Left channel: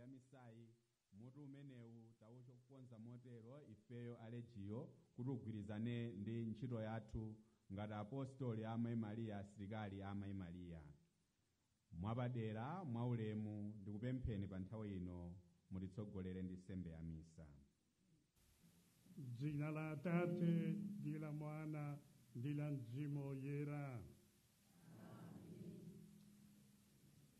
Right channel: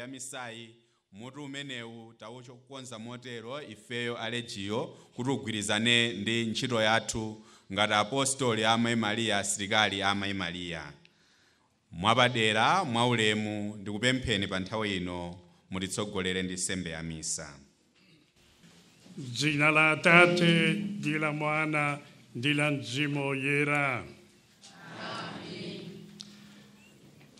nsembe ya misayi mutu umenewu taukonza motero ifeyo alejiyo kuti ugwirizane ndi ntchito yathu ngati apostoli a Mayi Mariya, asilikali a Mayi Mariya. Mwapadera mwaulemu ndikupempheni pa nthawi ino mutitsogolere ndi nsembe ya misa. Dzina la Atate ndi la Mwana ndi la Mzimu Woyera.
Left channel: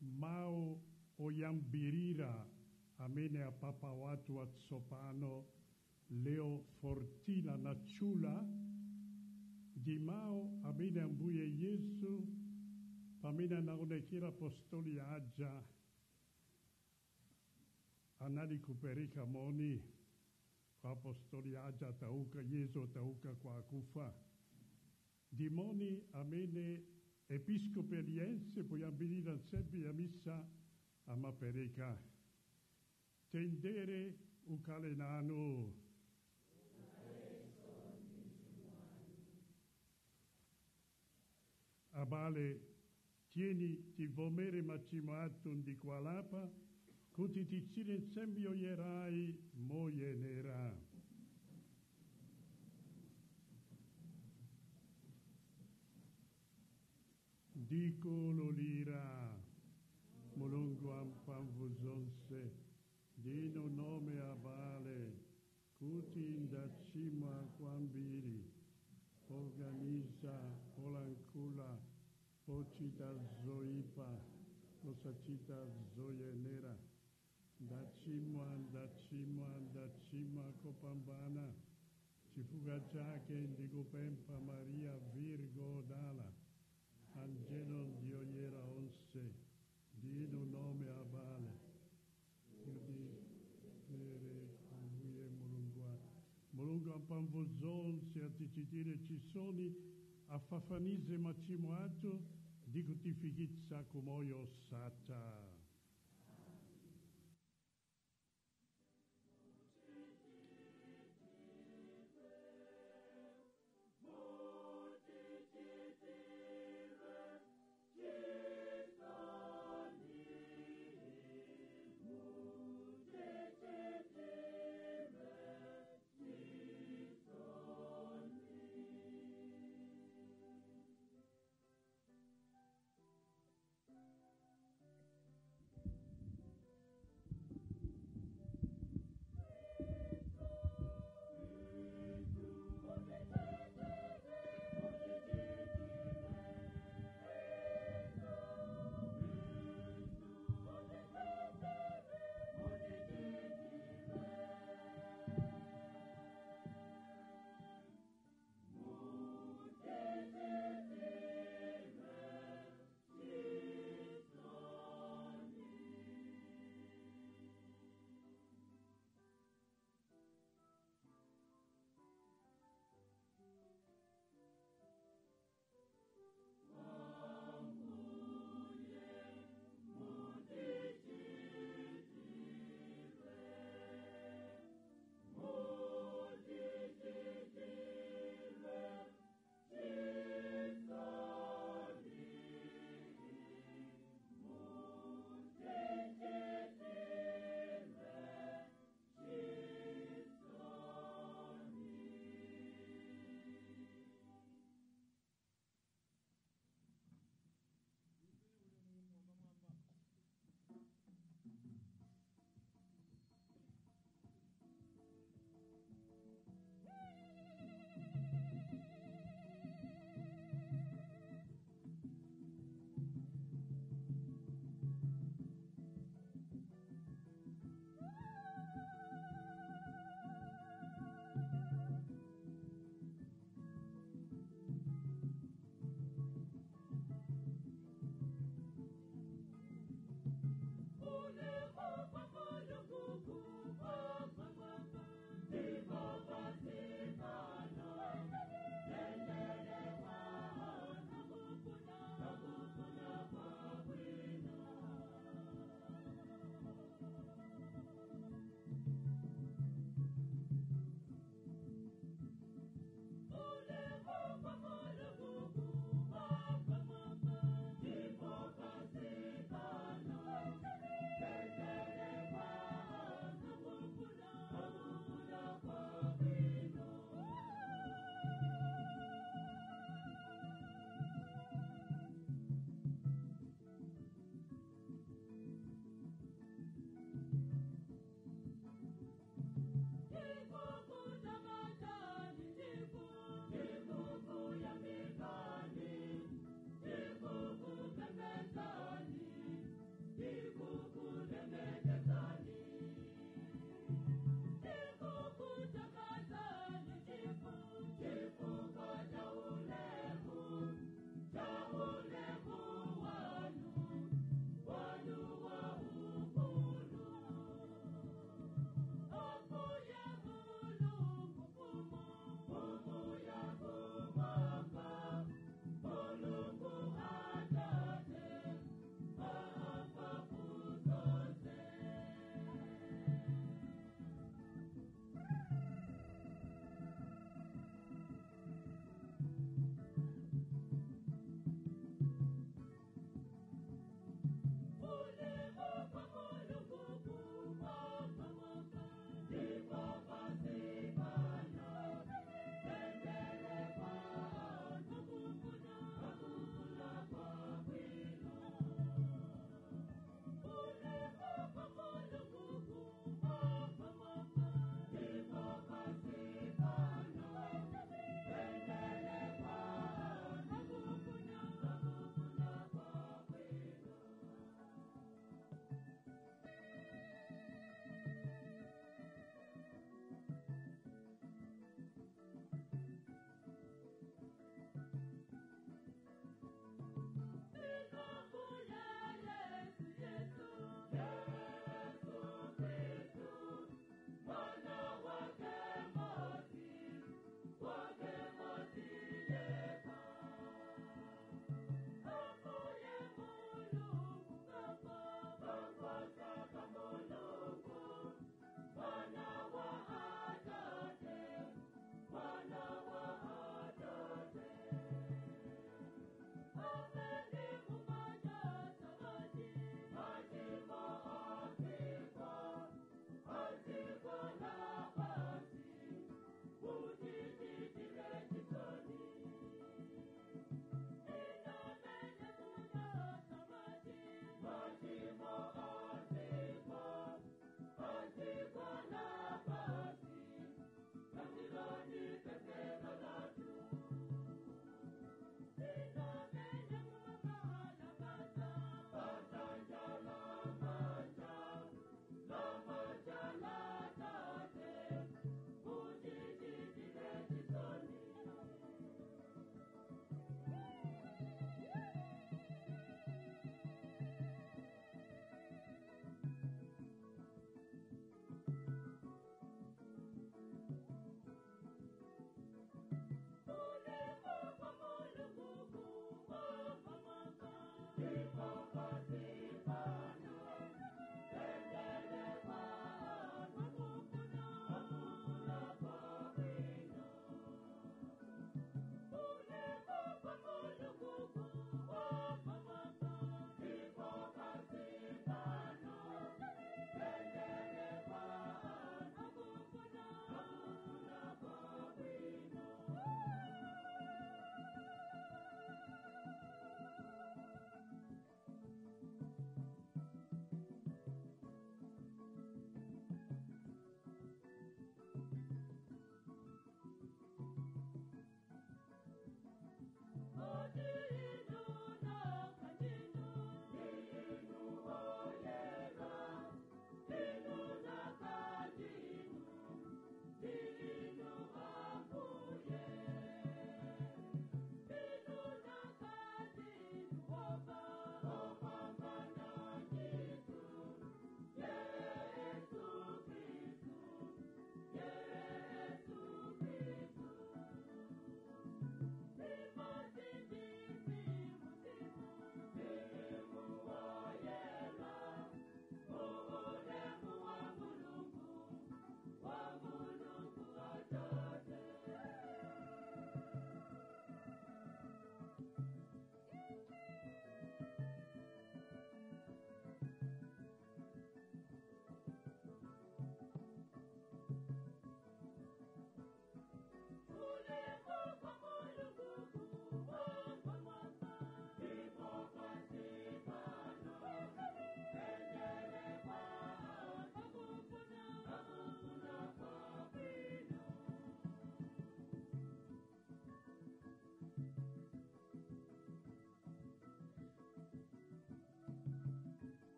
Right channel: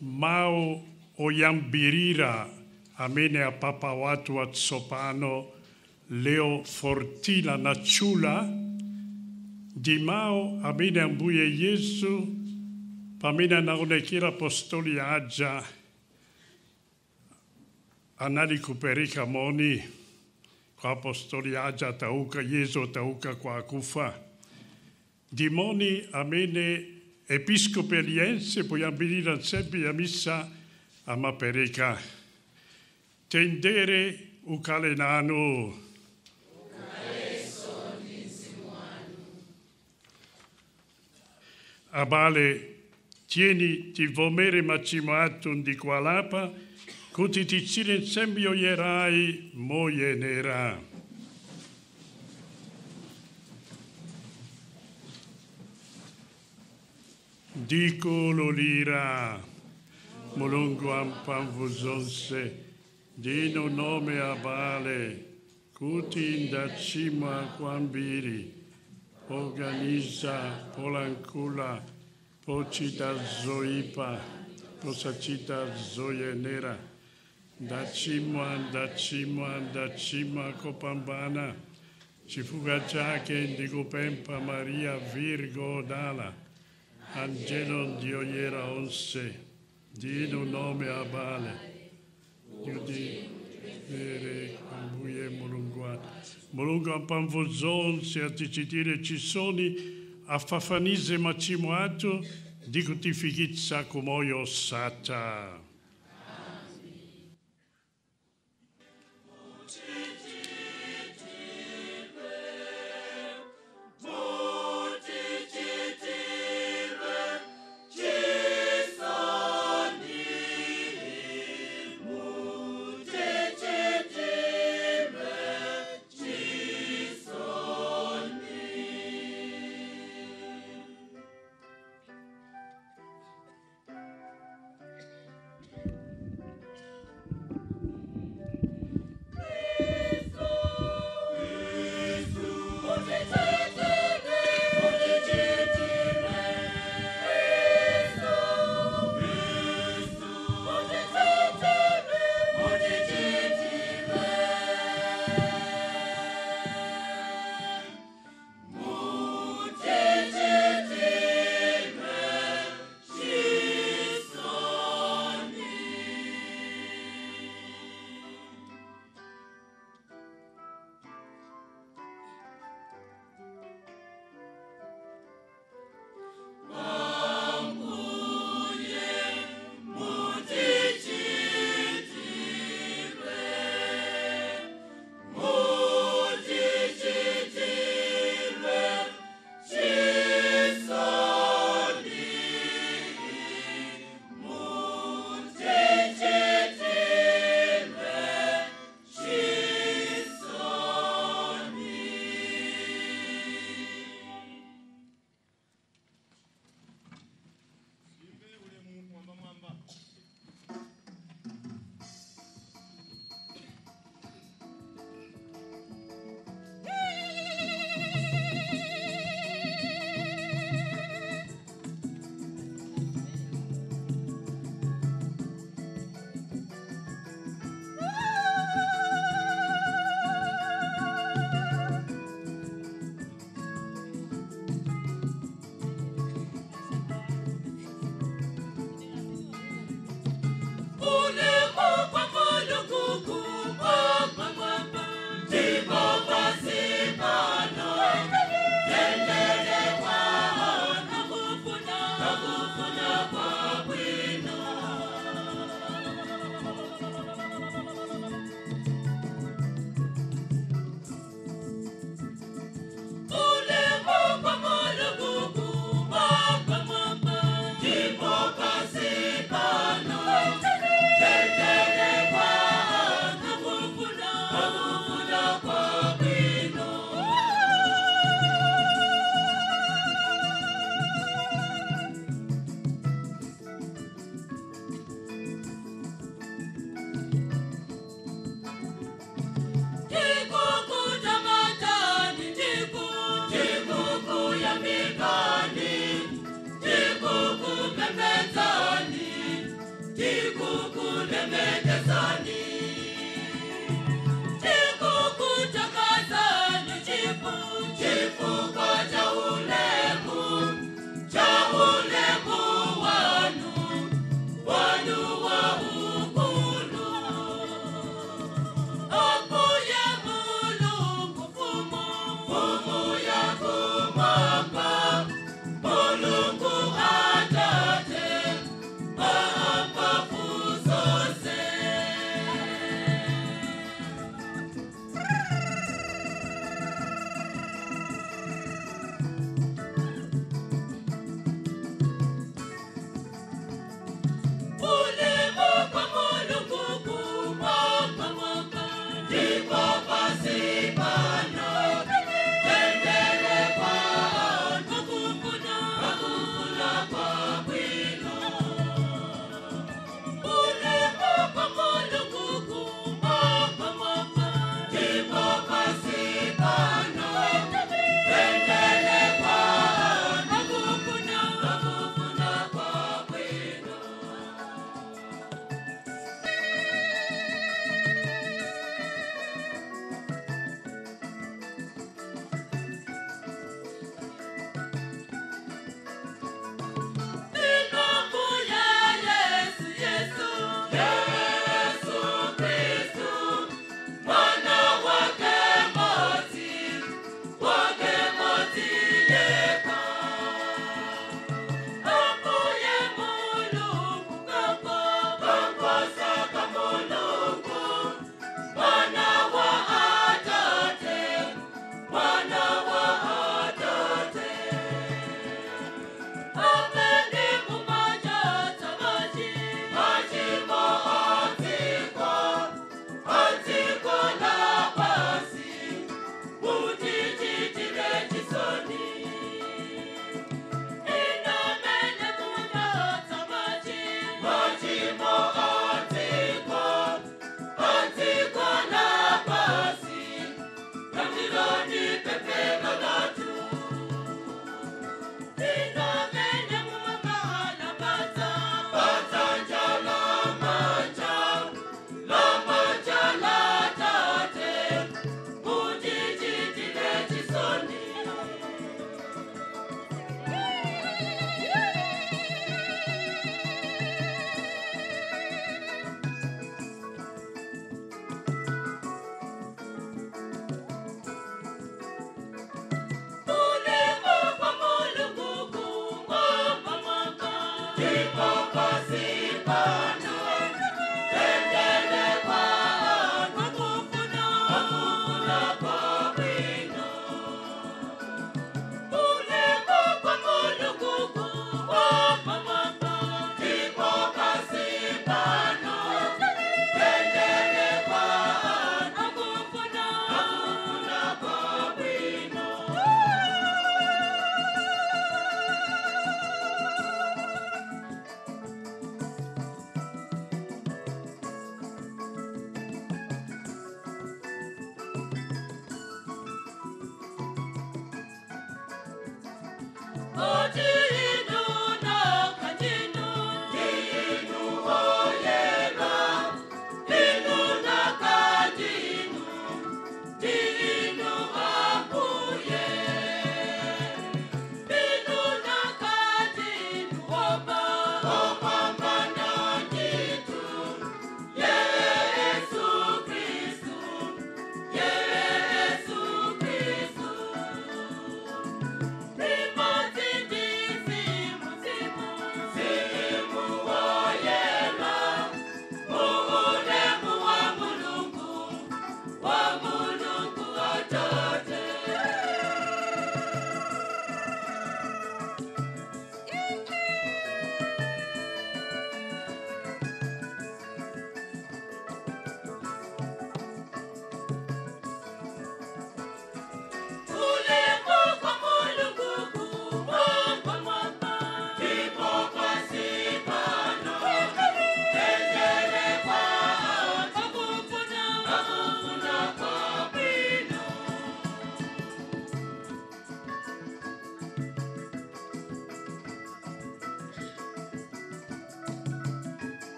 Mawu oyambirira amene apapa watu watsopano Leo Fortila natchula ndi mawu amene Ambuye Yesu pamene anaonekera apostoli aja anali kupereka moni kwa apostoli aja atauka, Yesu atauka kwa akufa. Ndi moni amene episkopi aliyense poyambirira nsembe ya misa amapereka. Tendere ukhale nanu. Abale, tieni tivomere machimo athu ndi kualapa kuti tichire nsembe yoyerai moyenera. Ndikululira Mulungu wamphamvu zonse ndinu nome abale kuti ndachimwa kwambiri poganiza, polankhula, pochita zoyipa, posachita zoyenera. Ndachimwa kopambana. Chifukwa chake ndikupempha Maria Virgo Dala, Angelo ndi oyera onse, ndinu nome abale yudipere Ambuye Mulungu wathu. Mulungu wamphamvu zonse atichitire chisoni, afafanize machimo athu ndi kutifikitsa ku moyo osatha.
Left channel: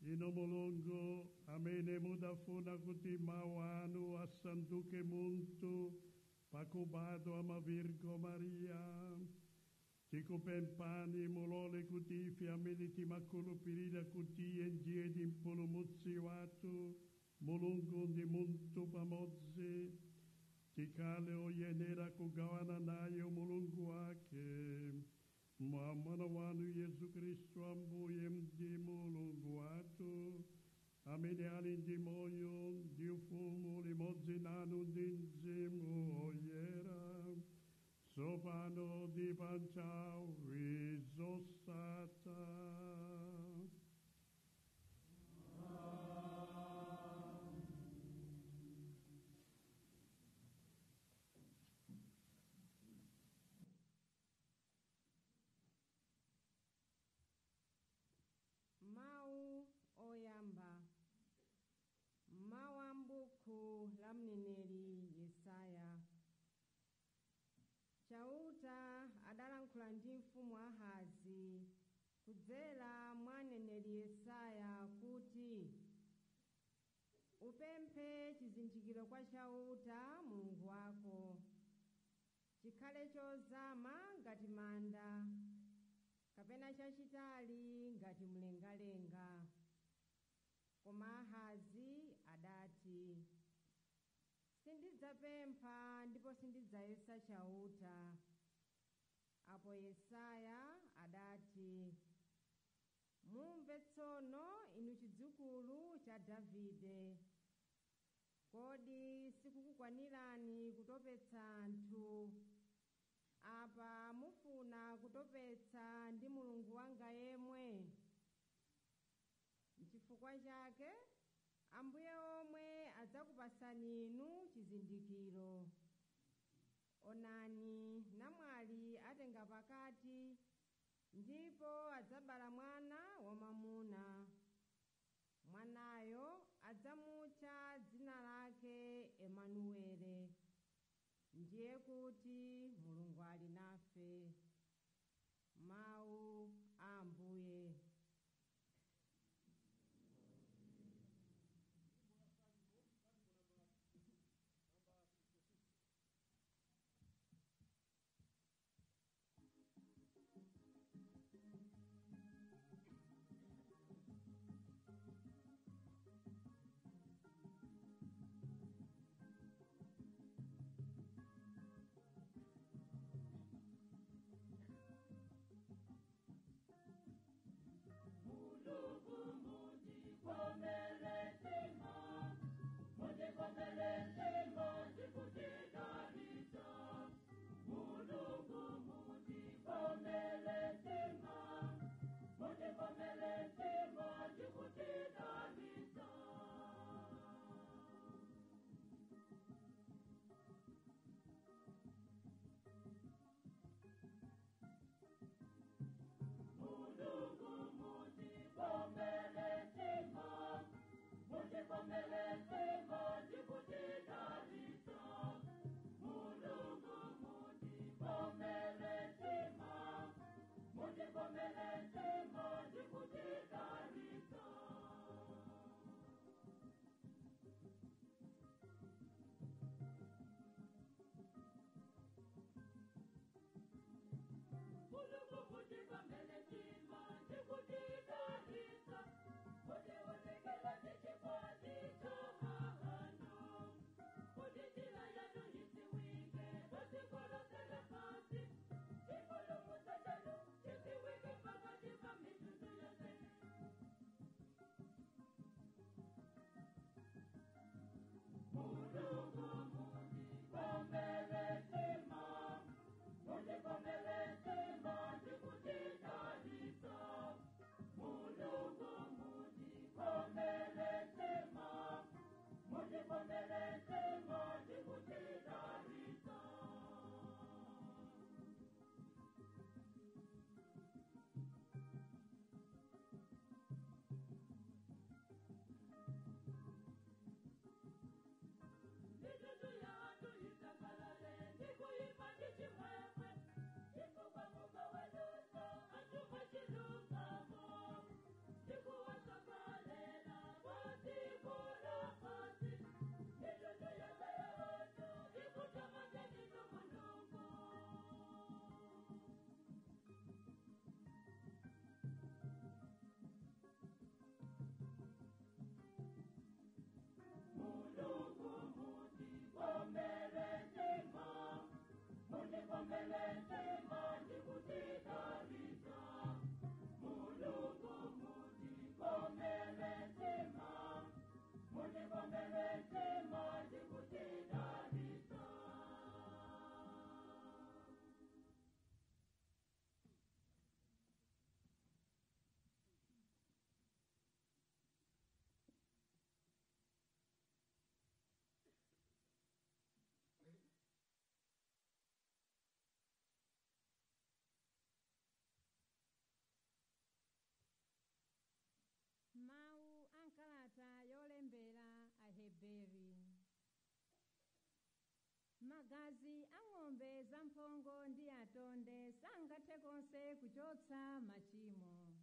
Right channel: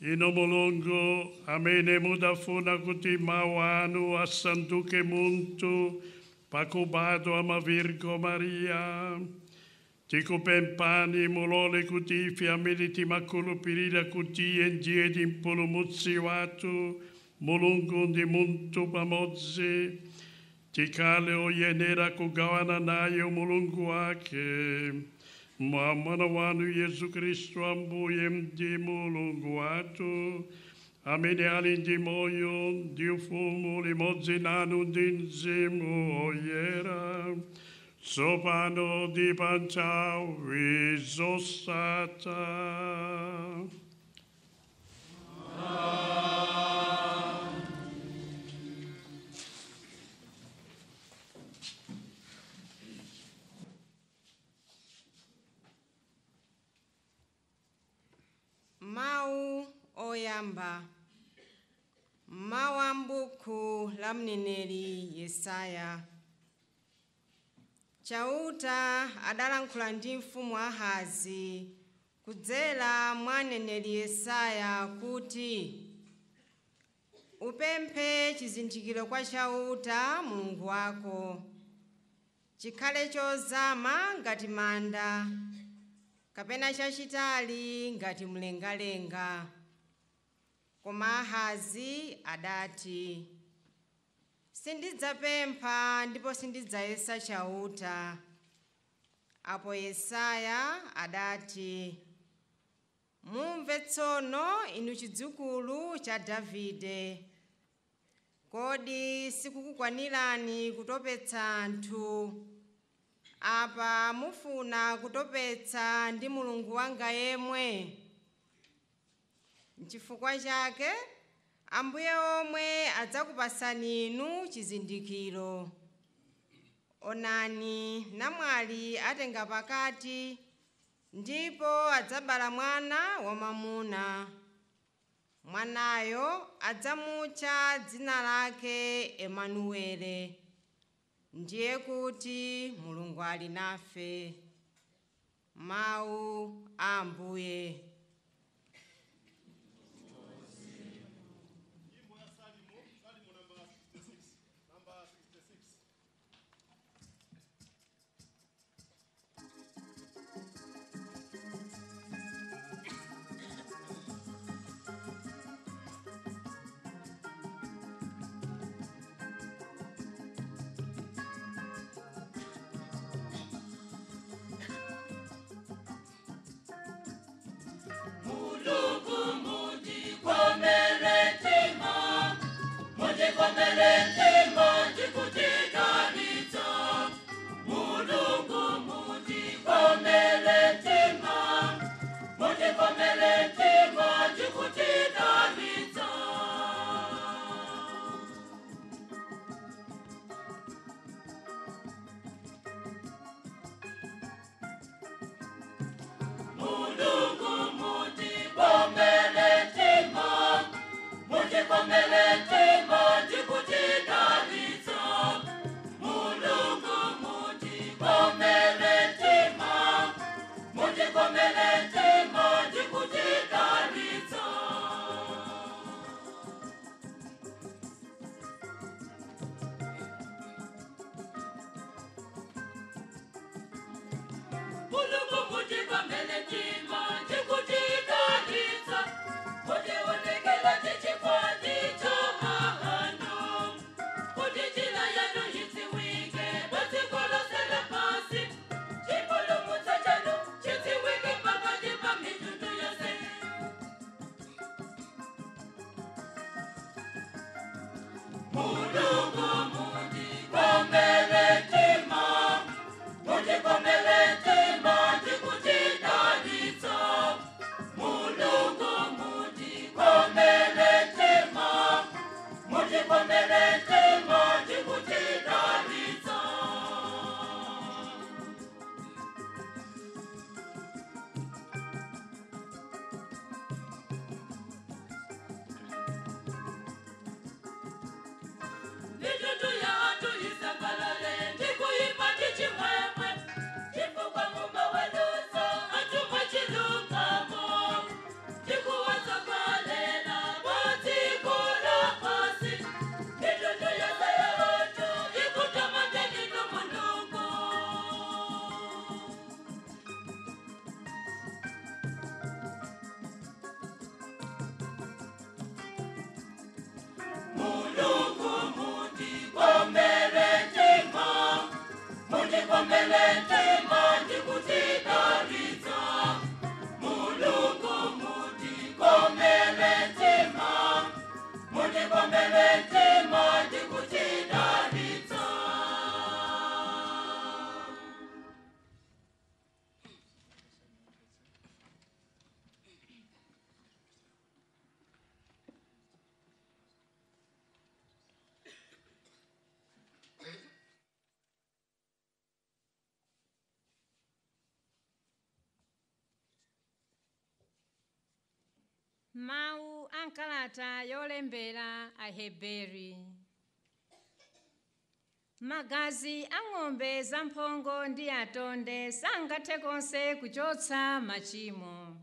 Ino Mulungu amene mudafuna kuti mawu anu asanduke munthu pakubadwa mwa Virgo Maria. Tikupemphani mulole kuti ife amene timakhulupirira kuti iye ndiye mpulumutsi wathu, Mulungu ndi munthu pamodzi, tikhale oyenera kugawana naye Mulungu wake. Mwa mwana wanu Yesu Kristu Ambuye ndi Mulungu wathu, amene ali ndi moyo ndi ufumu limodzi nanu ndi Mzimu Woyera, tsopano ndi pa nthawi zosatha. Mawu oyamba. Mawu a m'buku la mneneri Yesaya. Chauta adalankhula ndi mfumu Ahazi kudzera mwa mneneri Yesaya kuti upemphe chizindikiro kwa Chauta Mulungu wako, chikhale chozama ngati manda kapena chachitali ngati mlengalenga. Koma Ahazi adati, sindidzapempha ndipo sindidzayesa chauta. Apo Yesaya adati, mumve tsono inu chidzukulu cha Davide, kodi sikukukwanirani kutopetsa anthu? Apa mufuna kutopetsa ndi Mulungu wanga yemwe? N'chifukwa chake Ambuye omwe adzakupasani inu chizindikiro. Onani, namwali atenga pakati ndipo adzabala mwana wamwamuna. Mwanayo adzamutcha dzina lake Emanuele, ndiye kuti Mulungu ali nafe. Mawu a Ambuye. Mau ankalata yolembera Aheberi. Magazi ang'ombe zamphongo ndi atonde sangathe konse kuchotsa machimo.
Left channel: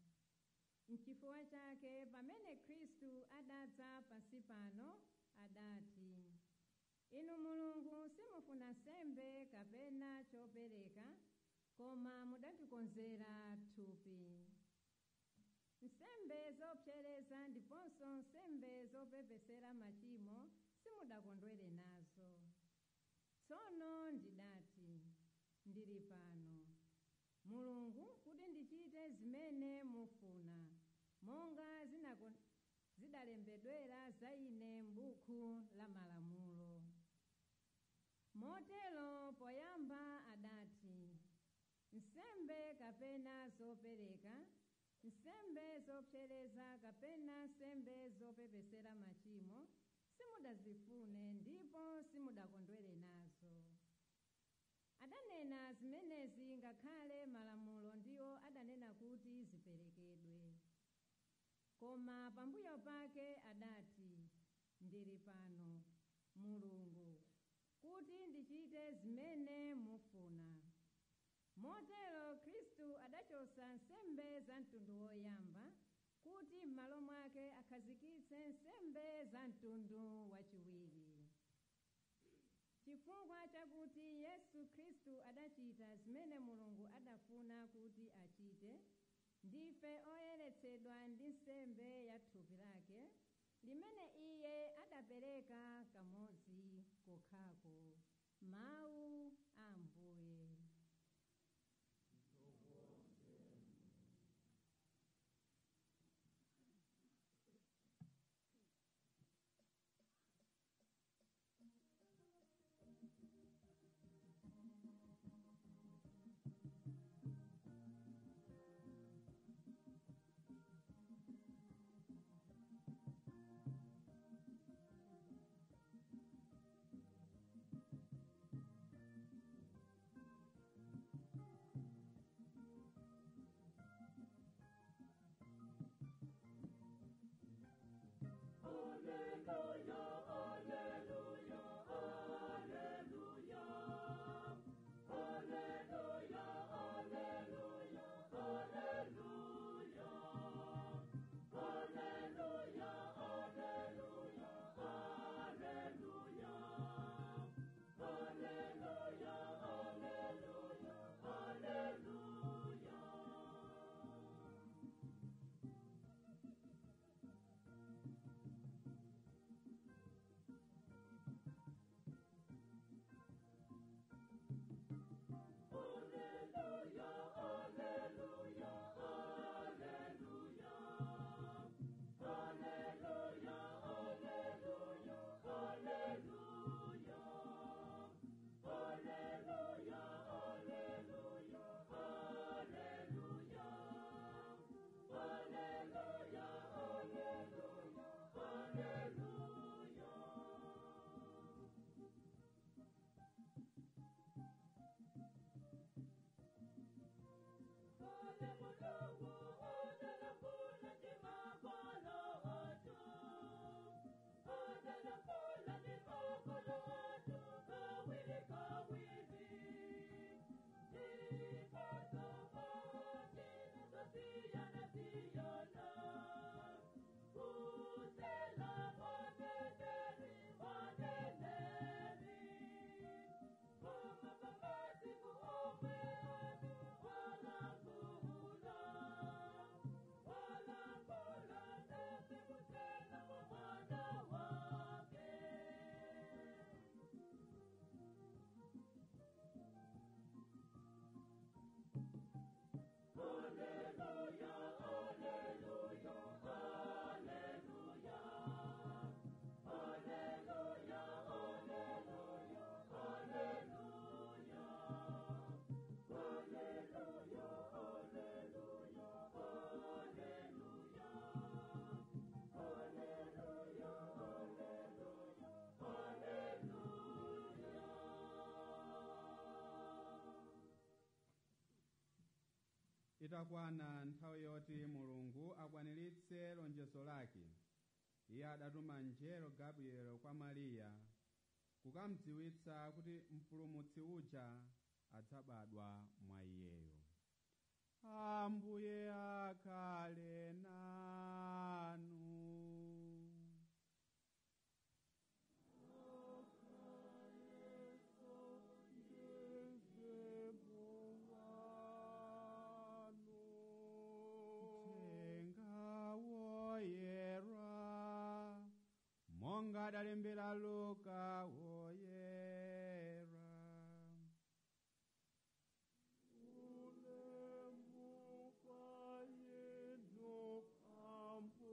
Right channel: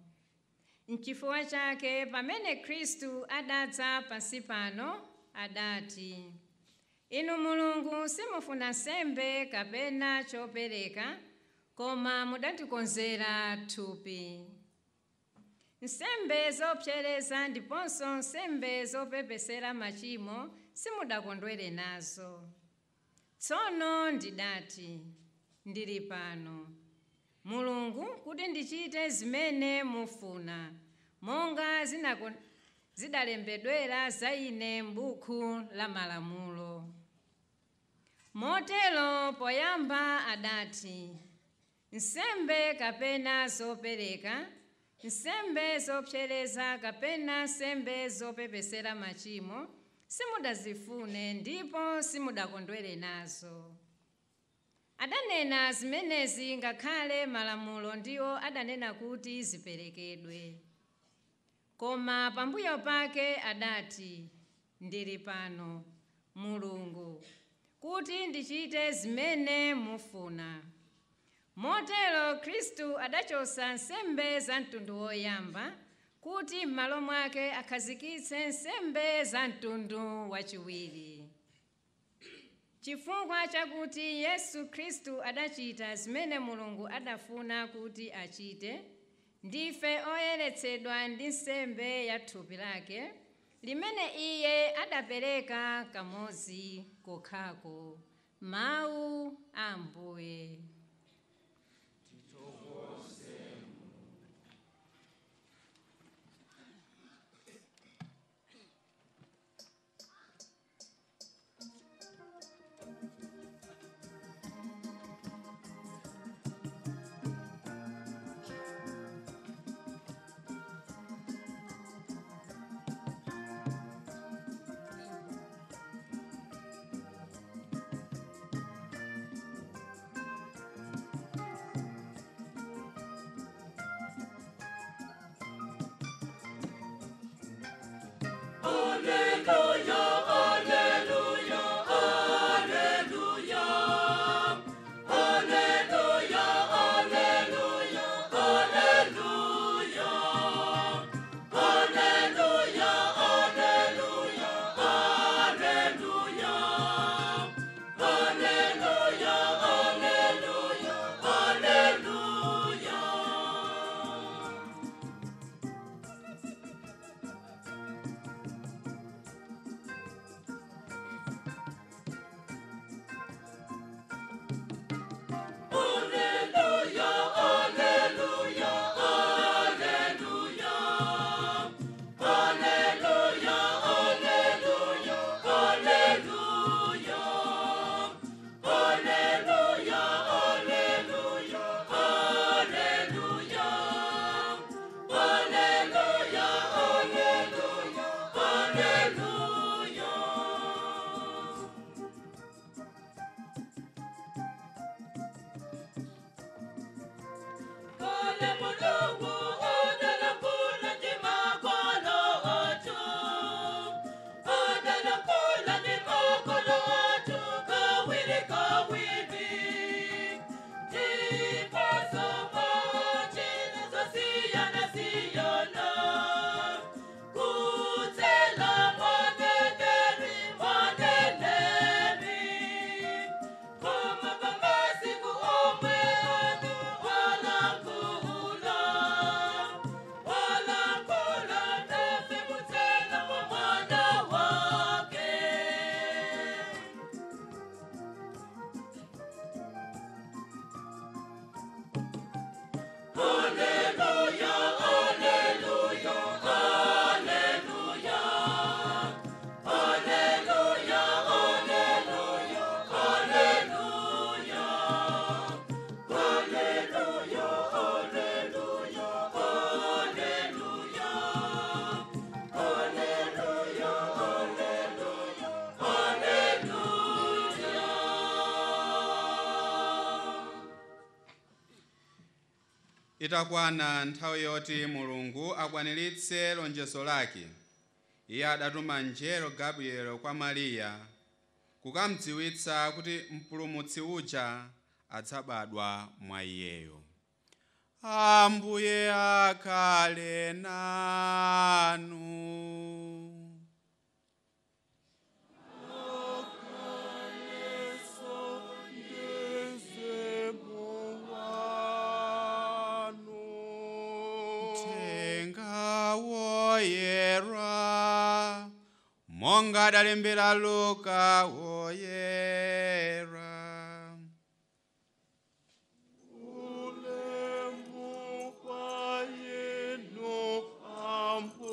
N'chifukwa chake pamene Khristu adadza pansi pano adati, inu Mulungu simufuna nsembe kapena chopereka, koma mudatikonzera thupi. Nsembe zopsereza ndiponso nsembe zopepesera machimo simudakondwere nazo. Tsono ndidati, ndili pano, Mulungu, kuti ndichite zimene mufuna, monga zidalembedwera za ine m'buku la malamulo. Motero poyamba adati, nsembe kapena zopereka, nsembe zopsereza kapena nsembe zopepesera machimo simudazifune ndipo simudakondwere nazo. Adanena zimenezi ngakhale malamulo ndiwo adanena kuti ziperekedwe. Koma pambuyo pake adati, ndili pano, Mulungu, kuti ndichite zimene mufuna. Motero Khristu adachotsa nsembe za mtundu woyamba kuti m'malo mwake akhazikitse nsembe za mtundu wachiwiri. Chifukwa chakuti Yesu Khristu adachita zimene Mulungu adafuna kuti achite, ndife oyeretsedwa ndi nsembe ya thupi lake, limene iye adapereka kamodzi kokhako. Mawu a Ambuye. Itakwana nthawi yoti Mulungu akwaniritse lonjezo lake, iye adatuma mngelo Gabriel kwa Mariya kukamdziwitsa kuti mpulumutsi uja adzabadwa mwa iyeyo. Ambuye akhale nanu. Monga adalembera Luka woyera. Ulemu kwa yenu Ambuye.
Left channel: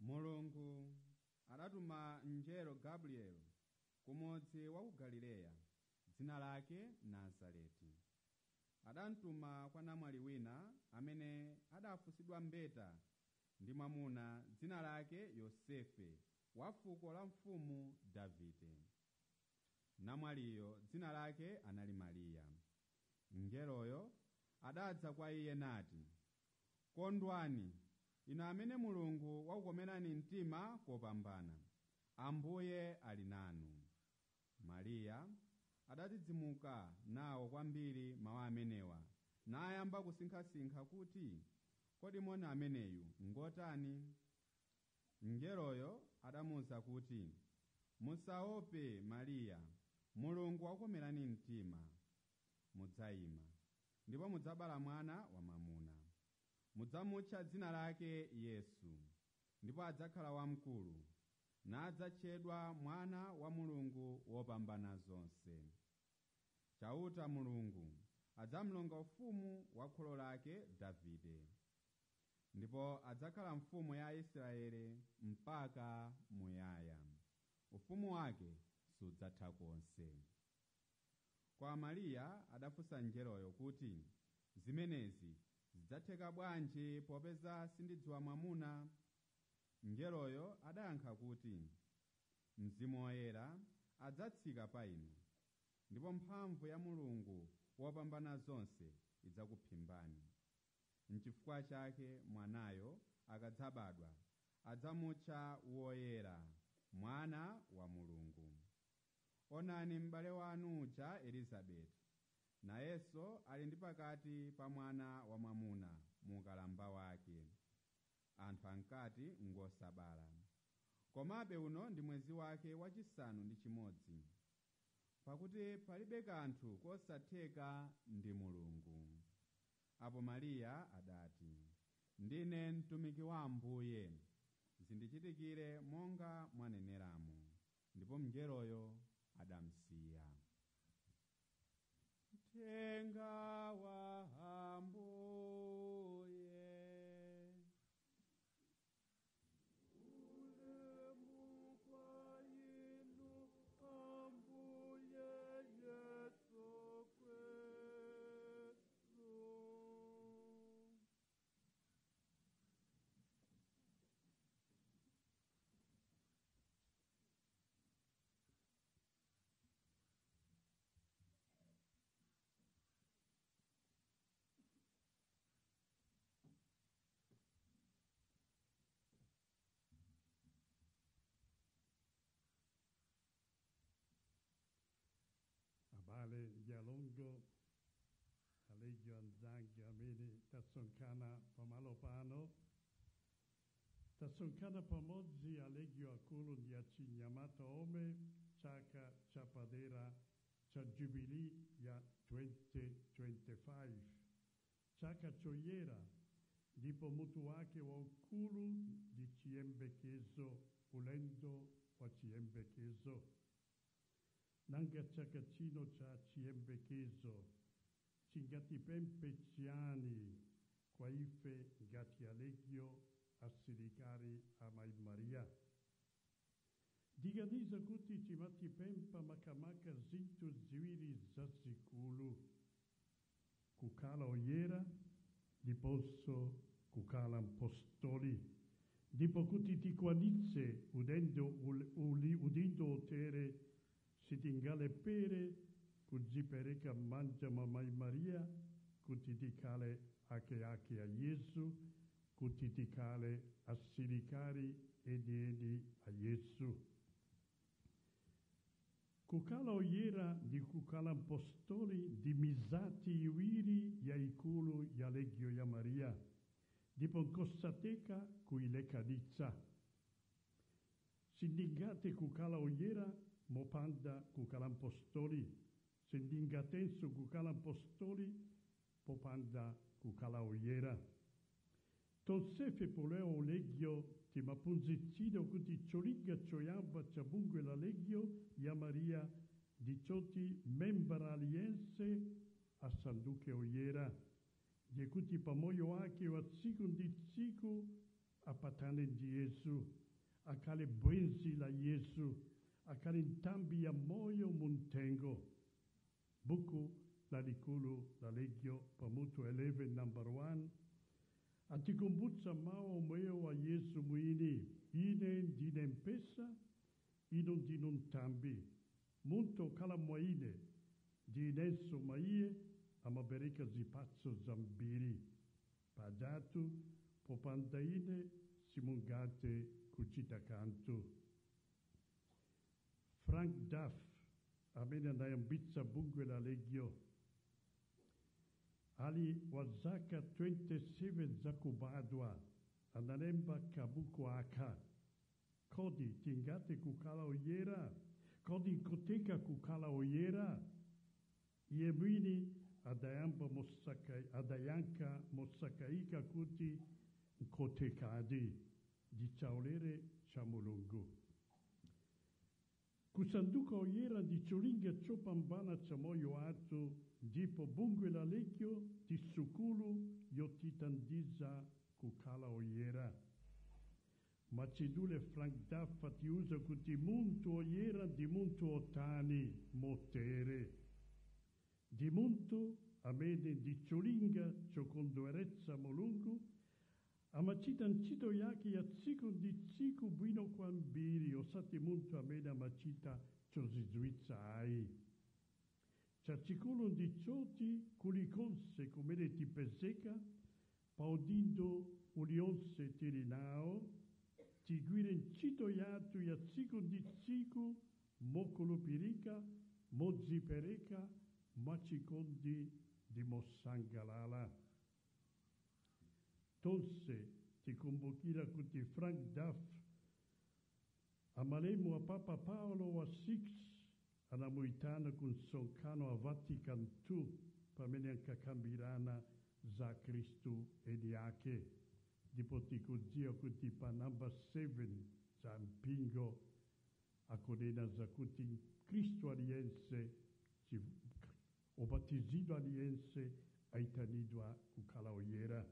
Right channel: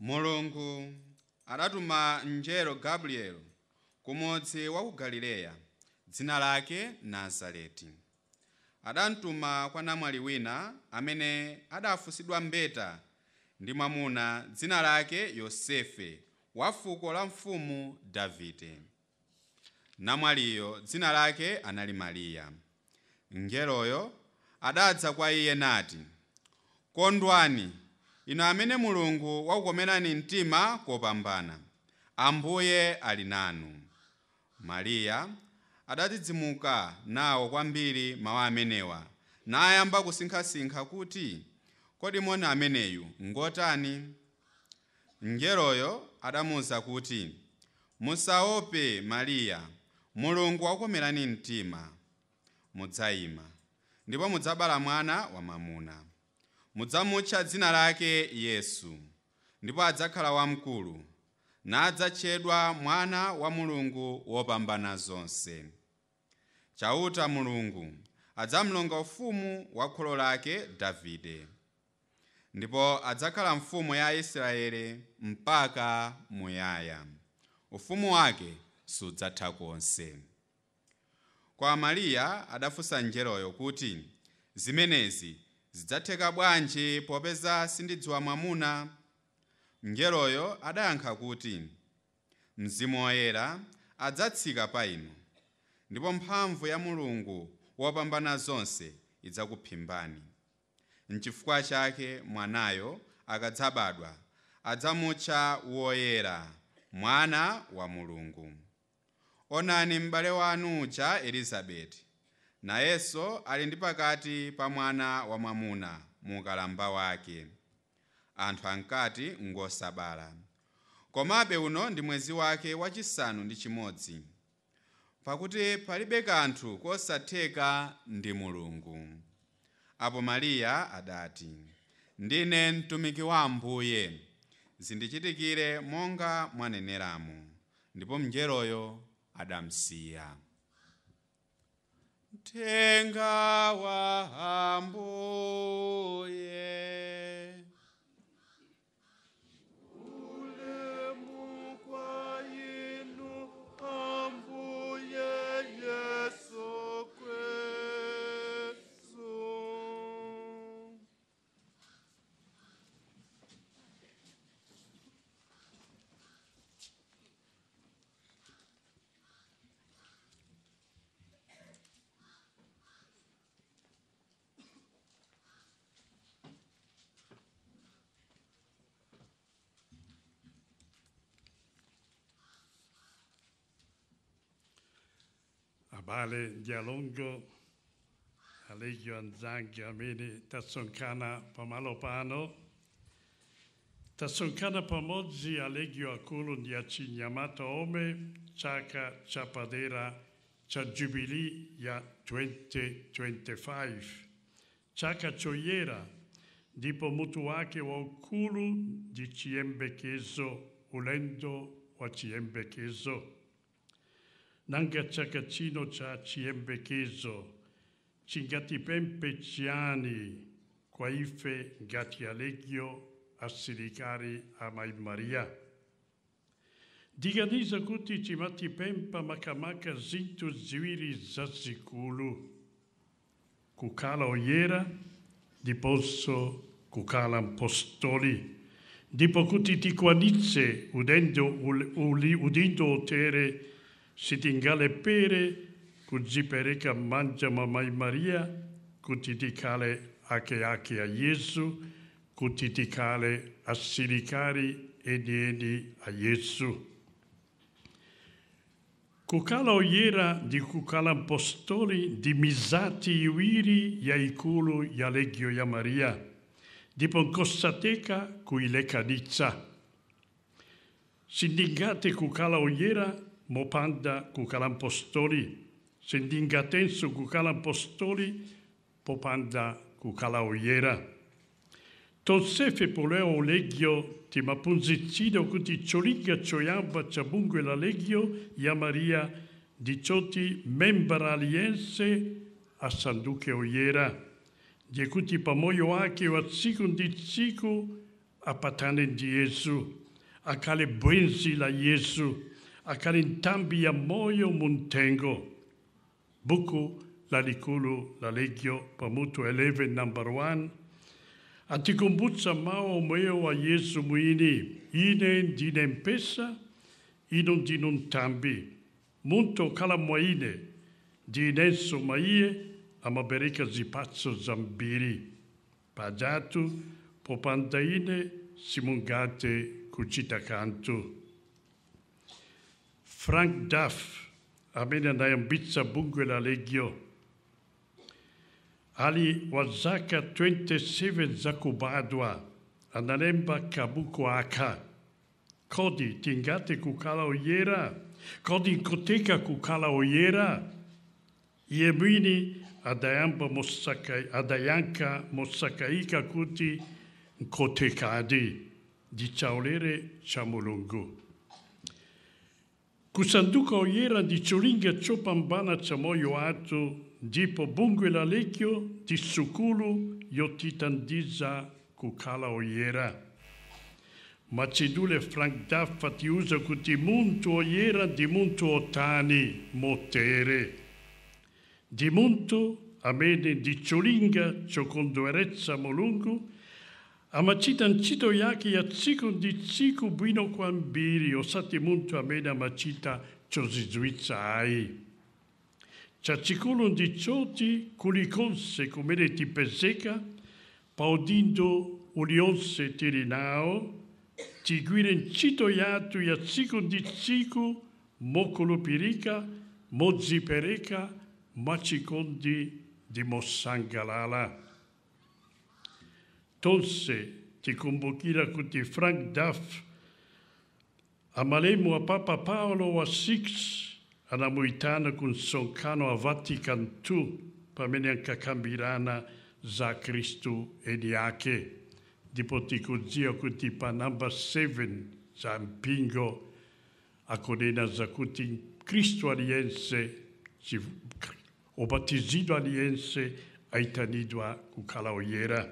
Mulungu adatuma mngelo Gabriel kumudzi wa ku Galileya, dzina lake Nazareti. Adamtuma kwa namwali wina amene adafunsidwa mbeta ndi mwamuna dzina lake Yosefe wa fuko la mfumu Davide. Namwaliyo dzina lake anali Mariya. Mngeloyo adadza kwa iye nati, "Kondwani, inu amene Mulungu wakukomerani mtima kopambana, Ambuye ali nanu." Mariya adadzidzimuka nawo kwambiri mawu amenewa, nayamba kusinkhasinkha kuti, "Kodi moni ameneyu ngotani?" Mngeloyo adamuwuza kuti, "Musaope Mariya, Mulungu wakukomerani mtima. Mudzayima, ndipo mudzabala mwana wamwamuna. Mudzamutcha dzina lake Yesu, ndipo adzakhala wamkulu, nadzatchedwa Mwana wa Mulungu wopambana zonse. Chauta Mulungu adzamlonga ufumu wa kholo lake Davide, ndipo adzakhala mfumu ya Israeli mpaka muyaya. Ufumu wake sudzatha konse." Kwa Mariya adafunsa mngeloyo kuti, "Zimenezi zidzatheka bwanji popeza sindidziwa mwamuna?" Mngeloyo adayankha kuti, Mzimu Woyera adzatsika pa inu, ndipo mphamvu ya Mulungu wopambana zonse idzakuphimbani. N'chifukwa chake mwanayo akadzabadwa adzamutcha Woyera, Mwana wa Mulungu. Onani m'bale wanu uja Elizabeti, nayenso ali ndi pakati pa mwana wamwamuna mu ukalamba wake. Anthu ankati ngosabala. Komabe uno ndi mwezi wake wachisanu ndi chimodzi, pakuti palibe kanthu kosatheka ndi Mulungu. Apo Mariya adati, Ndine mtumiki wa Ambuye, zindichitikire monga mwaneneramo. Ndipo mngeloyo adamsiya. Mthenga wa Ambuye. Ulemu kwa inu Ambuye Yesu Kristu. Abale Dialongo, Alegio Anzangi, Amini, Tassoncana Pamalopano, Tassoncana Pamozi, Alegio Akulu Ndiaci Nyamato Ome, Chaka Chapadera, Cha Jubilee ya 2025. Chaka Choyera, ndipo mutu wake wa ukulu di chiyembekezo, ulendo wa chiyembekezo. Nanga chaka chino cha chiyembekezo, chingati pempe chiani, kwa ife ngati Alegio asilikari amai Maria. Diganiza kuti chimati pempa makamaka zintu ziwiri zazikulu. Kukala Woyera, ndiponso kukala apostoli. Ndipo kuti tikwanitse udindo otere sitingale pere kudzipereka manja mamai Maria, kuti tikale ake a Yesu, kuti tikale asilikari eni a Yesu. Kukala Woyera di kukala apostoli di mizati iwiri ya ikulu ya Legio ya Maria, ndipo nkosateka kuilekanitsa. Sindingate kukala Woyera mopanda kukala apostoli, sindingatenso kukala apostoli popanda kukala Woyera. Tonsefe poleo Legio ti mapunzicido kuti cholinga choyamba chabungwe la Legio ya Maria di choti membra aliense a sanduke Woyera, di kuti pamoyo wake wa tsiku ndi tsiku apatane ndi Yesu, akale bwenzi la Yesu, akale ntambi ya moyo muntengo. Buku la likulu la Legio pamutu 11 number 1, atikumbutsa mawu omwewo wa Yesu mwini, ine ndine mpesa, inu ndinu ntambi. Muntu okhala mwa ine, ndinenso mwa iye, amabereka zipatso zambiri. Pajatu, popanda ine, simungate kuchita kanthu. Frank Duff, amene anayambitsa bungwe la Legio, ali wa zaka 27 za kubadwa, analemba kabuku aka. Kodi tingate kukala Woyera? Kodi nkoteka kukala Woyera? Iye mwini adayanka mosakaika kuti nkotekadi di chaulere cha Mulungu. Kusanduka Woyera di cholinga chopambana cha moyo atu, ndipo bungwe la Legio di sukulu yotitandiza kukala Woyera. Macedule Frank Duff atiuza kuti muntu Woyera di muntu otani motere. Di muntu amene di cholinga chokondweretsa Mulungu Amachita nchito yake ya tsiku ndi tsiku bwino kwambiri osati muntu amene amachita chozizwitsa ayi. Chachikulu ndi choti kulikonse kumene tipezeka pa udindo uliwonse tili nawo, tigwire ntchito yathu ya tsiku ndi tsiku mokhulupirika, modzipereka, mwachikondi ndi mosangalala. Tonse tikumbukira kuti Frank Duff, amalemu wa Papa Paolo wa VI, anamuitana ku msonkhano wa Vatican II pamene ankakambirana za Kristu eni yake. Ndipo tikudziwa kuti pa namba 7 za mpingo akunena za kuti Kristu aliyense, obatizidwa aliyense aitanidwa kukhala oyera.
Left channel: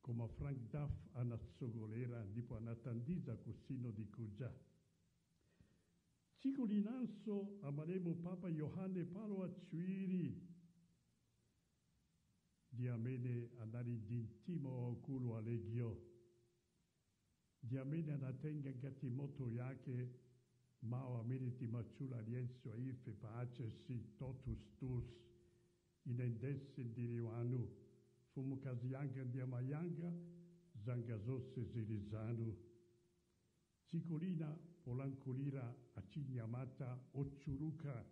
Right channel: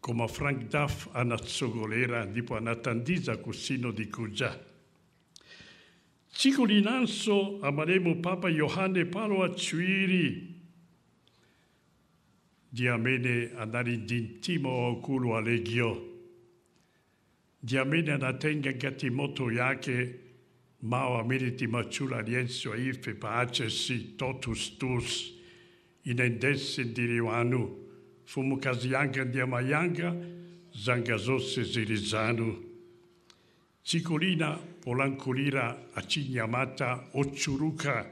Koma Frank Duff anatsogolera ndipo anatandiza ku sinodi kuja. Tsiku linanso amalemu Papa Yohane Paulo wachiwiri ndi amene anali ndi mtima waukulu wa Legio, ndi amene anatenga ngati moto yake mawu amene timachula aliyense wa ife pa achesi totus tuus, inendese ndili wanu, fumukazi yanga ndi amayanga, zanga zonse zili zanu. Tsiku lina polankhulira achinyamata ochuluka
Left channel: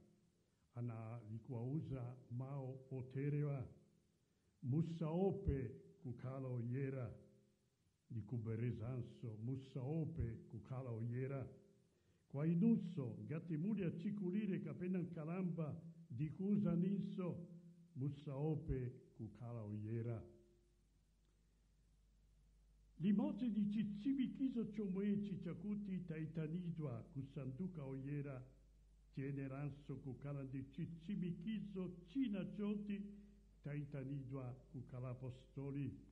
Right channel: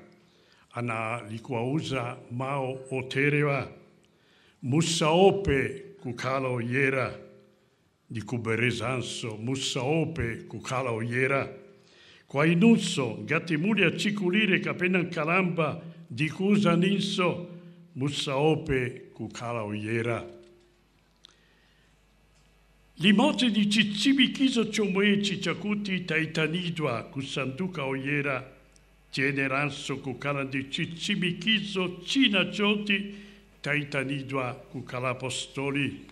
analikuwauza mawu oterewa: musaope kukhala oyera, ndi kuberezanso musaope kukhala oyera. Kwa inunso ngati muli achikulire kapena nkalamba, ndikuwuzaninso musaope kukhala oyera. Limodzi ndi chitsimikizo chomwechi chakuti taitanidwa kusanduka oyera, tiyeneranso kukhala ndi chitsimikizo china choti taitanidwa kukhala apostoli,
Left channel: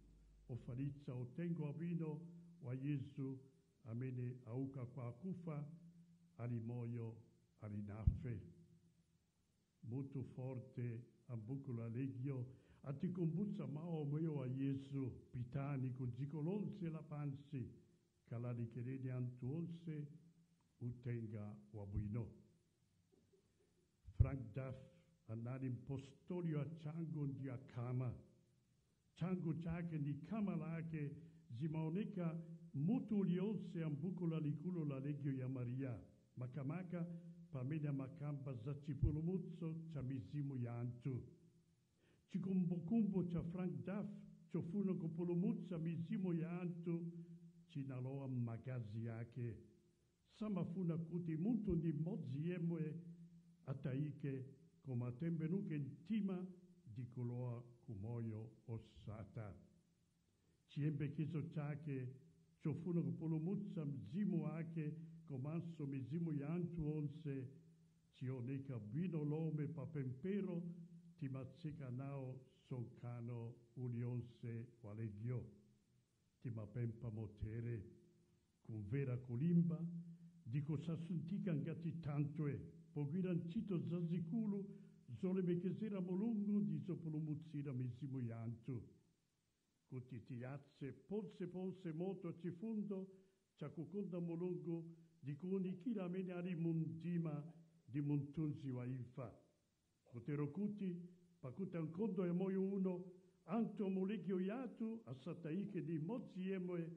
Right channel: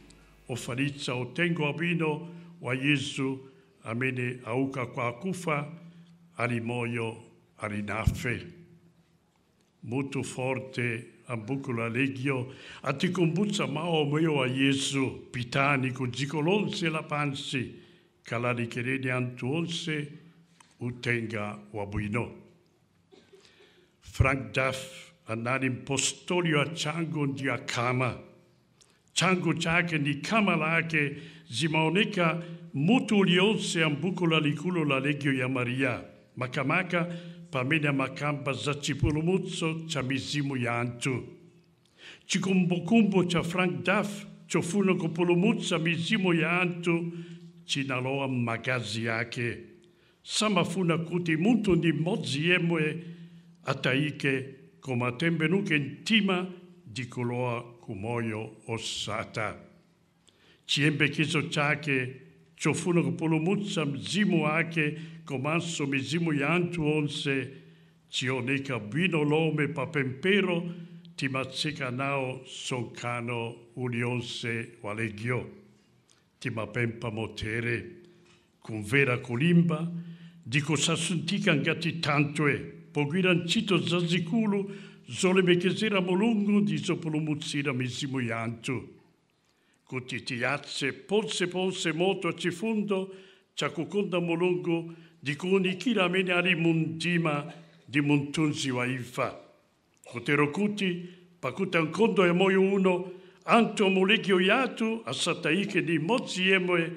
ofalitsa uthenga wabwino wa Yesu amene auka kwa akufa, ali moyo, ali nafe. Mutu forte ambuku la Legio atikumbutsa mawu omweyo wa Yesu: pitani ku dziko lonse lapansi, kalalikireni anthu onse uthenga wabwino. Frank Duff anali mpostoli wa changu ndi akama. Changu chake ndi kama lake zimaoneka mutu ulionse ambuku lalikulu la Legio ya Maria, makamaka pamene amakamba za chipulumutso cha mizimu ya anthu. Chikumbukumbu cha Frank Duff chofuna kupulumutsa mizimu ya anthu chinalowa m'magazi yake. Samafuna kuti munthu ndi mmodzi yemwe atayike, koma atembenuke mtima ndi kulowa ku moyo osatha. Chiyembekezo chake chofuna kupulumutsa mzimu wake komanso mizimu ya anthu onse chioneka bwino lomwe pa pempero timatseka nawo msonkhano uliwonse wa Legio. Timapempha motere: kumvera kulimba ndi kusasunthika ngati thanthwe, pogwira ntchito zazikulu zolemekezera Mulungu ndi zopulumutsira mizimu ya anthu, kuti tiyatse ponseponse moto chifundo chakukonda Mulungu ndi kuwunikira amene ali mu mdima ndi mu mthunzi wa imfa. Kotero kuti pakuti nkhondo ya moyo uno anthu mu Legio yathu asatayike ndi mmodzi yemwe,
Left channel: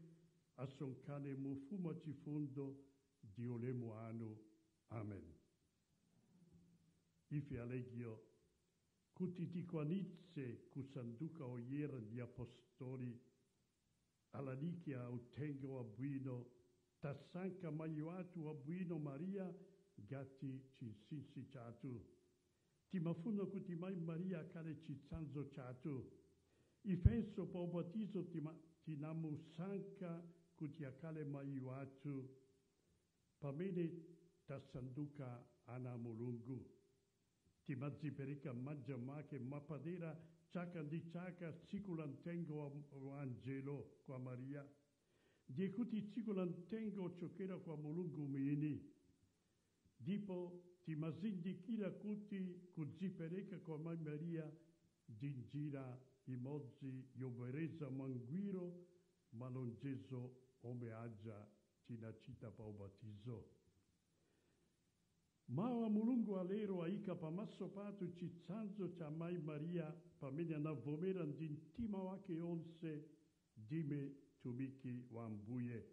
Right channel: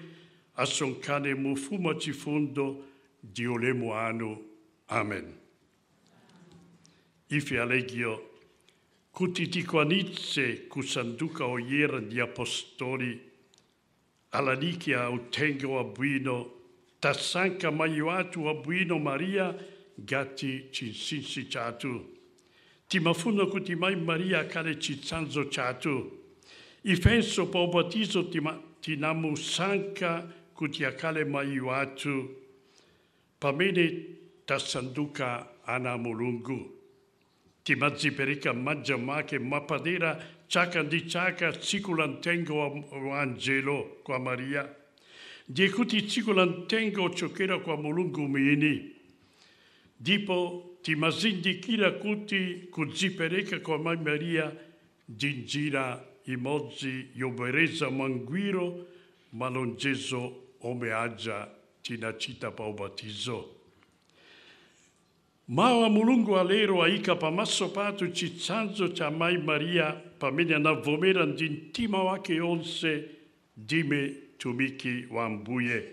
asonkhane mu ufumu wa chifundo ndi ulemu wanu. Amen. Ife a Legio, kuti tikwanitse kusanduka oyera ndi apostoli, alalikia uthenga wabwino, tasankha mayi wathu wabwino Maria ngati chinsinsi chathu. Timafuna kuti mayi Maria akhale chitsanzo chathu. Ifenso pa ubatizo tinamusankha kuti akhale mayi wathu pamene tasanduka ana a Mulungu. Timadzipereka m'manja mwake mwapadera chaka ndi chaka tsiku la mtengo wa Angelo kwa Maria. Ndiye kuti tsiku la mtengo ochokera kwa Mulungu mwini. Ndipo timazindikira kuti kudzipereka kwa Mayi Maria ndi njira imodzi yobereza manguiro malonjezo omeaja tinachita pa ubatizo. Mawa Mulungu alero aika pa maso patu chitsanzo cha Mai Maria pamene anavomera ndi mtima wake onse dime tumiki wa Ambuye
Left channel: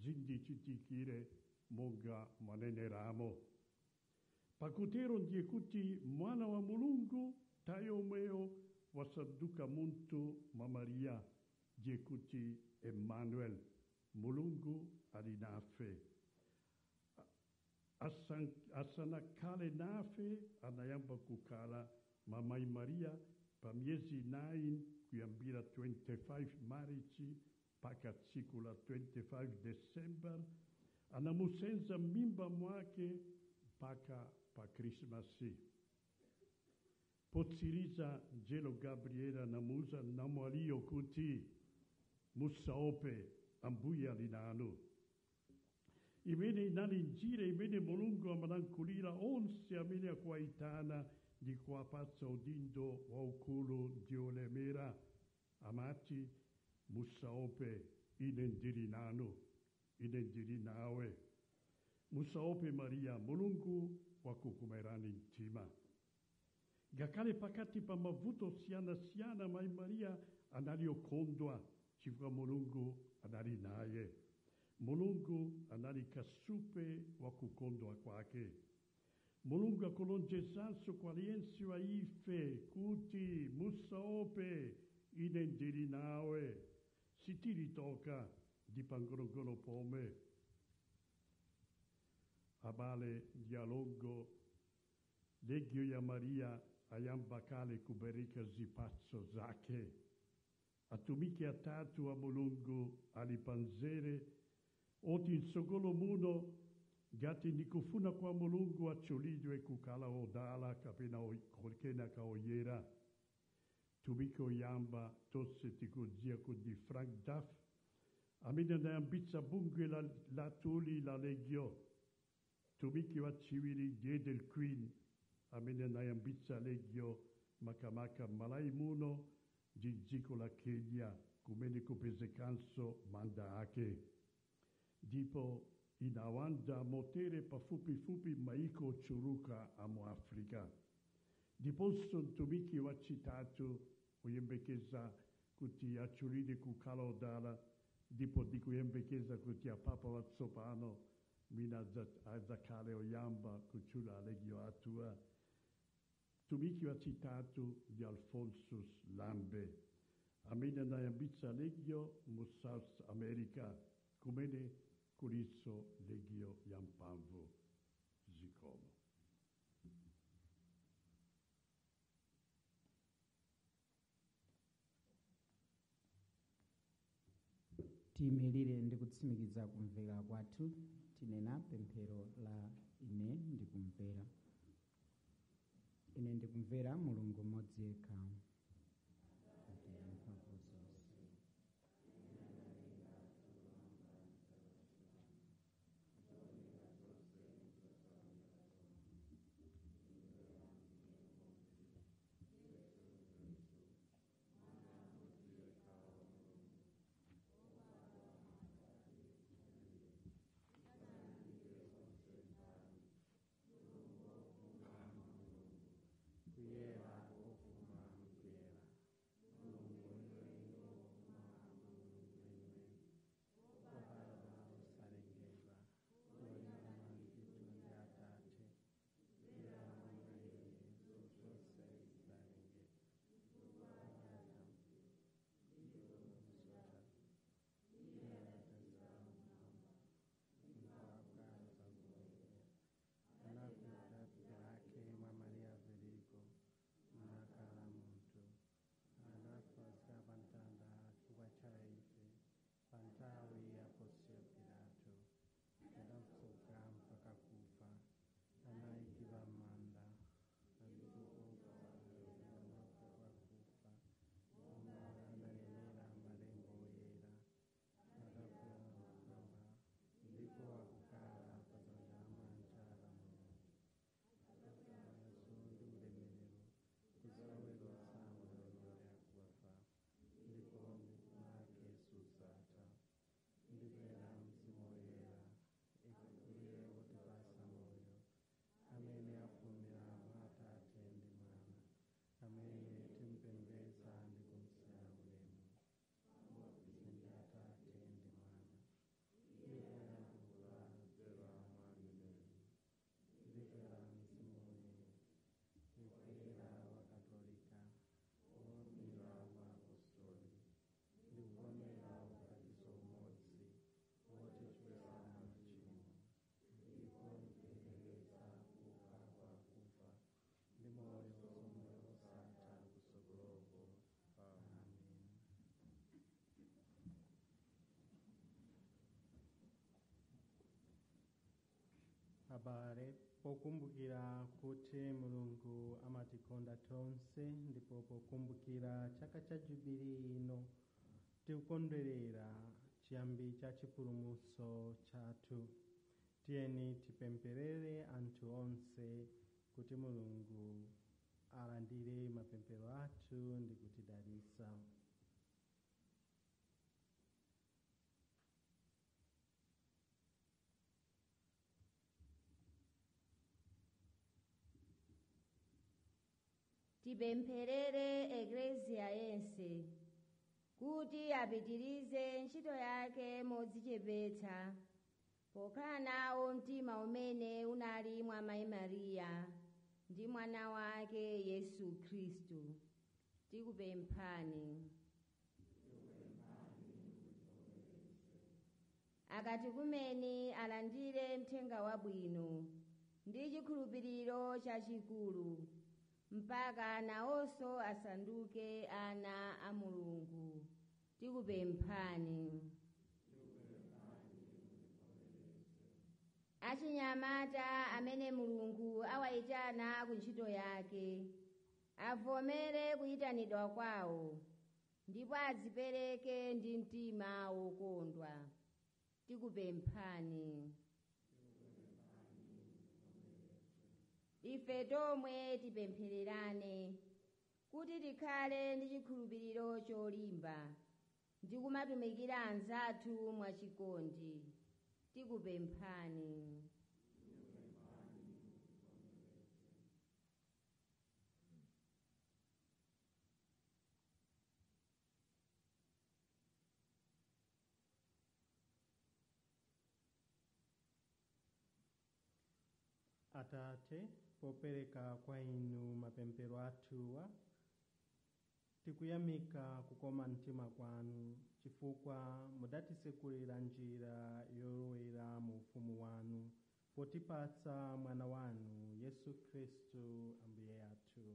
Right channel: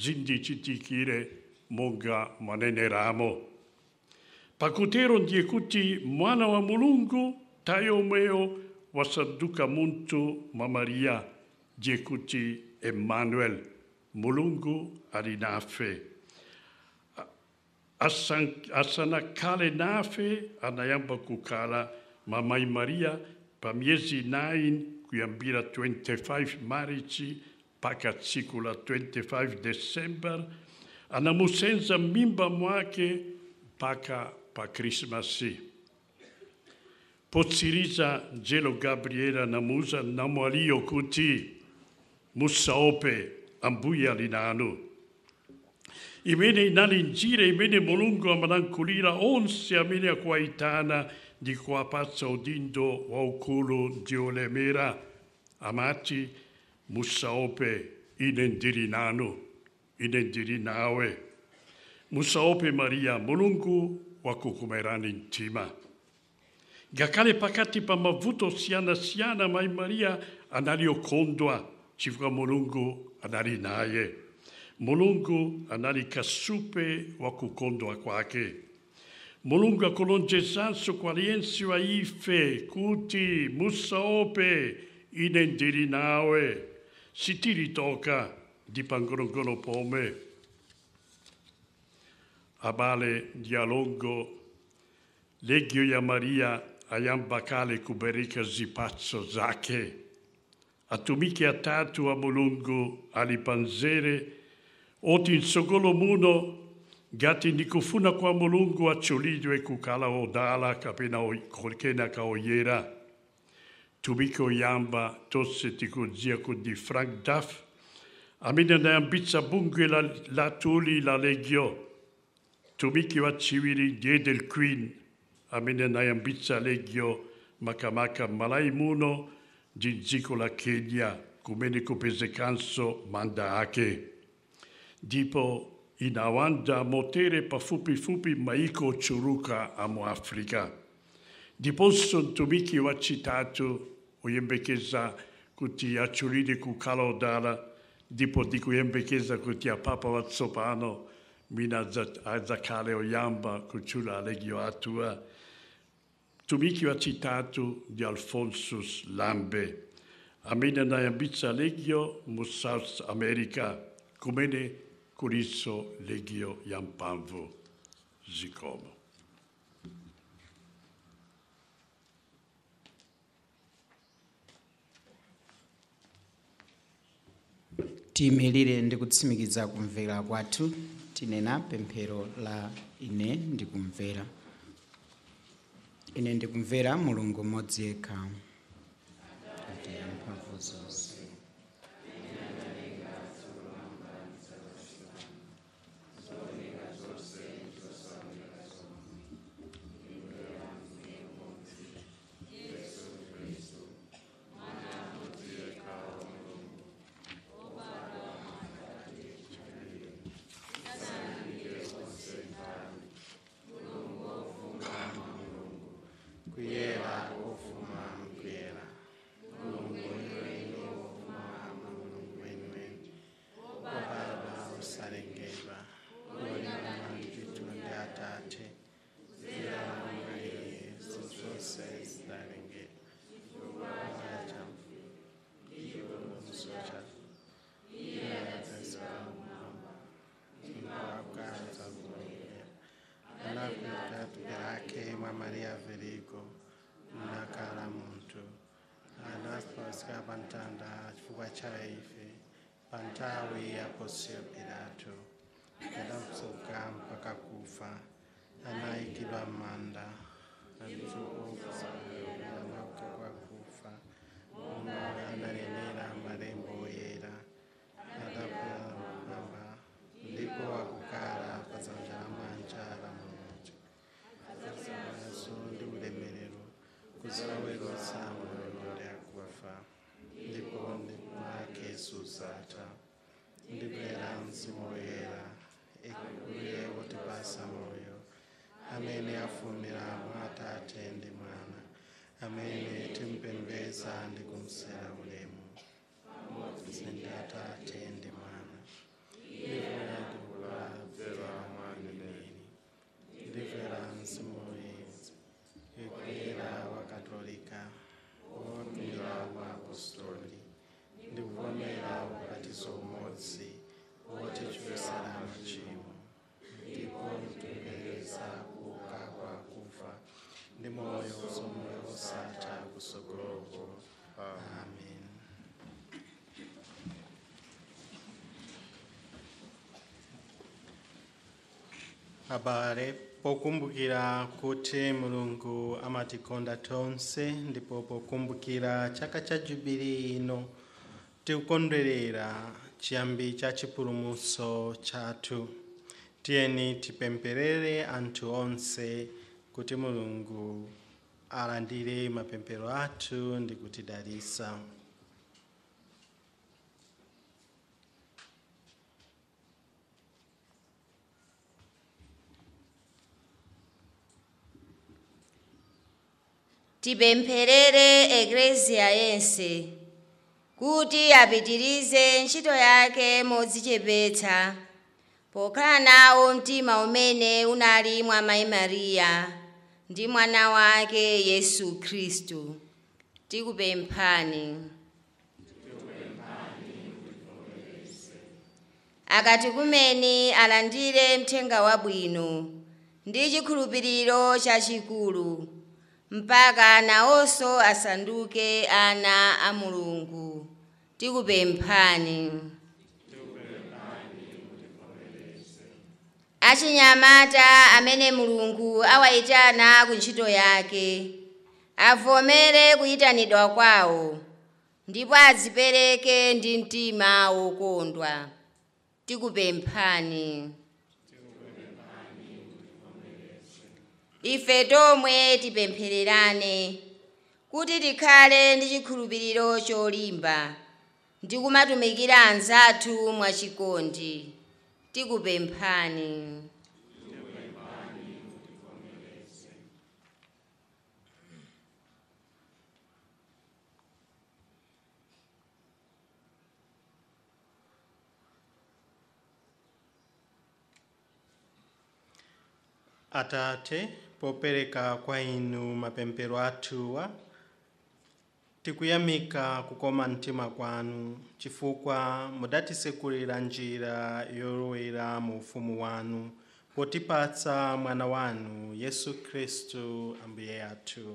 zindichitikire monga maneneramo. Pakutero ndiye kuti mwana wa Mulungu tayomweyo wasanduka muntu mwa Maria ndiye kuti Emmanuel, Mulungu ali nafe. Asanakale nafe anayamba kukala Mai Maria pa miezi 9 kuyambira 25 Marichi paka tsiku la 25 December anamusenza mimba mwake paka pa Krismasi. Potsiriza Angelo Gabriela namuza namwaliyo kuti musaope Ambuye ali nanu. Imene inali njira imene Mulungu amalankhulira onse amene akuwayitana ndi kuwapatsa udindo waukulu ndi olemera. Amati musaope, ine ndili nanu, ine ndili nawe. Musaope Maria, Mulungu wakukumerani mtima. Ngakhale pakati pa mavuto siyana Mai Maria anali okondwa chifukwa Mulungu anali naye. Mulungu anali kasupe wa kukondwa kwake. Mulungu akulonjezanso kwa aliyense wa ife kuti musaope, ine ndili nawe, sitilitoka ndi pangolongolo pomwe. Abale ndi alongo, Legio ya Maria ayamba kale kubereka zipatso zake. Atumiki atatu wa Mulungu alipanzere oti nsogolo muno gati nikufuna kwa Mulungu achulidwe kukala odala kapena kena kaoyera. Tumiko yamba tose tikujia kundi Frank Duff amene anayambitsa bungwe la tuli la Legio. Tumiki wa chiwiri Diedel Queen amene anayambitsa Legio makamaka malai muno ndi dziko la Kenya kumene kupezekanso manda ake. Ndipo inawanda motere pafupi maiko churuka amu Afrika. Ndiponso mtumiki wa chitatu uyembekeza kuti achulide kukala odala, ndipo ndikuyembekeza kuti apapa watsopano mina adzakale oyamba kuchula Legio atua. Mtumiki wa chitatu ndi Alphonsus Lambe amene anayambitsa Legio mu South America kumene kuliso Legio ya mphamvu zikomo. Tiyimirire ndi kutsimikiza kumvera kwathu tinena pemphero la ine ndikumvera. Ine ndikumvera Mulungu mmodzi yekha. Mphamvu zonse. Pantawi ya Poncio Pilato, adamsuka mpaka kufa, anaikidwa manda, alifufuka kwa kufa, analinena marembo yera, adapewa mamba, ndipo wakukala pazanja la manjala mmoja. Sasa ndi ulemerero, kuzawerosa mulonde akuwafa. afumira mwa Atate ndi Mwana amene timpembedza ndi kumsera ulemu pamodzi ndi Atate ndi Mwana ndimvera ndikupemphera mwa mneneri ndimvera mzimu woyera ikwera wa Katolika womira wa apostoli ndikuvomera ubatizo umodzi wotichotsa machimo ndipo ndikupembedza kuuka kwa akufa ndi moyo wosatha kutsogoloko. Amen. Abale, pokumbukira kuti Mulungu amatikonda tonse ndipo pokumbukira chaka cha Jubilii ino tikukondwerera chiyambi cha chipulumutso chathu. Tiyeni tipempherere anthu onse kuti Mulungu alandire mapemphero athu ndi kutidalitsa. Tipempherere Eklesia yense kuti apitirize ntchito yake modzichepetsa pokhala nawo mtima umene unali mwa Mayi Mariya ndi mwana wake Yesu Khristu. Tikupemphani. Akatikumeni alandire mthenga wabwino ndi chikhulupiriro chachikulu mpaka nawonso asanduke ana a Mulungu. Tikupemphani. Achinyamata amene Mulungu awayitana ku ntchito yake avomere kuyitanidwa kwawo ndipo adzipereke ndi mtima wokondwa. Tikupemphani. Ife tomwe tipemphererane kuti tikhale ndi chikhulupiriro cholimba ndi kumatumikira anzathu mwachikondi. Tikupemphani. Atate, popereka kwa inu mapemphero athuwa tikuyamika kukoma mtima kwanu chifukwa mudatitsekulira njira yolowera mu ufumu wanu potipatsa mwana wanu Yesu Khristu Ambuye athu.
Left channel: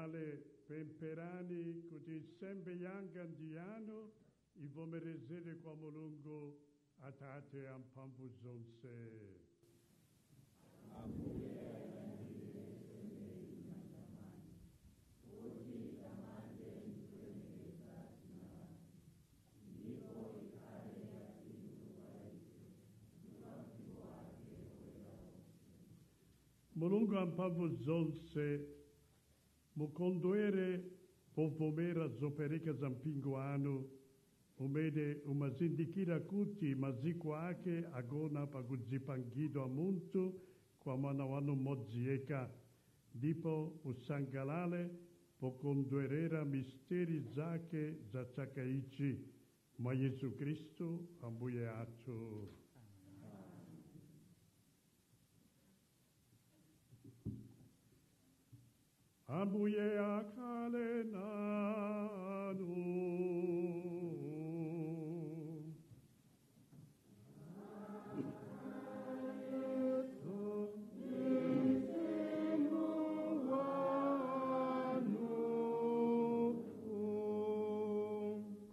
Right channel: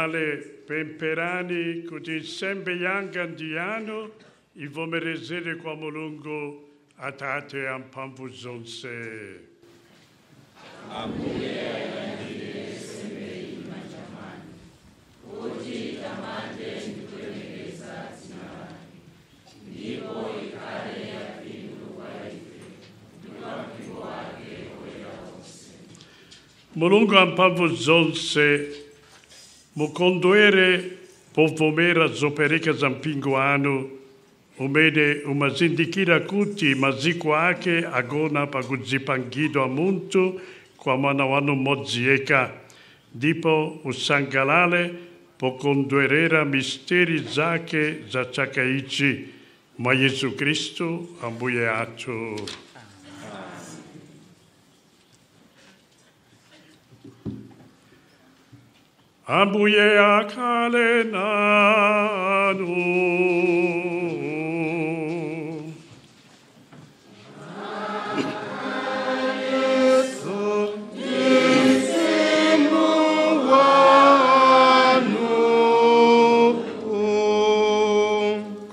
vale pemperani kuti nsembe yanga ndi yanu ivomerezere kwa Mulungu Atate amphamvu zonse. Mulungu amphamvu zonse mukondwere povomera zopereka za mpingo wanu umene umazindikira kuti maziko ake agona pakudzipangidwa munthu kwa mwana wanu mmodzi yekha, ndipo usangalale pokondwerera misteri zake za chaka ichi mwa Yesu Kristu Ambuye athu. Ambuye akhale nanu.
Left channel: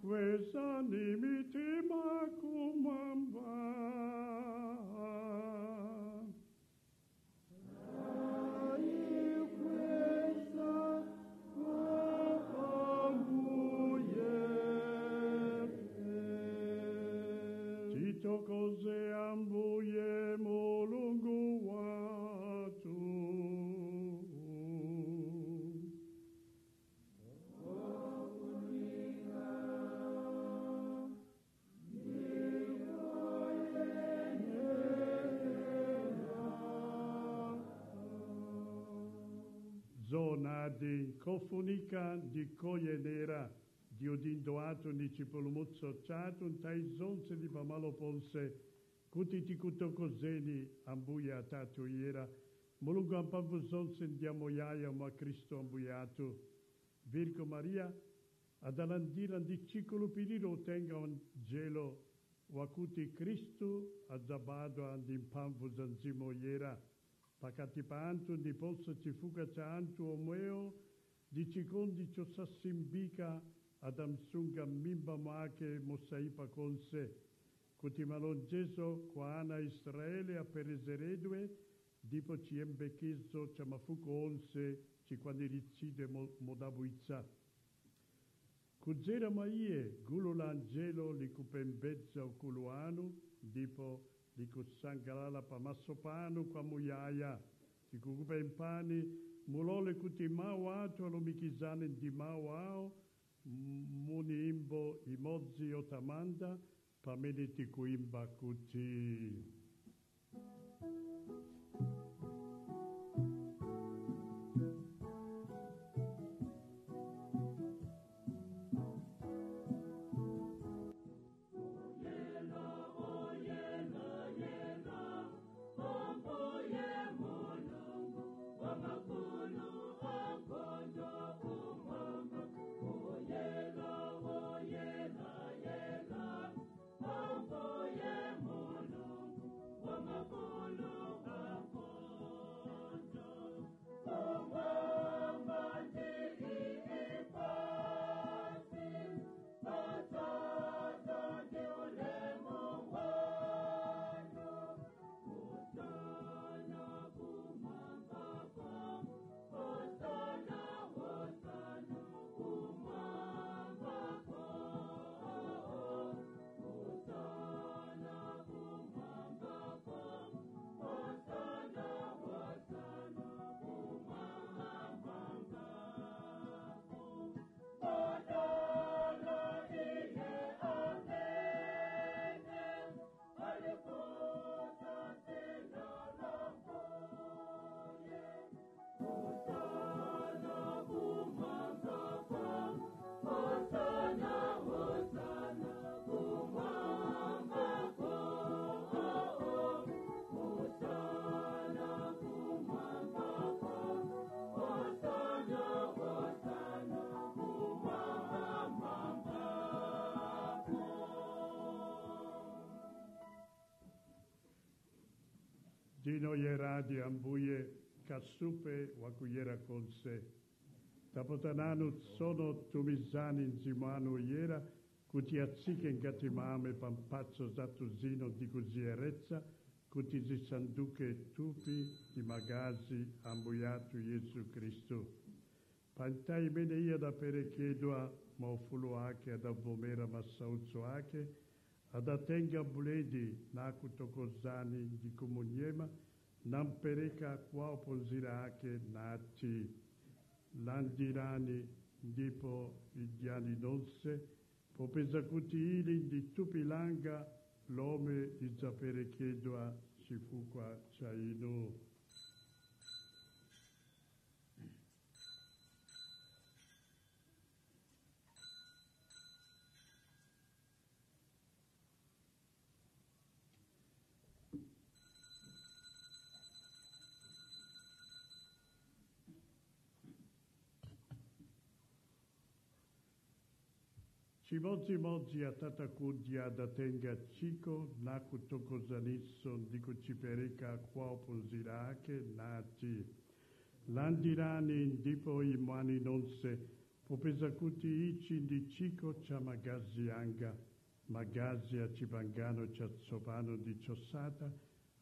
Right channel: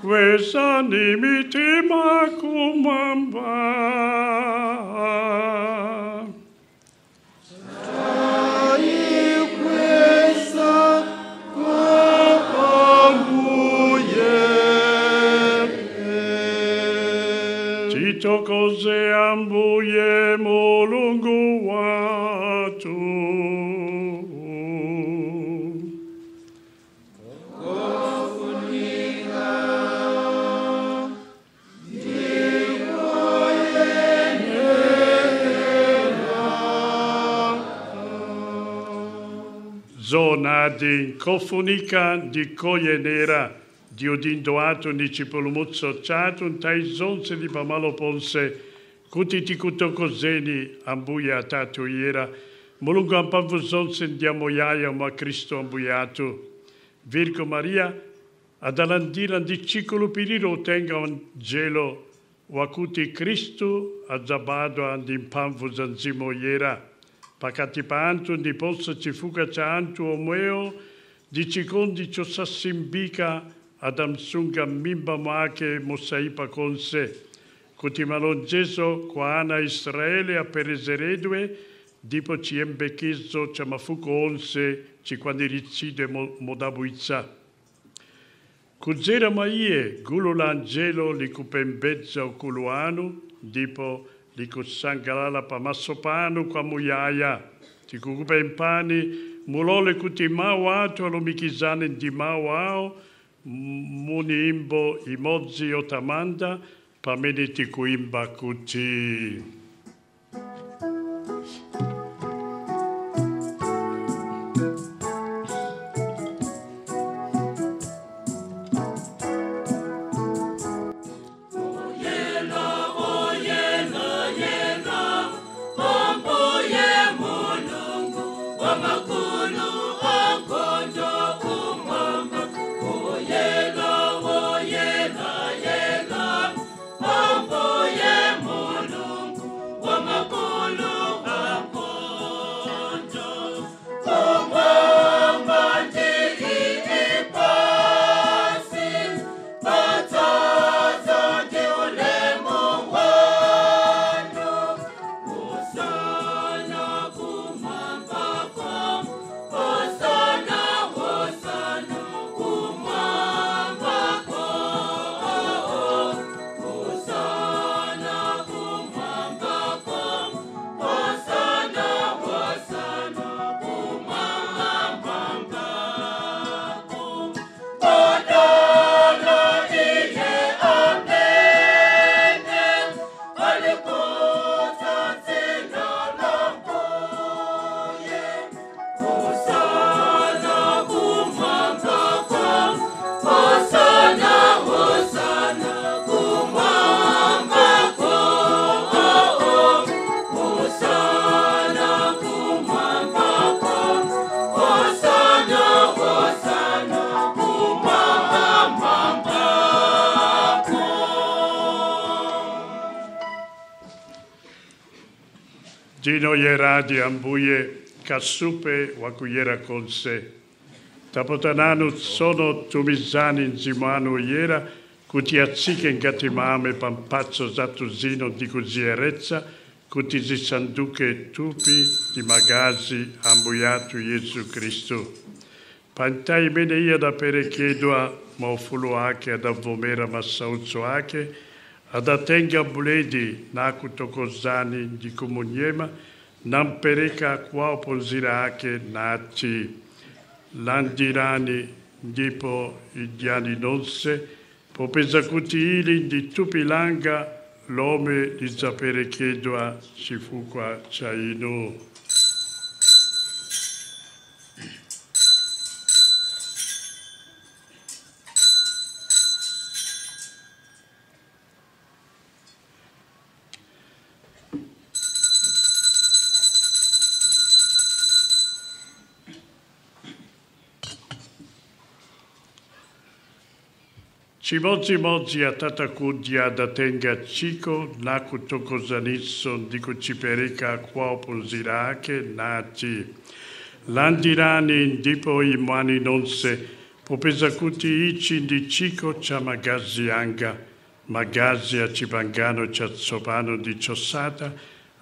Kwezani mitima kumwamba. Titokoze Ambuye Mulungu watu. Zonadi nkofunika ndikoyenera diudindo atu nicipulumutso chatu ntai zonse di pamalo ponse kuti tikutokozeni Ambuye Atatu yera Mulungu amphamvu zonse ndiamo yaya mwa Kristo Ambuye atu. Virgo Maria adalandira ndicikulupiriro utenga angelo wakuti Kristu adzabadwa ndi mphamvu za Mzimu yera pakati pa anthu ndiponso chifuka cha anthu omwewo di chikondi chosasimbika adamsunga m'mimba mwake mosaipa konse kuti malonjezo kwa ana Israele aperezeredwe ndipo chiyembekezo cha mafuko onse chikwaniritsidwe modabwitsa. Kudzera mwa iye gulu la angelo likupembedza ukulu wanu ndipo likusangalala pamaso panu kwamuyaya. Tikukupemphani mulole kuti mawu athu alumikizane ndi mawu awo munyimbo imodzi yotamanda pamene tikuimba kuti Dino yeradi Ambuye kasupe wakuyera konse. Tapotananu sono tumizani nzimano iera, kuti atsike ngati mame pampazzo zatuzino di cuzierezza, kuti zisanduke tupi di magazi ambuiato Gesù Cristo. Pantai bene ia da perechedoa, ma ufulu ake ad avvomera massauzzo ake, ad atenga buledi naku tokozani di comuniema, nan pereka qua oponzira ake naci. Landirani ndipo idiani nonse, popesa kuti ili di tupilanga l'ome di sapere chiedoa si fu qua ciaino. Cimozzi atatakudia da tenga chico naku tokozanisso di kuchipereka qua opunzirake nati. Landirani ndipo imani nonse, popesa kuti ichi di chico cha magazi anga, magazi a cipangano cha tsopano di ciosata,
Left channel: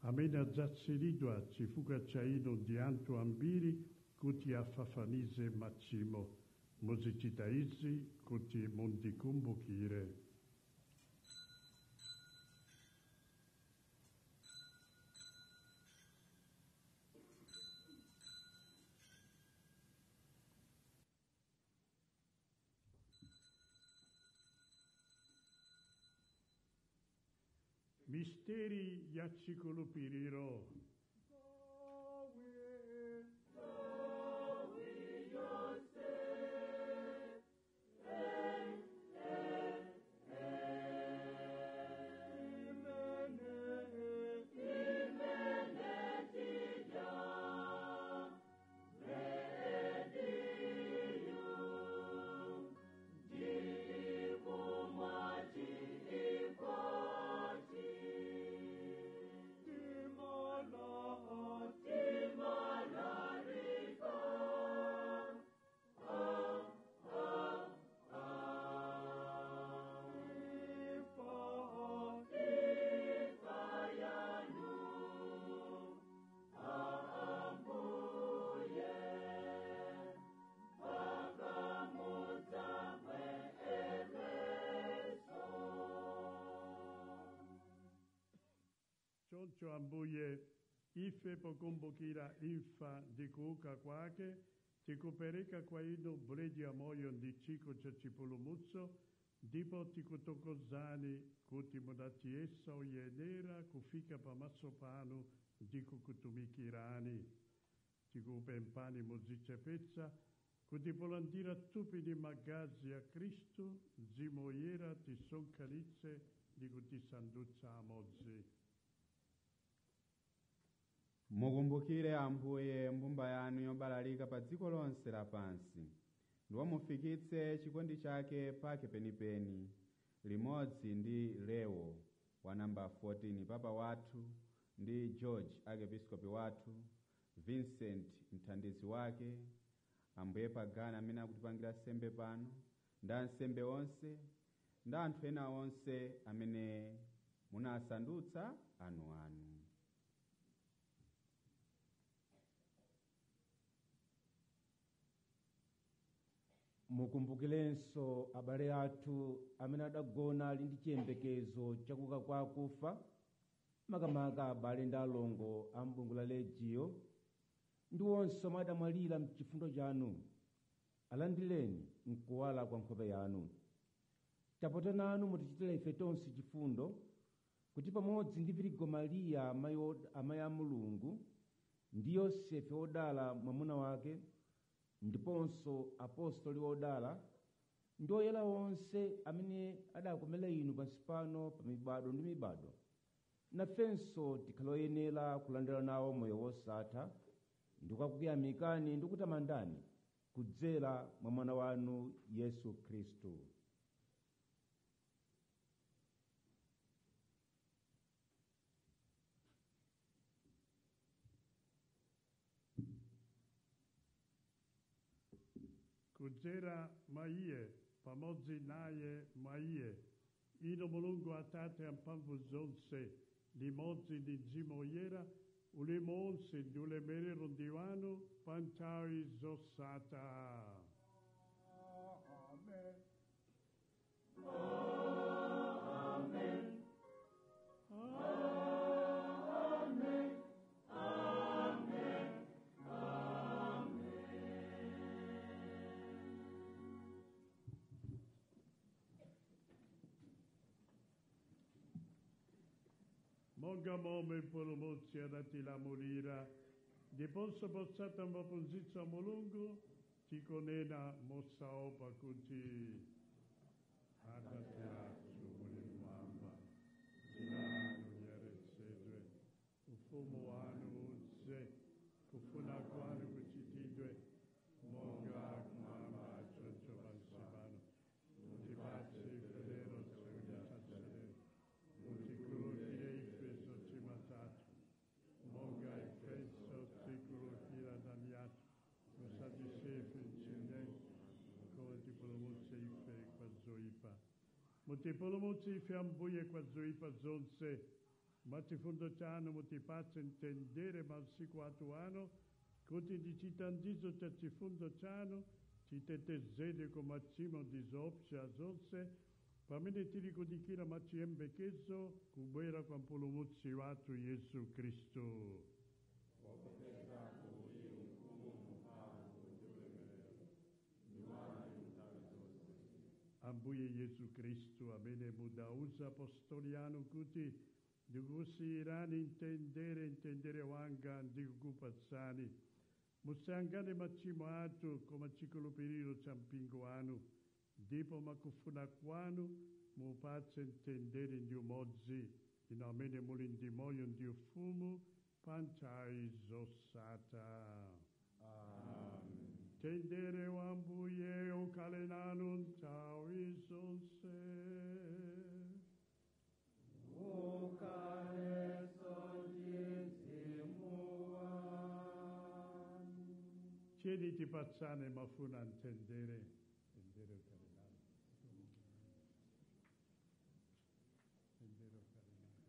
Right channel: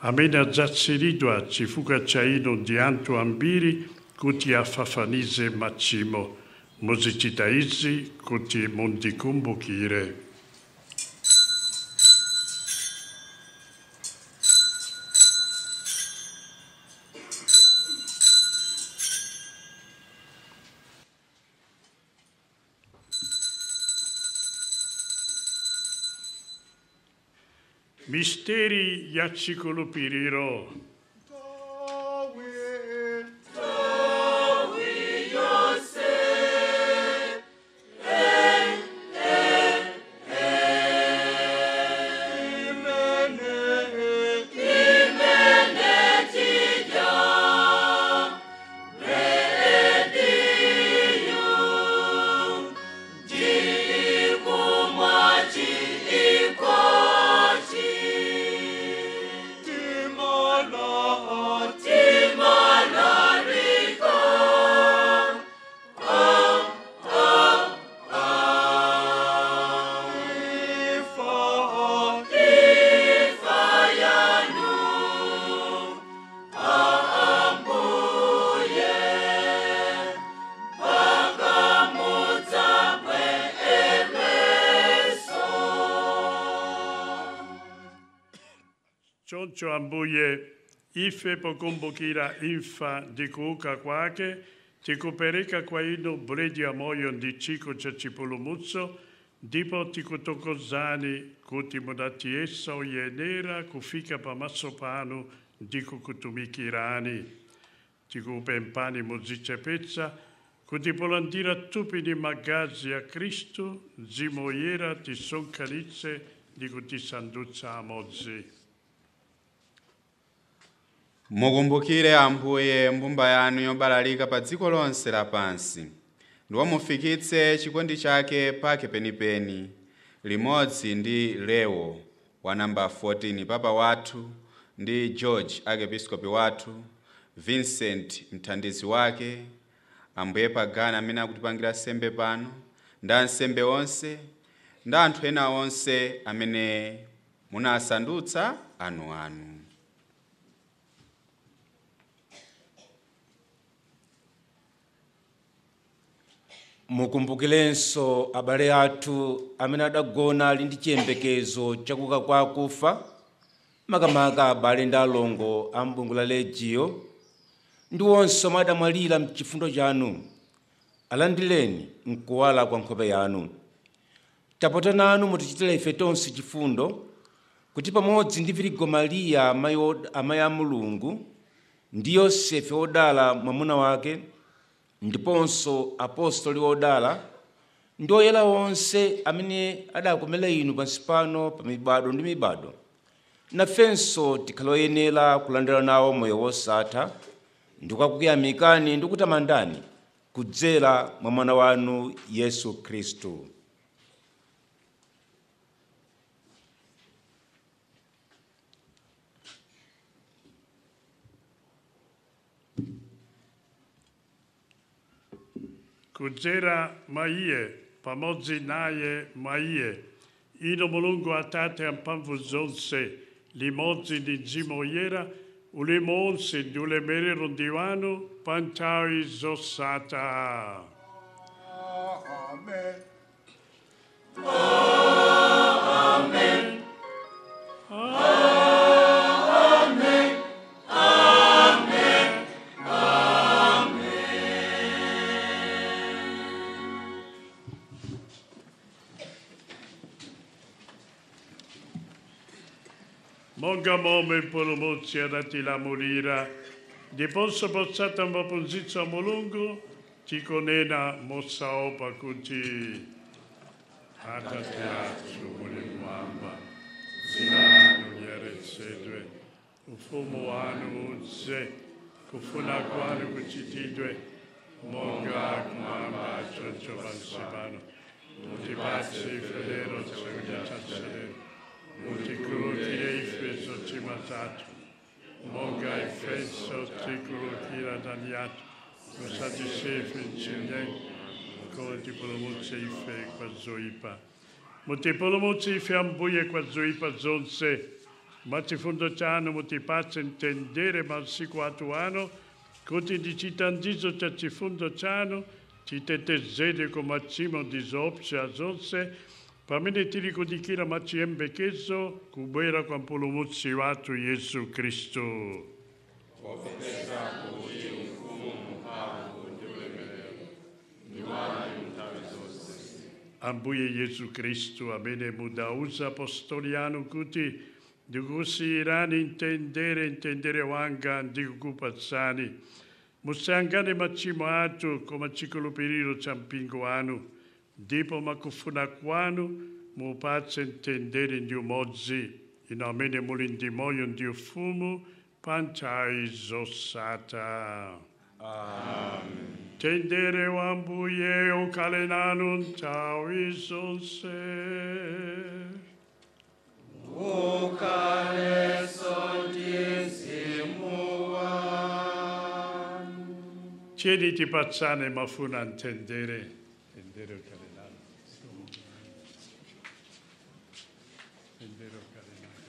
amena zazziridua cifuca ciaino di anto ambiri, kuti affafanise macimo. Musicitaizi kuti mundi kumbukire. Misteri yacicolupiriro. Choncho ambuye, ife pokumbukira imfa di kuuka kwake, tikupereka kwa inu buledi ya moyo ndi chiko cha chipulumutso, ndipo tikutokozani kuti mudatiesa uyenera kufika pamaso panu ndi kukutumikirani. Tikupempani muzichepetsa kuti polandira tupi ndi magazi ya Kristu, Mzimu Woyera tisonkhanitse ndi kutisandutsa amodzi. Mukumbukire Ambuye mbumba yanu yobalalika pa dziko lonse lapansi, ndipo mufikitse chikondi chake pake penipeni, limodzi ndi Leo wa namba 14 Papa wathu, ndi George Archiepiscopi wathu, Vincent mthandizi wake, Ambuye Pagani amene akutipangira sembe pano, ndi ansembe onse, ndi anthu ena onse amene munasandutsa anu. Mukumbukilenso abale athu amene adagona ali ndi chiyembekezo chakuka kwa akufa, makamaka abale ndi alongo a m'bungu la Legio, ndi onse omwe adamwalira m'chifundo chanu. Alandireni mkuwala kwa nkhope yanu. Tapotananu mutichitire ife tonse chifundo, kuti pamodzi ndi Virigo Mariya amayi a Mulungu, ndi Yosefe wodala mwamuna wake, ndiponso apostoli odala, ndi oyera onse amene adakomera inu pansi pano pa mibado ndi mibado, nafenso tikhale oyenera kulandira nawo moyo wosatha, ndi kukuyamikani ndi kutamandani kudzera mwa mwana wanu Yesu Khristu. kudzera mwa iye pamodzi naye mwa iye ino mulungu atate amphamvu zonse limodzi ndi mzimu woyera ulemu onse ndi ulemerero ndi wanu pa nthawi zosatha. Amen. Monga momwe mpulumutsi adatilamulira ndiponso potsata maphunzitso a mulungu tikunena mosaopa kuti Atate athu muli mmwamba, dzina lanu liyeretsedwe, ufumu wanu udze, kufuna kwanu kuchitidwe monga kumwamba choncho pansi pano. Mutipatse ife lero chakudya chathu lero, mutikhululukire ife zochimwa zathu monga ifenso tikhululukira adani athu, musatisiye ife m'chinyengo koma tipulumutse ife kwa zoyipa. Mutipulumutse ife Ambuye kwa zoyipa zonse, mwa chifundo chanu mutipatse mtendere masiku athu ano, kuti ndi chithandizo cha chifundo chanu titetezedwe ku machimo ndi zoopsa zonse, pamene tili kudikira mwachiyembekezo kubwera kwa mpulumutsi wathu Yesu Khristu. Ambuye Yesu Khristu, amene mudauza apostoli anu kuti ndikusiyirani mtendere wanga ndikukupatsani, musayang'ane machimo athu koma chikhulupiriro cha mpingo wanu, ndipo mwakufuna kwanu mupatse mtendere ndi umodzi, inu amene muli ndi moyo ndi ufumu pa nthawi zosatha. Amen. Mtendere wa Ambuye ukhale nanu nthawi zonse. Ukhaleso ndi mzimu wanu. Tiyeni tipatsane mafuna mtendere. Mtendere ukhale nanu. Mtendere ukhale nanu.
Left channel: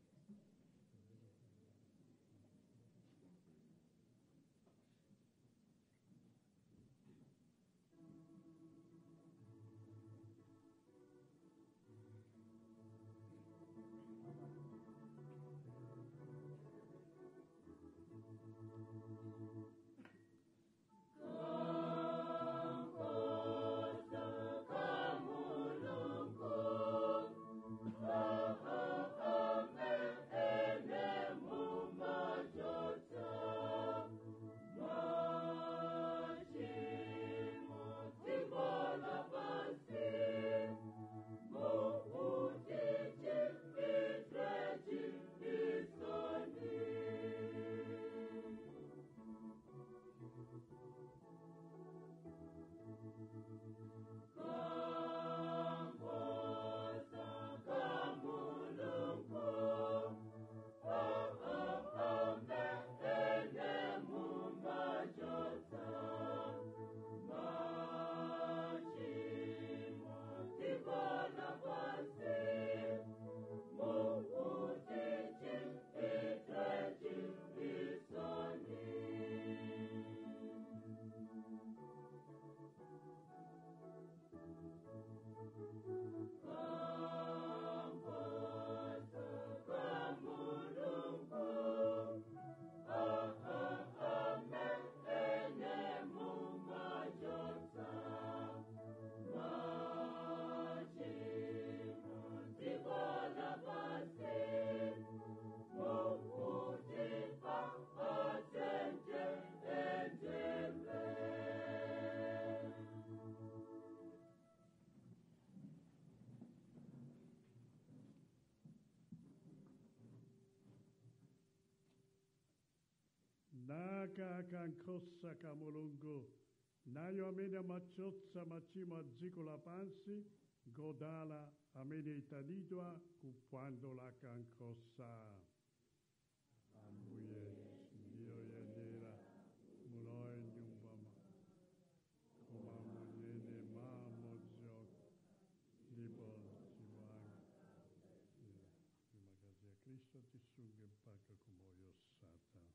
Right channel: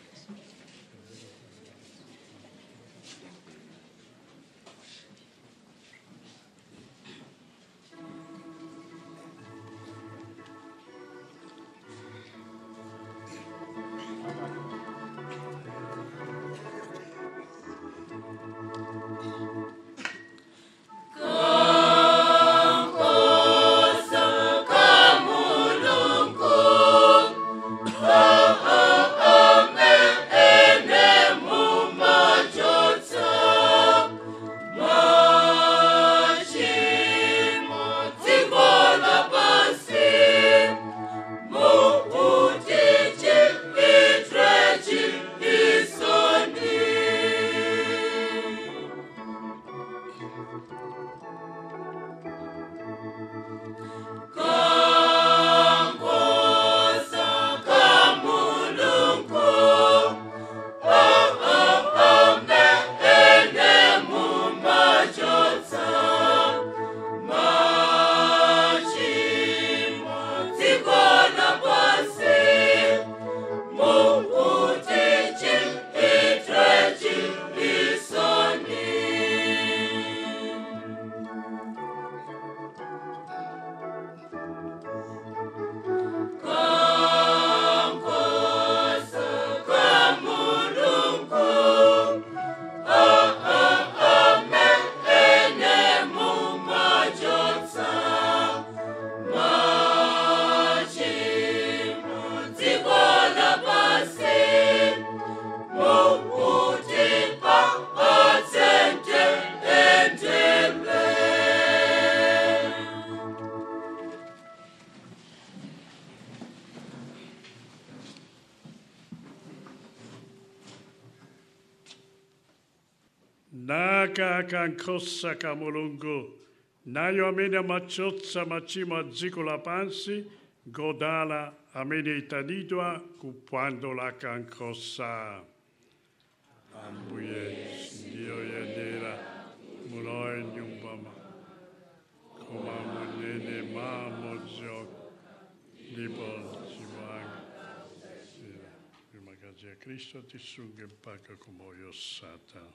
Naka kankosa ka Mulungu, nayo amene amachotsa machimo a dziko lapansi, godala amene itanidwa kupwando la kankosa. Ambuye ndiyo yendera mulowe nyumbama, koma munene Cristo ti sunga in pace come io Satan.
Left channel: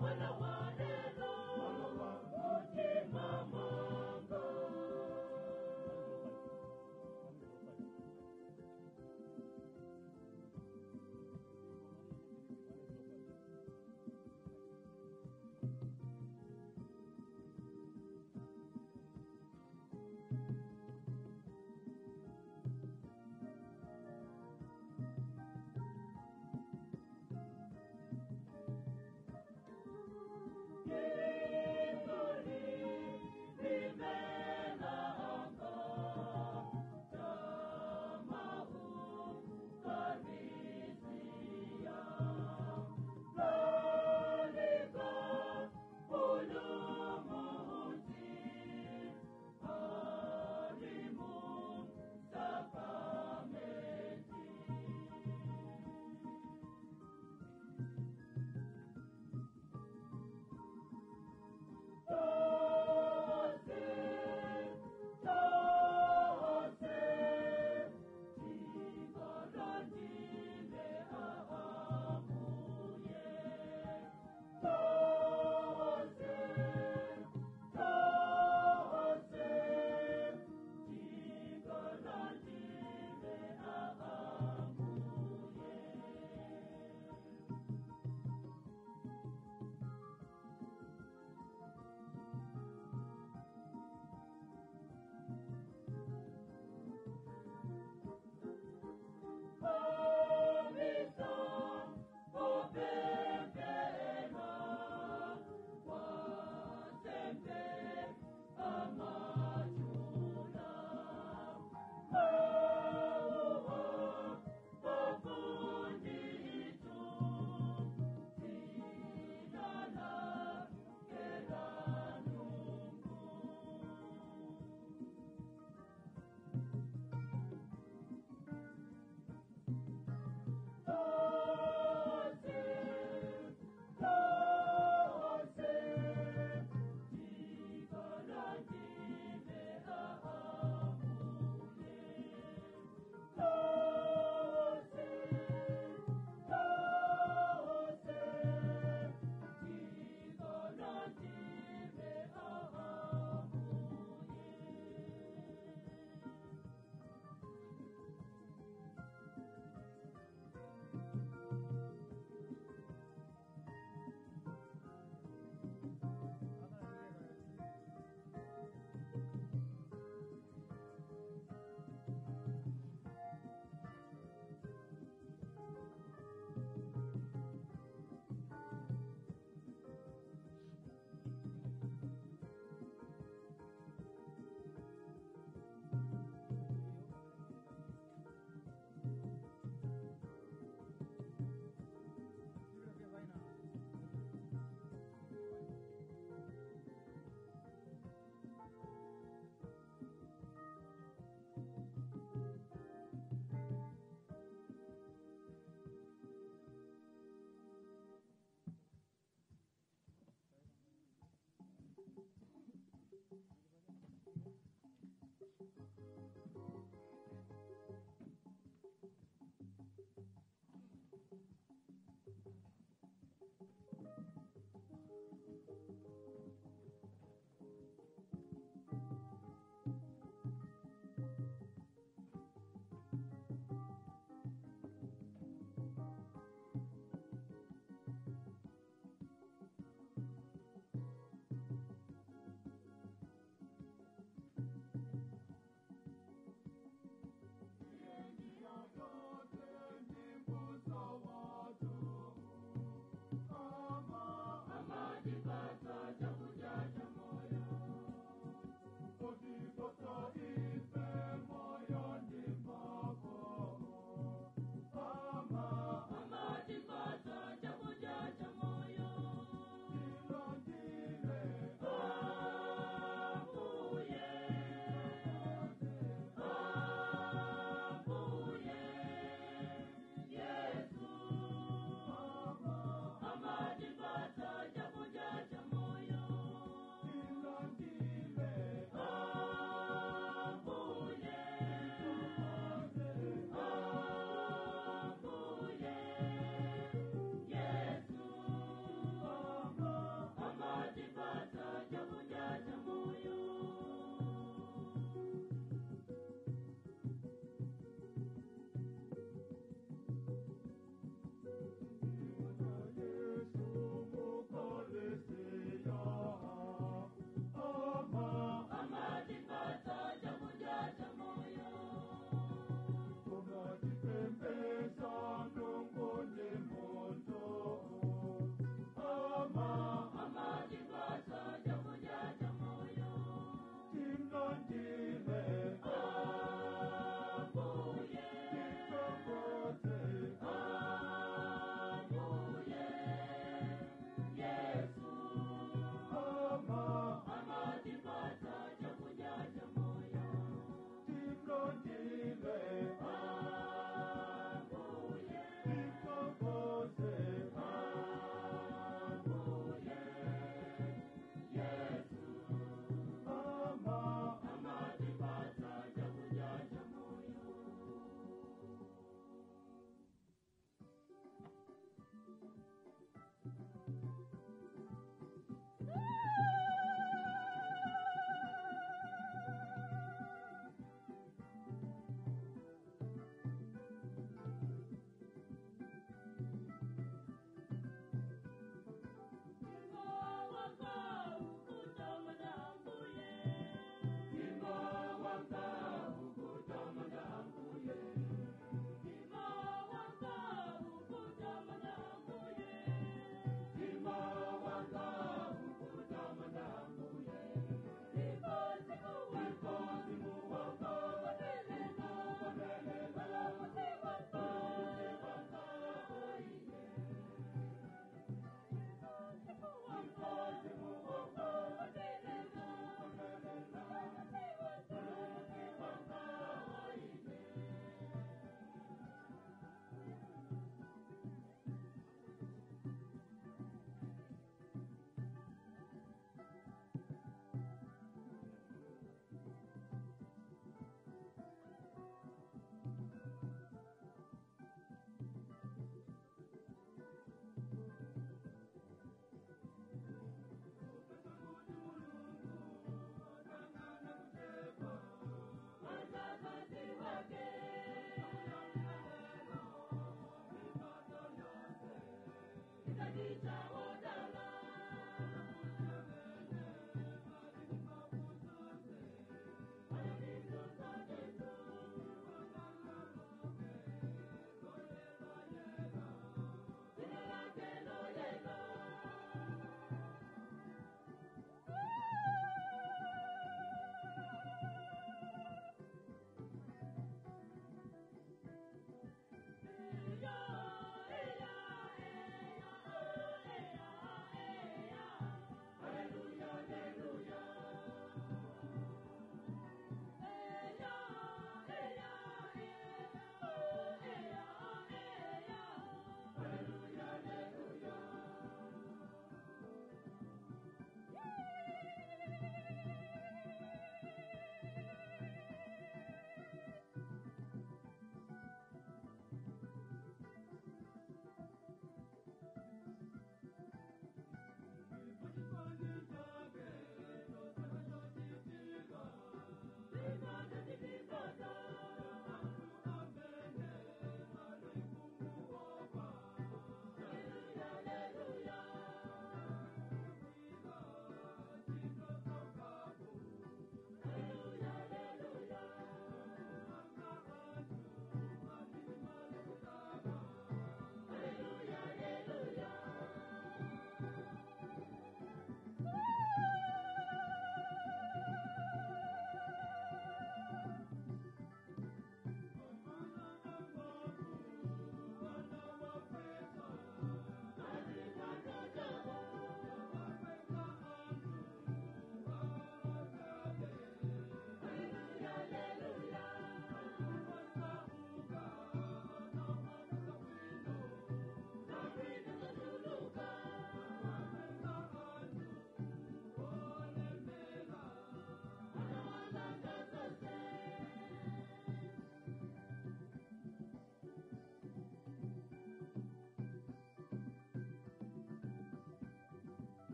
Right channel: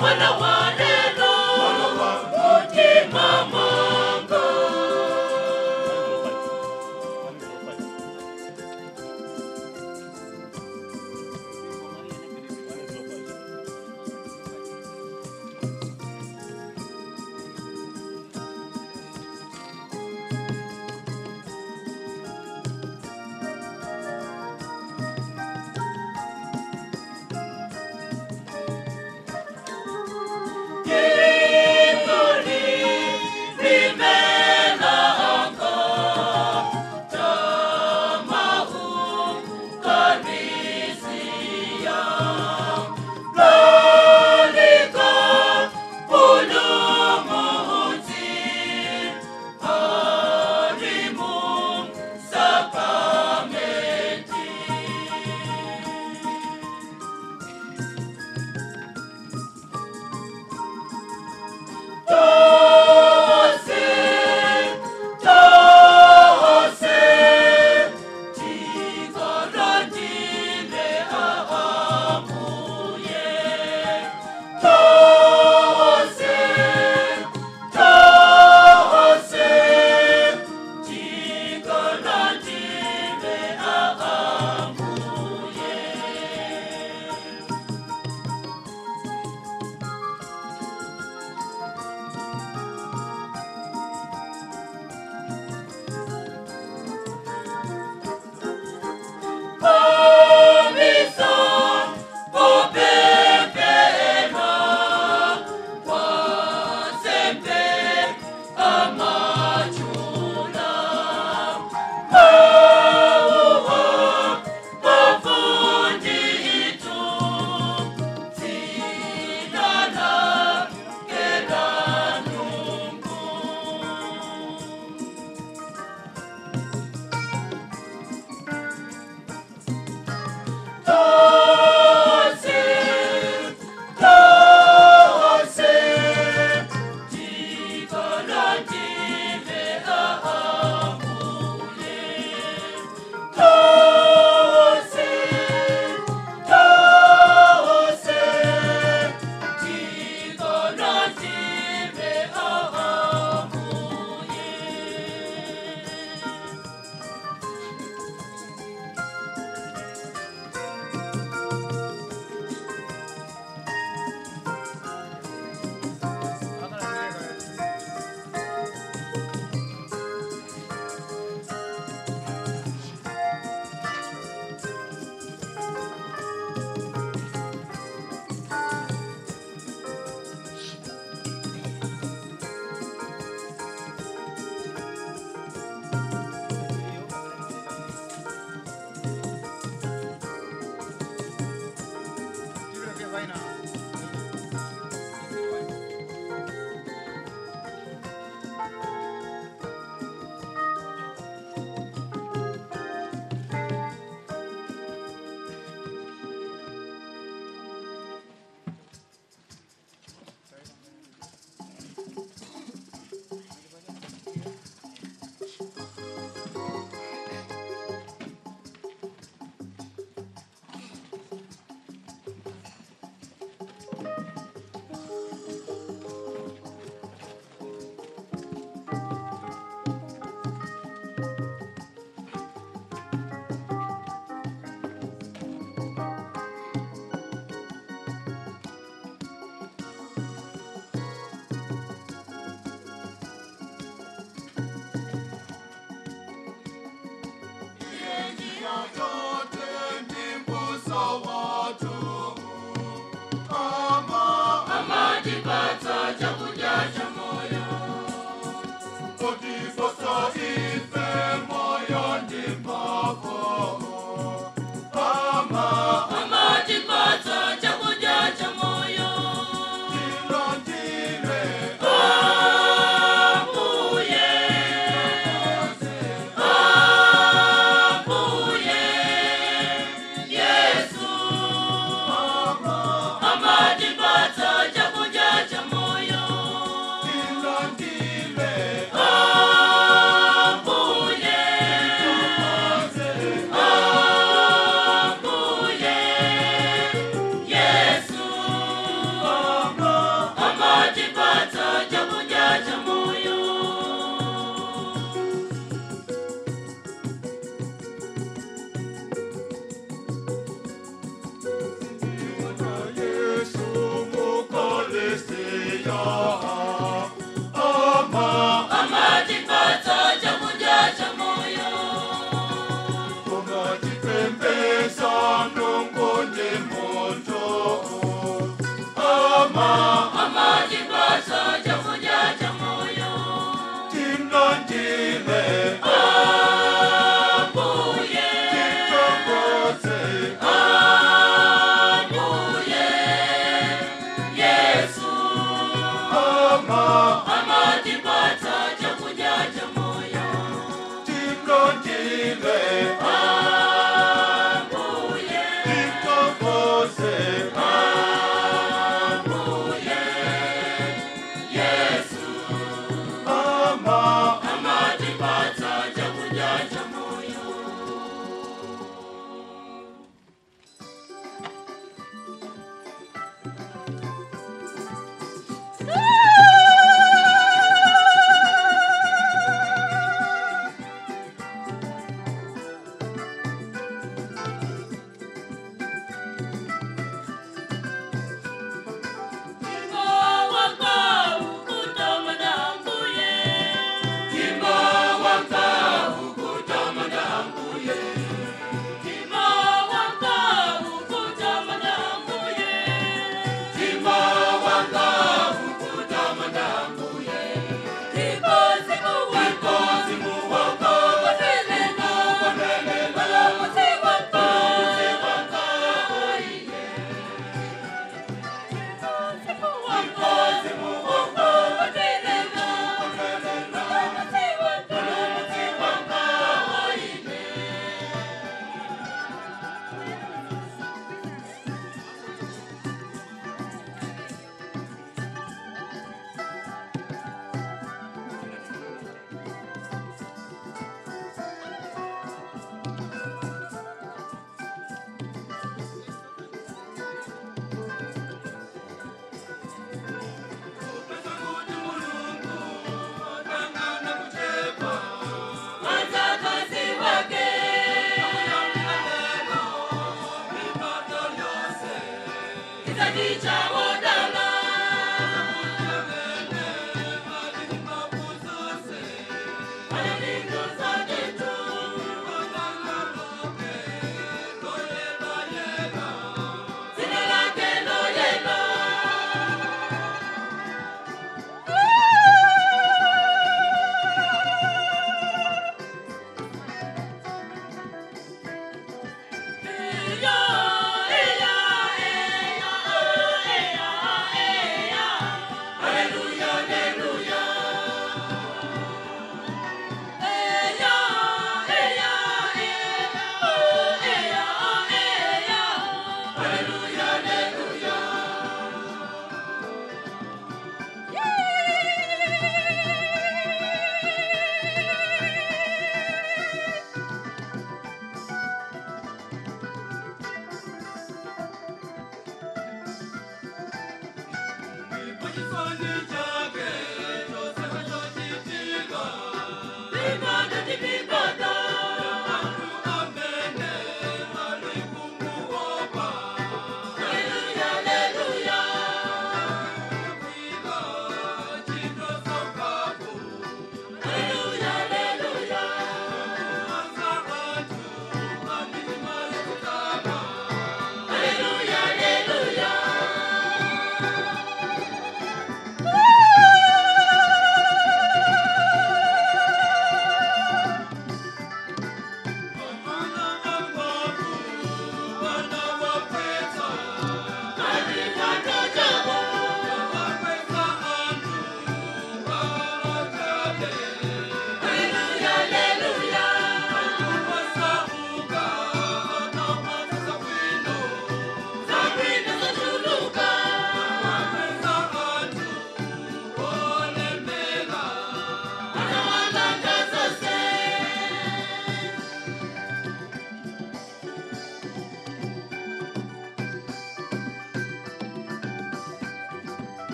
Mwana wa neno, mutima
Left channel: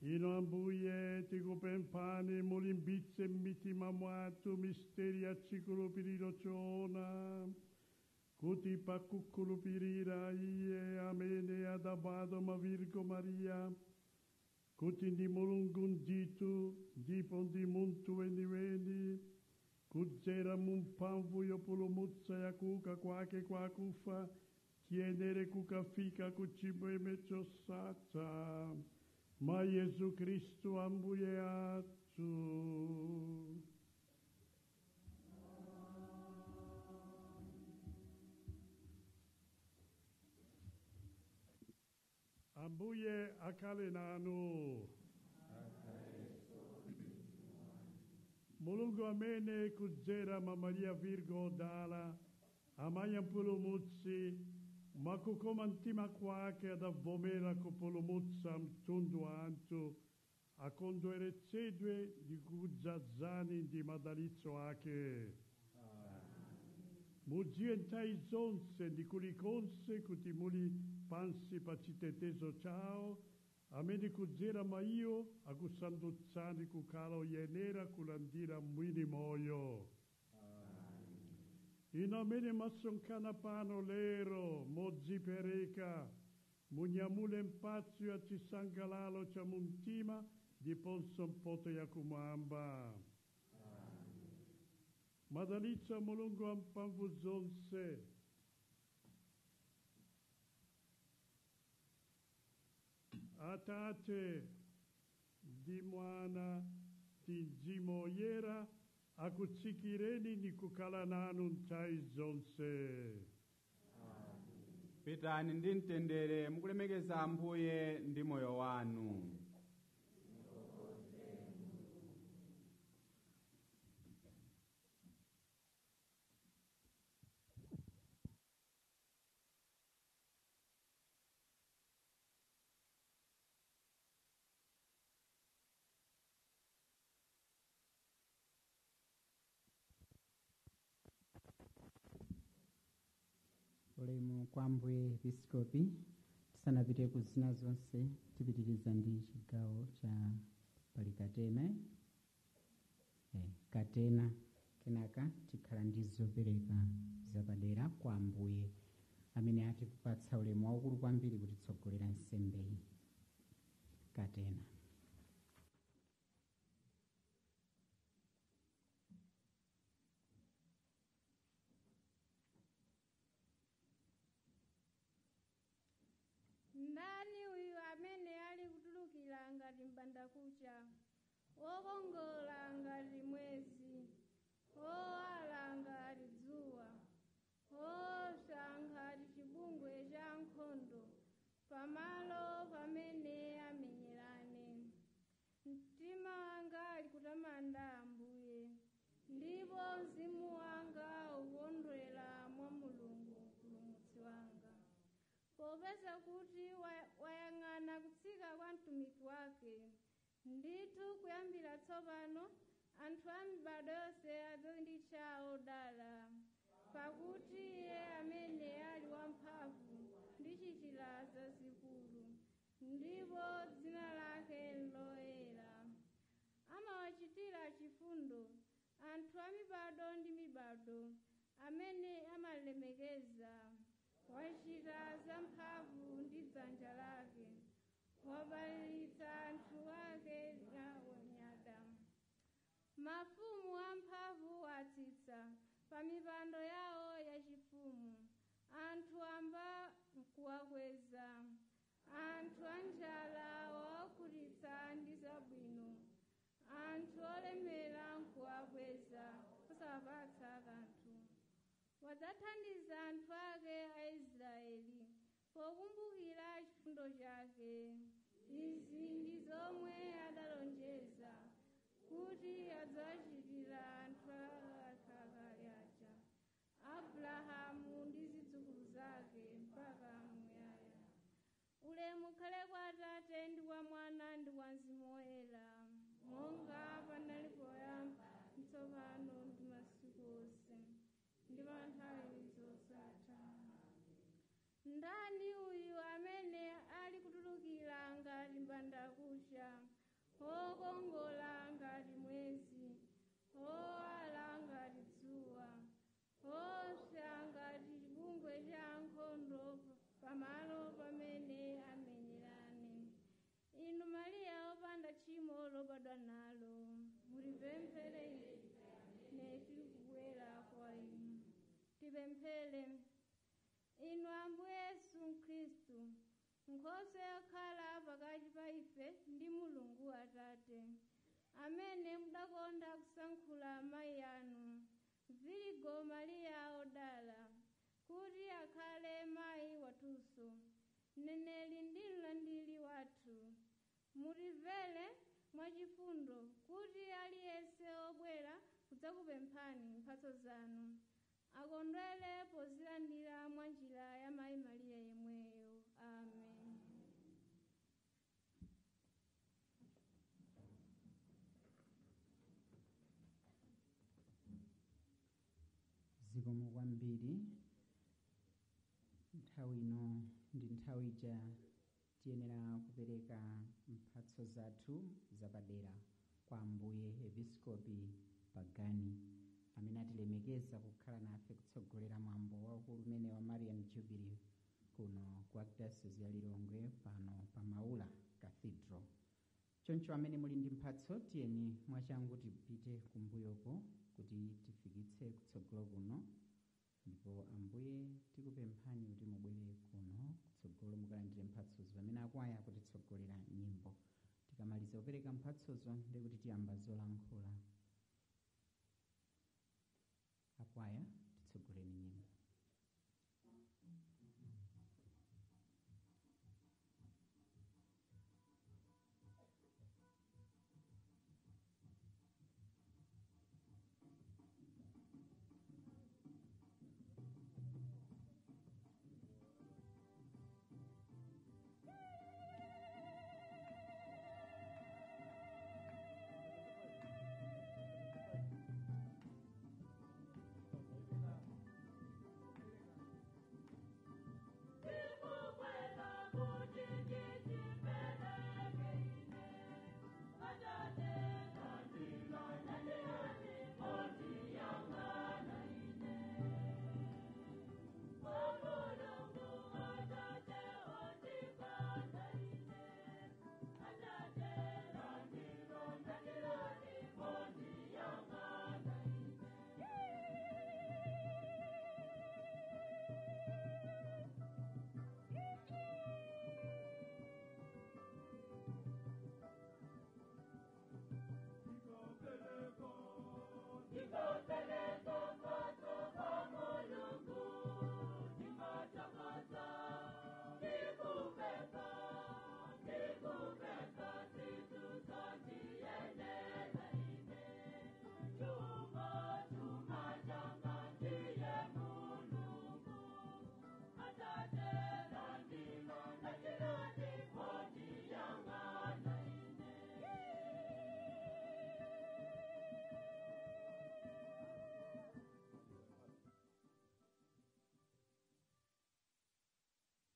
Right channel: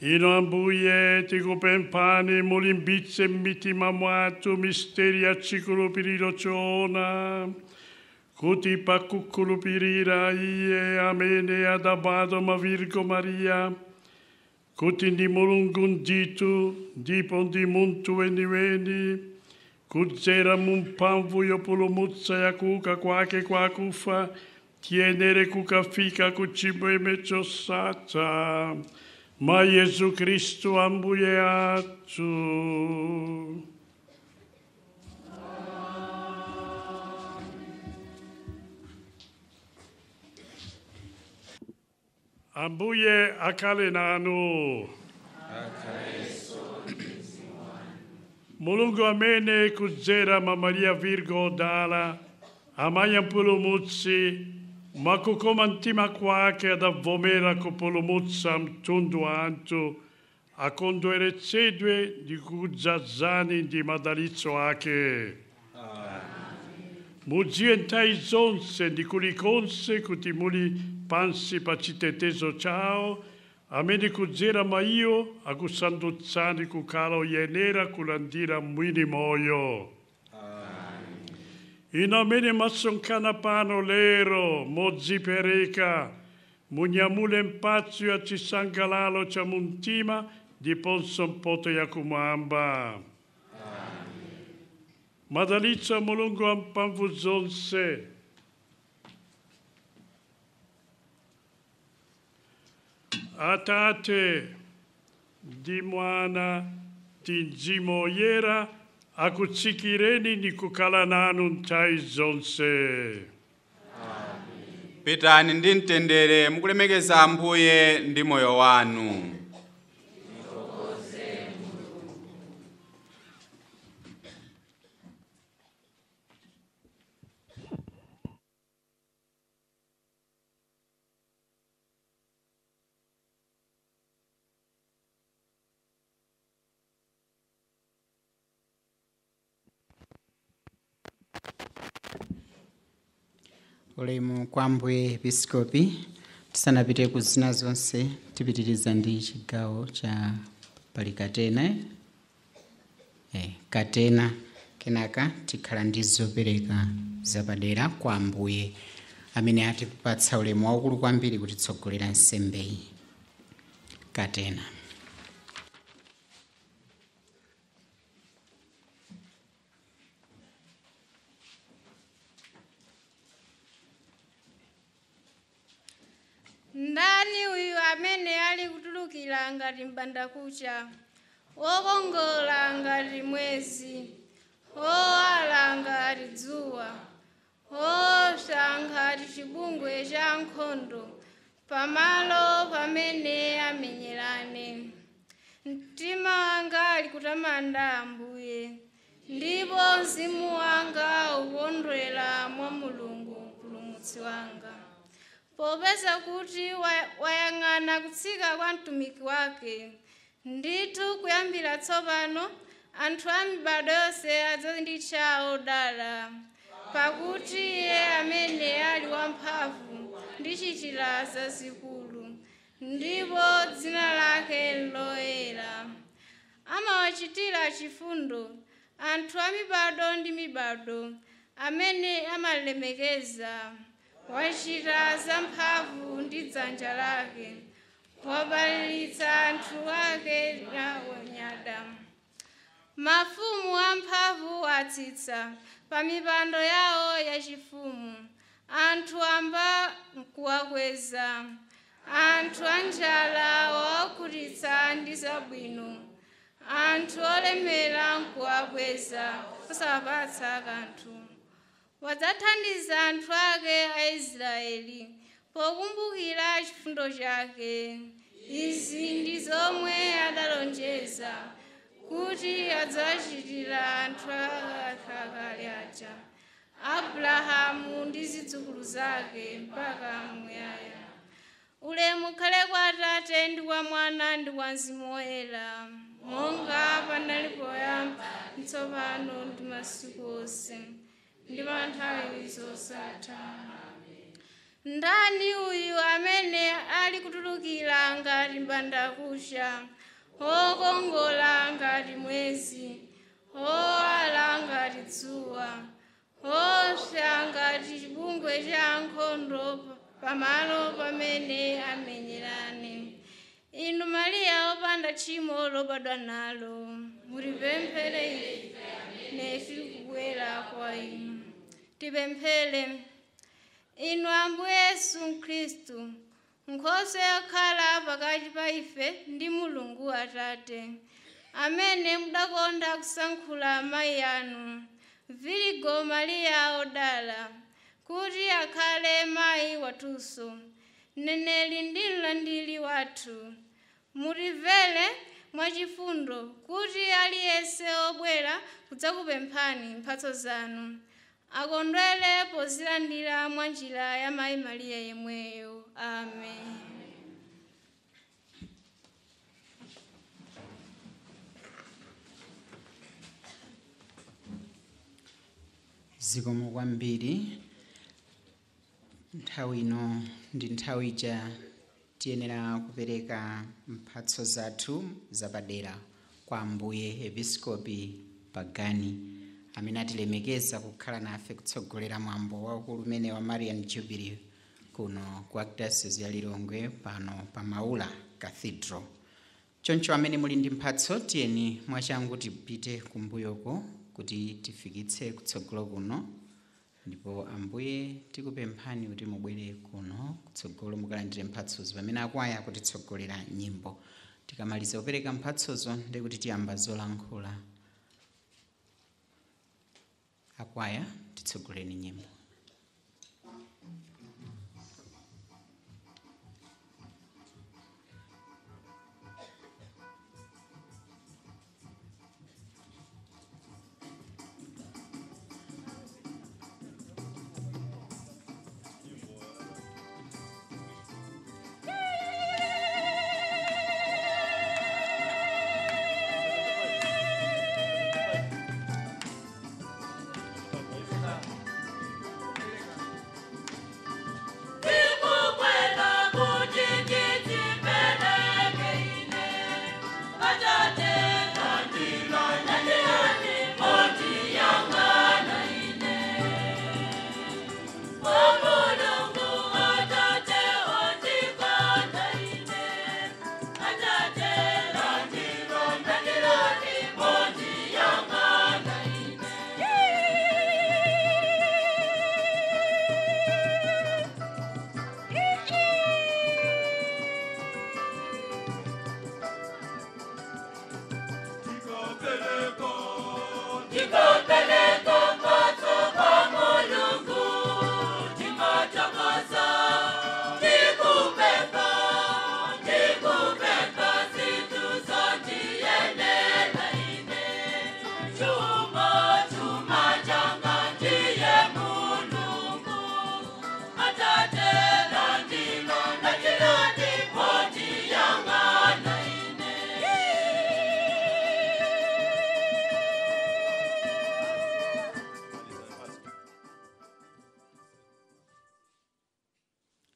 Ino ambuye tikupemphani mulimbitse m'mitima mwathu misteri ya chikhulupiriro choona kuti pakukhulupirira iye amene adabadwa mwa Virgo Maria kuti ndi Mulungu ndithu ndipo ndi munthu weniweni kudzera mu mphamvu yopulumutsa ya kuuka kwake kwa akufa tiyenere kukafika ku chimwemwe chosatha Ma Yesu Kristu ambuye athu. Ambuye akhale nanu. Mulungu amene kudzera mwa Maria Virgo odala amaya mpulumutsi mwakukoma mtima kwake adavomera kupulumutsa mtundu wa anthu akondweretsedwe ndi kudzazani ndi madalitso ake. Mudziwe nthawi zonse ndi kulikonse kuti muli pansi pa chitetezo chawo amene kudzera mwa iwo akusandutsani kukhala oyenera kulandira mwini moyo. Ino amene masonkhana pano lero modzipereka munyamule mphatso ya chisangalalo cha mumtima ndiponso mpoto yakumwamba. Madalitso a Mulungu wamphamvu zonse, Atate ndi Mwana ndi Mzimu Woyera akutsikireni ndi kukhala nanu nthawi zonse. Pitani ndi mtendere mukulemekeza Ambuye ndi moyo wanu. Ulemu kwa Ambuye Episkopi. Tisanapite ku zina zonse tipitiriza ndi chigawo cha pali katena kenaka tikhala ndi zopereka zapadera kwa Ambuye amene atipatsa ulemu waukulu kwambiri kutitsogolera nsembeyi. Katena. Ndani uyu amene ali kutulukira ngati mbandakucha, wokongola ngati mwezi, owala ngati dzuwa, owopsa ngati chibungwe cha nkhondo, pamalo pamene amenyerane. Mtima wanga ali kutamanda Ambuye, ndipo mzimu wanga ukondwera mwa Mulungu mpulumutsi wanga. Popeza kuti wayang'ana kutsika kwa mtumiki wake, ndithu kuyambira tsopano anthu a mibado yonse adzanditcha odala, pakuti iye amene ali wamphamvu ndichitira zazikulu, ndipo dzina lake loyera. Amawachitira chifundo anthu a mibado ndi mibado amene amalemekeza. Wachita zamphamvu ndi dzanja lake, wabalalitsa anthu ake awonyada. Mafumu amphamvu atsitsa pa mipando yawo yachifumu, anthu amba kuwakweza, anthu anjala wawakhutitsa ndi zabwino, anthu olemera nkuwakweza kusawapatsa kanthu. Wadzathandiza anthu ake a Israeli pokumbukira chifundo chake. Izi ndi zomwe adalonjeza kuti adzachitira anthu akale aja, Abrahamu ndi zidzukulu zake mpaka muyaya. Ulemu ukhale kwa Atate ndi kwa Mwana ndi kwa Mzimu Woyera, monga panali poyamba, tsopano ndi masiku onse, ndi pa nthawi zosatha. Ndani uyu amene ali kutulukira ngati mbandakucha, wokongola ngati mwezi, owala ngati dzuwa, owopsa ngati chibungwe cha nkhondo, pamalo pamene amenyerane. Inu Mariya wopanda tchimo lobadwa nalo, mutipemphere ife tikubwera kwa inu. Tipemphere. Inu Ambuye Yesu Khristu, Nkhosa yakhala pakati pa ife ndi Mulungu Atate, amene mudakonda kusankhula amayi anu, Virigo Maria odala, kuti akhale mayi watunso, mneneri ndi mlandiri wathu. Mutimvere mwachifundo kuti aliyense obwera kudzakupemphani mphatso zanu akondwere pozilandira mwa njira ya Mayi Mariya yemweyo. Amen. Zikomo kwambiri. Nthawi ino ndi nthawi ija tiyenera kupereka mphatso zathu zapadera kwa Ambuye Episkopi Pagani, amene atilemekeza kukhala nafe kutsogolera mwambo waukulu umene wa Marian Jubilee kuno ku Archdiocese ya Lilongwe pano pa Maula Cathedral. Choncho amene muli ndi mphatso tiyeni mwachangu tipite kumbuyoko kuti tifikitse kutsogolo kuno, ndipo Ambuye tikupemphani kuti mubwere kuno kutsogolo mukalandire mphatsozo pamene akwaya kutitsogolera nyimbo. Tikamaliza kupereka mphatsozo ndi kuti tiyamba zolankhula. Akwaya titsogoleni nyimbo.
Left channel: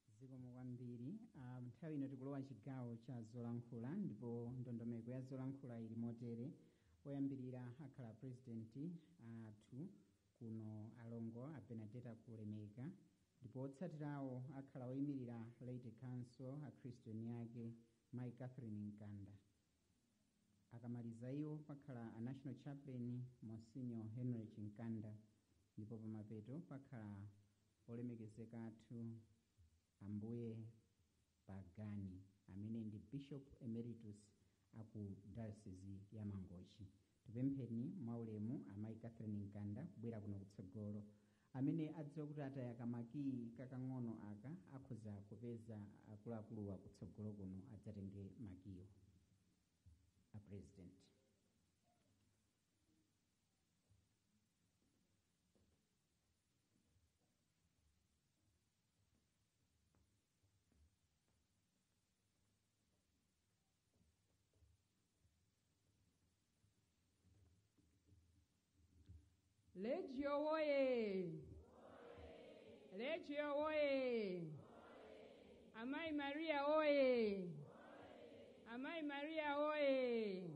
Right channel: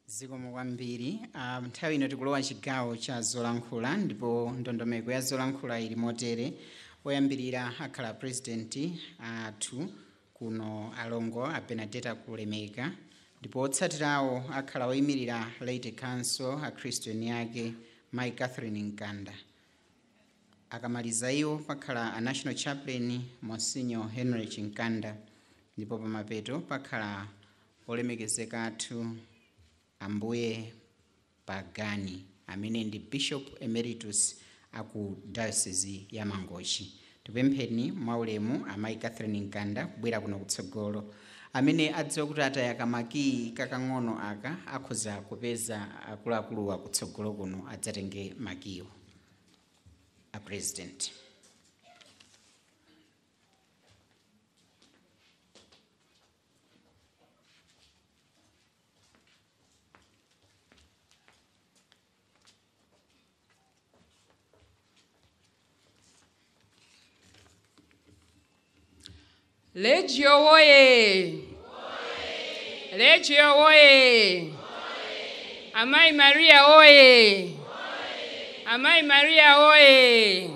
Zikomo kwambiri. Nthawi ino tikulowa chigawo cha zolankhula, ndipo ndondomeko ya zolankhula ili motere. Oyambirira akhala presidenti athu kuno alongo a Benedetta Kulemeka, ndipo otsatirawo akhala oyimirira Leyte Council a Christian yake Mayi Catherine Nkanda. Akamaliza iwo pakhala a National Chaplain Monsignor Henry Chinkanda, ndipo pamapeto pakhala olemekezeka athu Ambuye Pagani, amene ndi Bishop Emeritus aku Diocese ya Mangochi. Tipempheni mwaulemu Amayi Catherine Nkanda kubwera kuno kutsogolo, amene adziwa kuti atayaka makiyi kakang'ono aka akhoza kupeza akuluakulu akutsogolo kuno adzatenge makiyo. A President. Legio woye! Legio woye! Amayi Maria woye! Amayi Maria woye!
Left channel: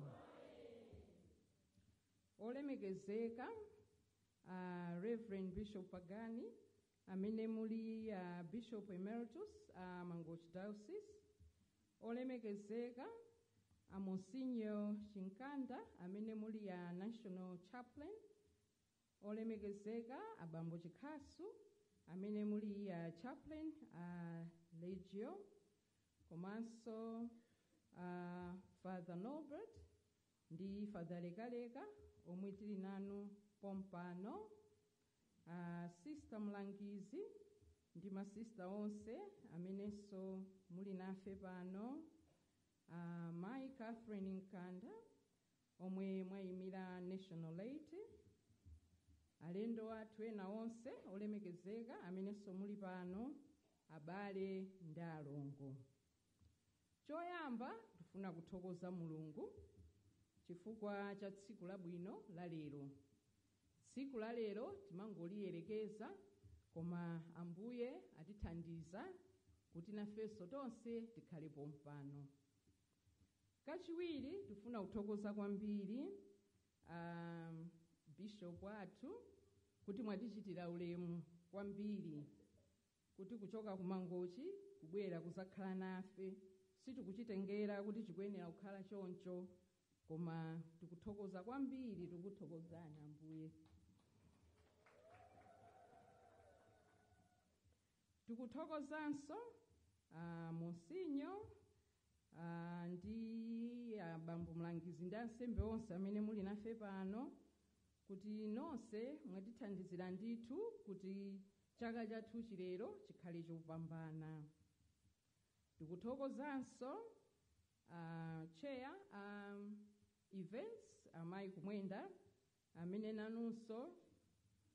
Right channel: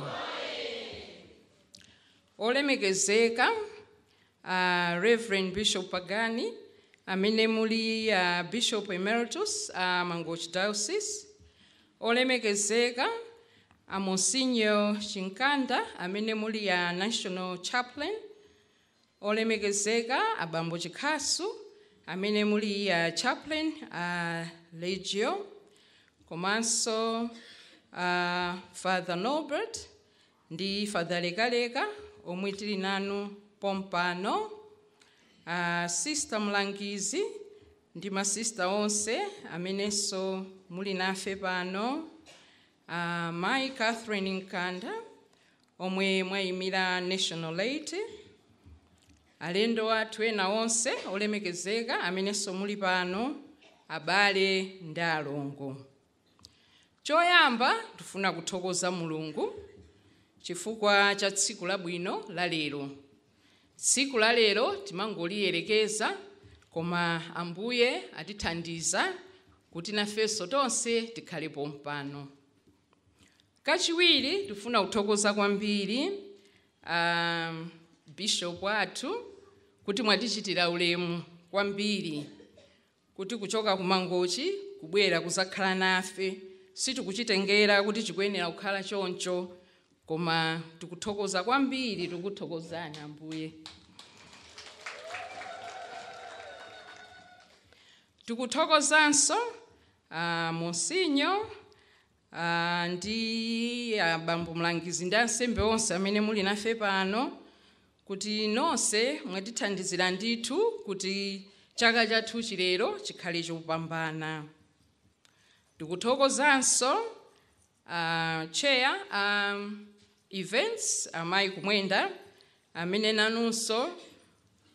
Olemekezeka Reverend Bishop Pagani, amene muli Bishop Emeritus Mangochi Diocese. Olemekezeka Monsignor Chinkanda, amene muli National Chaplain. Olemekezeka Abambo Chikasu, amene muli Chaplain Legio. komanso Father Norbert ndi Father Lekaleka omwe tili nanu pompano, Sister Mlangizi ndi masista onse amenenso muli nafe pano, Mai Catherine Nkanda omwe mwayimira National Aid, alendo athu ena onse olemekezeka amenenso muli pano, abale ndi alongo. Choyamba tufuna kuthokoza Mulungu chifukwa cha tsiku labwino la lero. Tsiku la lero timangoliyelekeza, koma Ambuye atithandiza kuti nafenso tonse tikhale pompano. Kachiwiri tufuna kuthokoza kwambiri Bishop athu kuti mwatichitira ulemu kwambiri kuti kuchoka kumangochi kubwera kuzakhala nafe. Sitikuchitengera kuti chikuyenera kukhala choncho, koma tikuthokoza kwambiri, tikuthokozani Ambuye. Tikuthokozanso Monsinyo ndi Bambo Mlangizi ndi ansembe onse amene muli nafe pano, kuti nonse mwatithandizira ndithu kuti chaka chathu chilero chikhale chopambana. Tikuthokozanso Chair Events Amayi Kumwenda amene nanunso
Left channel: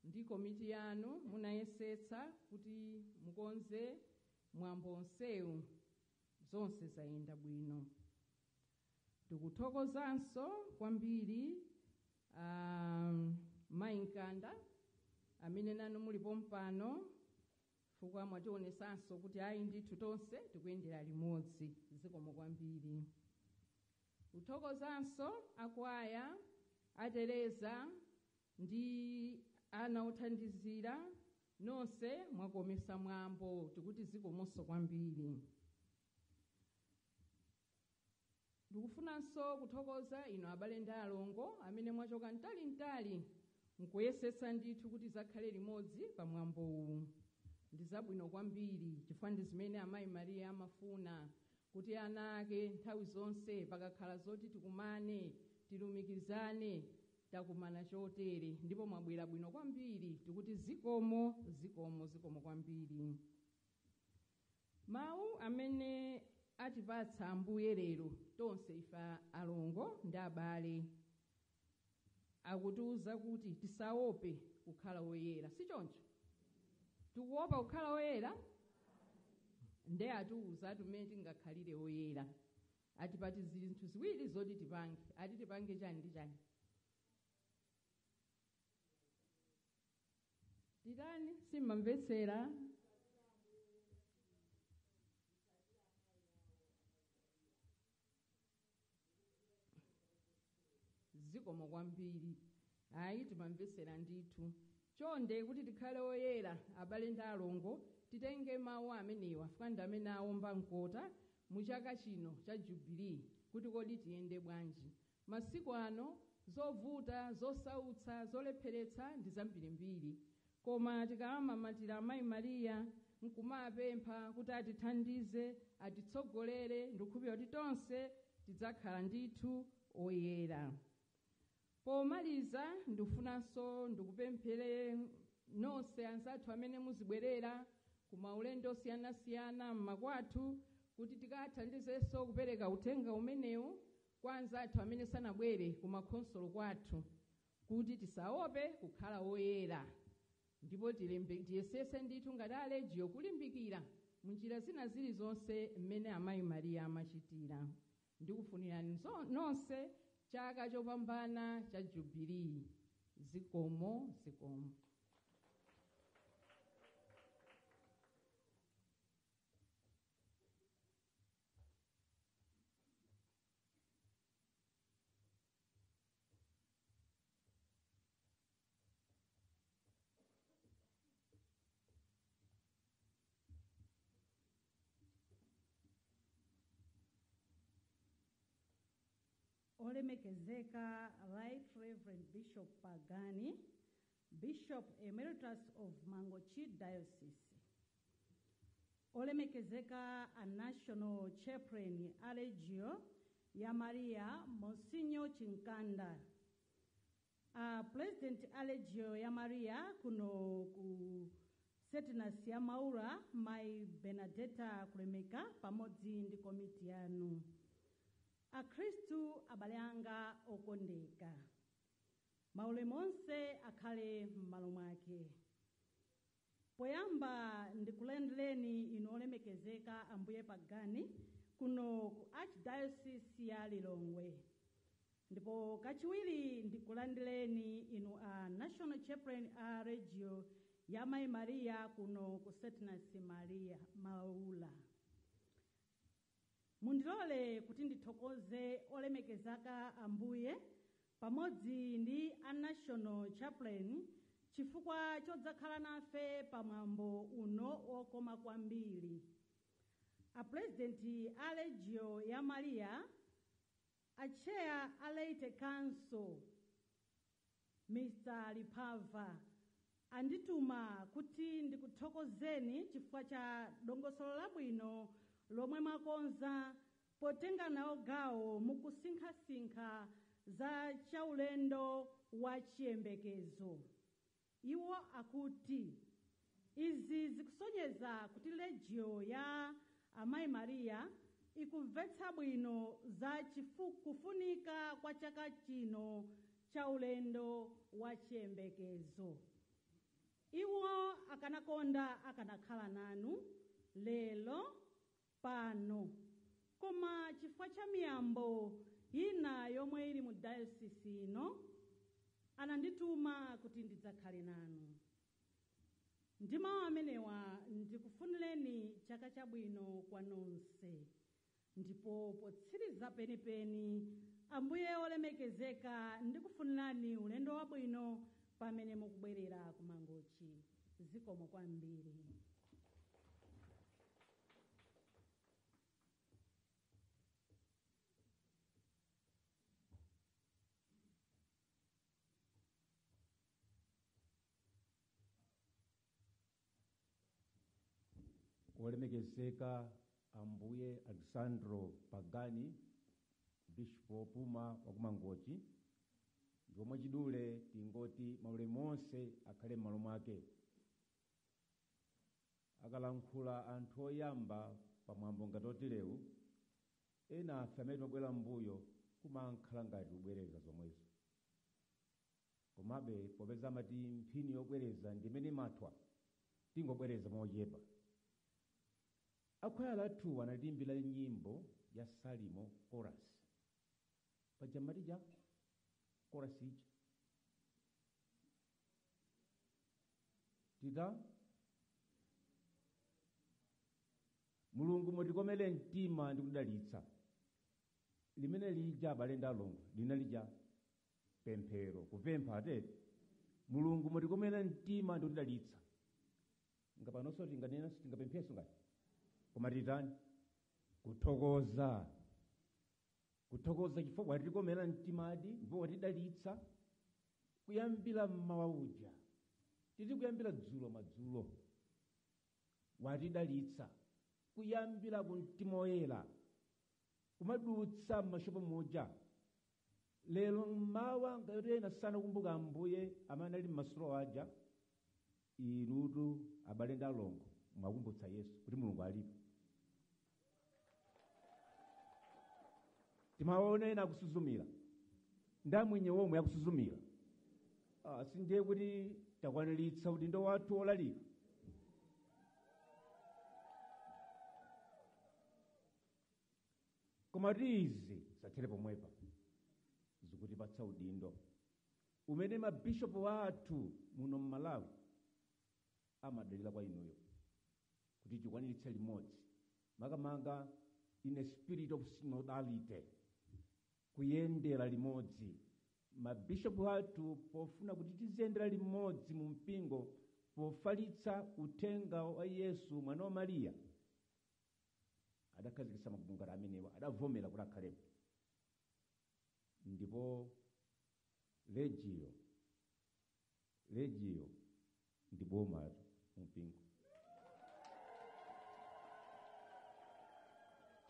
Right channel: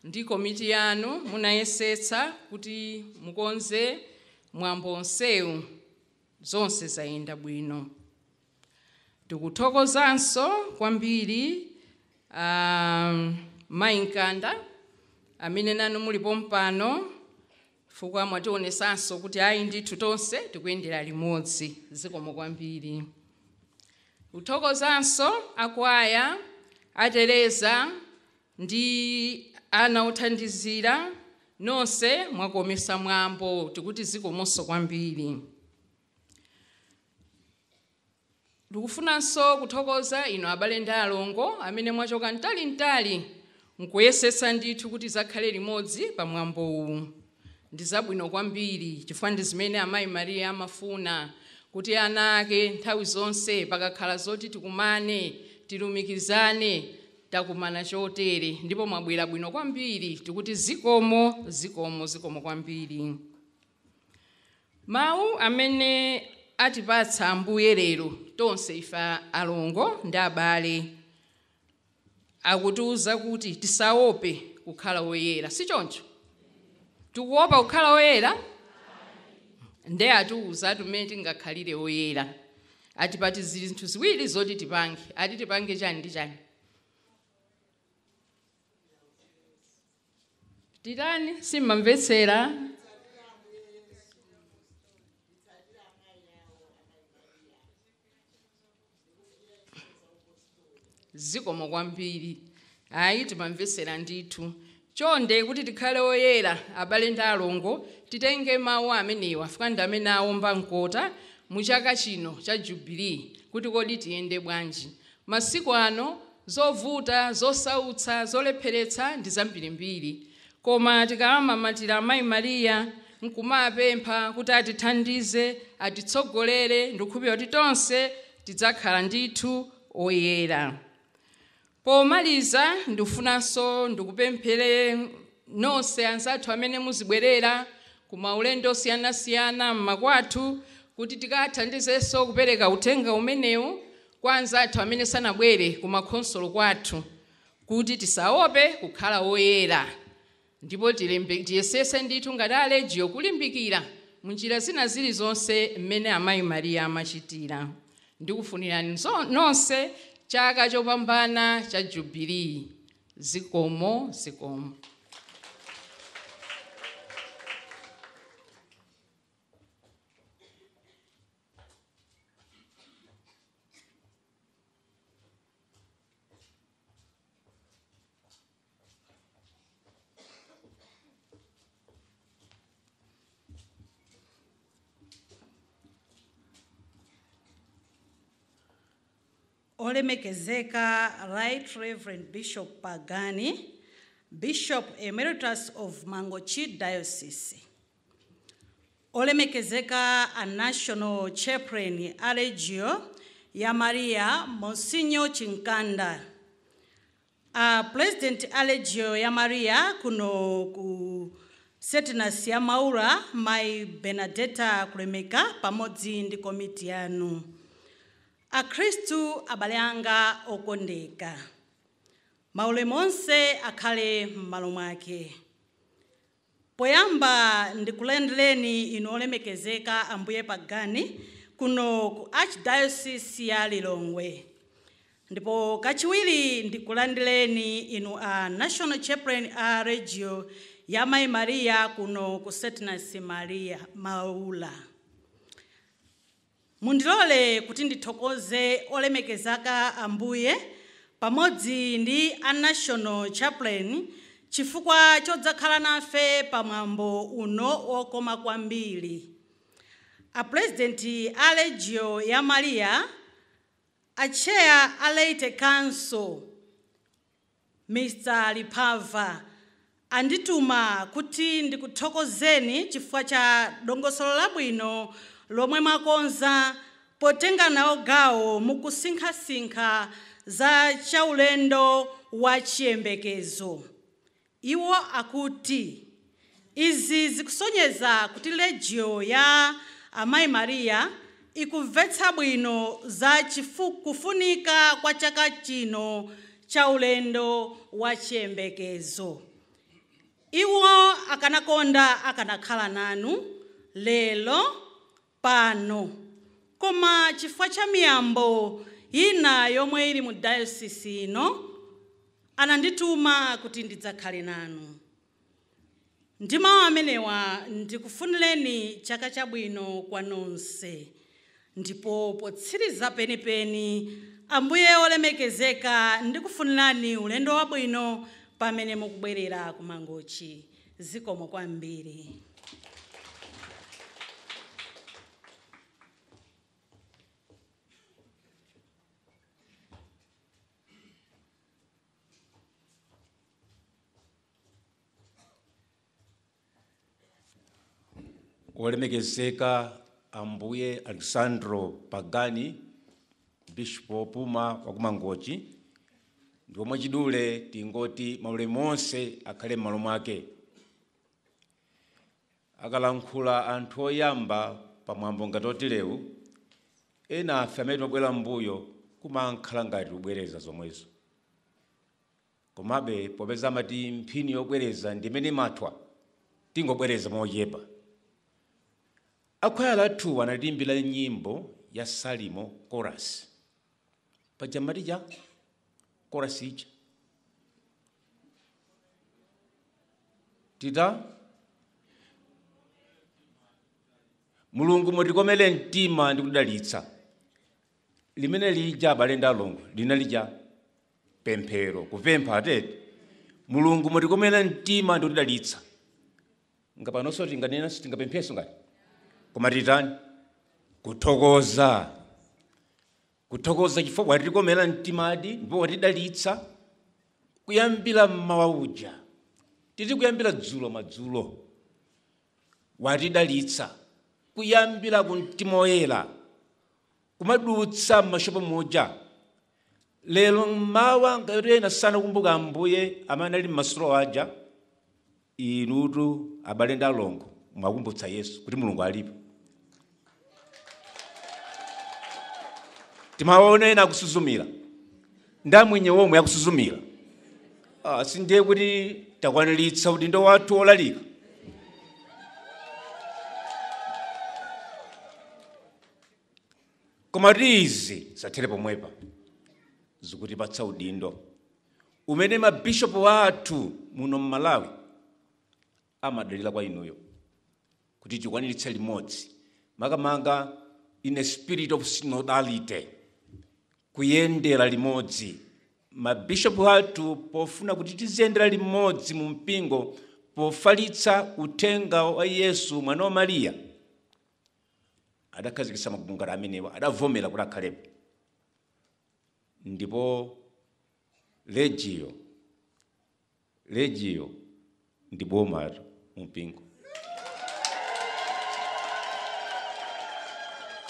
ndi komiti yanu munayesetsa kuti mukonze mwambo onsewu, zonse zayenda bwino. Tikuthokozanso kwambiri Mai Nkanda amene nanu muli pompano, chifukwa mwationesanso kuti ayi ndithu tonse tikuyendera limodzi. Zikomo kwambiri. Kuthokozanso akwaya Tereza ndi ana othandizira, nonse mwakomesa mwambo, tikuti zikomonso kwambiri. Ndikufunanso kuthokoza ino abale ndi alongo amene mwachoka ntali nkuyesetsa ndithu kuti zakhale limodzi pa mwambo uwu. Ndi zabwino kwambiri chifukwa ndi zimene Amayi Maria amafuna, kuti ana ake nthawi zonse pakakhala zoti tikumane, tilumikizane, takumana chotere, ndipo mwabwera bwino kwambiri, tikuti zikomo kwambiri. Mawu amene atipatsa Ambuye lero tonse ife alongo ndi abale akutiuza kuti tisaope kukhala oyera. Si choncho? Tikuopa kukhala oyera? Nde atiuza tumene tingakhalire oyera. Atipati zinthu ziwiri zoti tipange. Ati tipange chani ndi chani? Titani simmamvetsera? Zikomo kwambiri. Ayi timamvetsera ndithu. Chonde kuti tikhale oyera abale ndi alongo, titenge mawu amenewa chifukwa ndi amene awomba mkota mu chaka chino cha Jubilee, kuti kodi tiyende bwanji. Masiku ano zovuta, zosautsa, zolepheretsa ndi zambirimbiri, koma tikamamatira Amayi Maria nkumapempha kuti atithandize, atitsogolere, ndikukhulupirira kuti tonse tidzakhala ndithu oyera. Pomaliza ndifunanso ndikupemphere nonse anzathu amene muzibwerera ku maulendo osiyanasiyana mmakwathu, kuti tikathandizenso kupereka uthenga umenewu kwa anzathu amene sanabwere ku makhonsolo kwathu, kuti tisaope kukhala oyera, ndipo tiyesese ndithu ngati alejiyo kulimbikira munjira zina zilizonse mmene Amayi Maria amachitira. Ndikufunirani nonse chaka chopambana cha Jubilee. Zikomo. Olemekezeka Right Reverend Bishop Pagani, Bishop Emeritus of Mangochi Diocese. olemekezeka a National Chaplain a Legio ya Maria Monsignor Chinkanda, a President a Legio ya Maria kuno ku Setinus ya Maura Mai Benedetta Kulemeka pamodzi ndi komiti yanu, a Kristu abale anga okondeka, maulemu onse akhale m'malo mwake. Poyamba ndikulandireni inu olemekezeka Ambuye Pagani kuno ku Archdiocese ya Lilongwe. Ndipo kachiwiri ndikulandireni inu a National Chaplain a Legio ya Mai Maria kuno ku Setinus Maria Maula. Mundilole kuti ndithokoze olemekezeka Ambuye pamodzi ndi a National Chaplain chifukwa chodzakhala nafe pamwambo uno okoma kwambiri. A President a Legio ya Maria, a Chair a Leyte Council, Mr. Lipava, andituma kuti ndikuthokozeni chifukwa cha dongosolo labwino lomwe mwakonza potenga nawo gawo mukusinkhasinkha za chaulendo wa chiyembekezo. Iwo akuti izi zikusonyeza kuti Legio ya Amayi Maria ikumvetsa bwino za kufunika kwa chaka chino cha ulendo wa chiyembekezo. Iwo akanakonda akanakhala nanu lelo pano, koma chifukwa cha miyambo ina yomwe ili mu diocese ino anandituma kuti ndidzakhale nanu. Ndi mawu amenewa ndikufunireni chaka chabwino kwa nonse. Ndipo potsiriza penipeni, Ambuye olemekezeka ndikufunirani ulendo wabwino pamene mukubwerera ku Mangochi. Zikomo kwambiri. Olemekezeka Ambuye Alessandro Pagani, Bishop Opuma wa ku Mangochi, ndipo mwachidule tingoti maulemu onse akhale m'malo mwake. Akalankhula anthu oyamba pamwambo ngati oterewu, ena afe amene timabwera m'mbuyo kumakhala ngati kubwereza zomwezo. Komabe popeza amati mphini yobwereza ndi imene mathwa, tingobwereza mochepa. Akwaya lathu anatiimbira nyimbo ya Salimo chorus. Pajamati ja chorus ija tita Mulungu mutikomere mtima ndi kudalitsa. Limene lija abale ndi alongo linalija pemphero, kupempha atete. Mulungu mutikomere mtima ndi kudalitsa. Ngapanonso tinganena sitingapempheso ngati. Koma titani kuthokoza. Kuthokoza chifukwa watitikomera mtimadi ndipo watidalitsa kuyambira mmawa uja. Titi kuyambira dzulo madzulo. Watidalitsa kuyambira ku mtima oyera. Kumadutsa m'mashopo muja. Lero mmawa ngati ena sanakumbuka Ambuye amene ali m'masolo aja, inutu abale ndi alongo mwakumbutsa Yesu kuti Mulungu alipo. Timaona ena akusuzumira. Ndamwenye womwe akusuzumira. Sindiye kuti takwaniritsa udindo wathu olalika. Koma izi zathere pomwepa zikutipatsa udindo umene mabishopu athu muno m'Malawi amadalira kwa inuyo kuti tikwaniritse limodzi, makamanga in a spirit of synodality, kuyendera limodzi. Mabishopu athu pofuna kuti tiziyendera limodzi mu mpingo pofalitsa uthenga wa Yesu mwana wa Maria, adakhazikitsa mabungano amenewa, adavomera kuti akhalepo. Ndipo Legio ndi boma mu mpingo.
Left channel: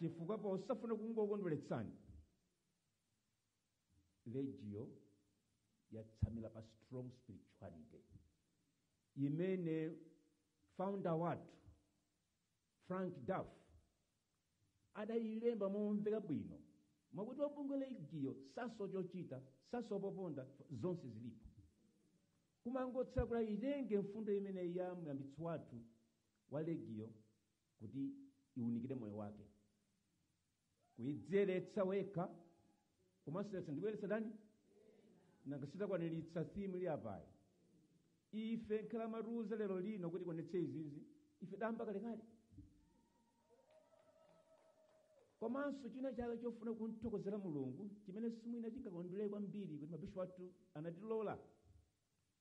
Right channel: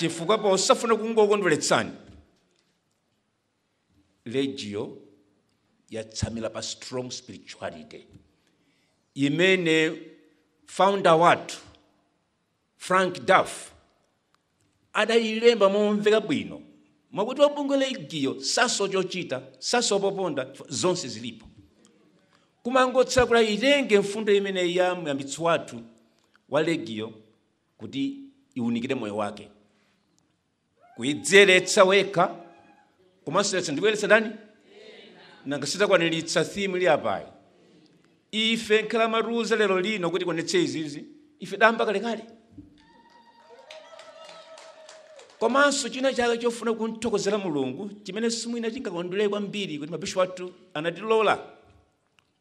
chifukwa posafuna kungokondweretsani Legio yatsamira pa strong spirituality imene founder wathu Frank Duff adayilemba momveka bwino mwakuti wabungwe Legio saso chochita saso poponda zonse zilipo kumangotsala kula itenge mfundo imene ya muyambitsi wathu wa Legio kuti iunikire moyo wake kuidzeretsa wekha komanso ndikuyeretsa ndani nangasita kwaniritsa theme ili apayi ife nkhala maruza lero lino kuti konetse izizi ife damba kalekale komanso china chake chofuna kunthokozera Mulungu chimene simwina chingakondwere kwambiri kuti mabishopu athu anatilola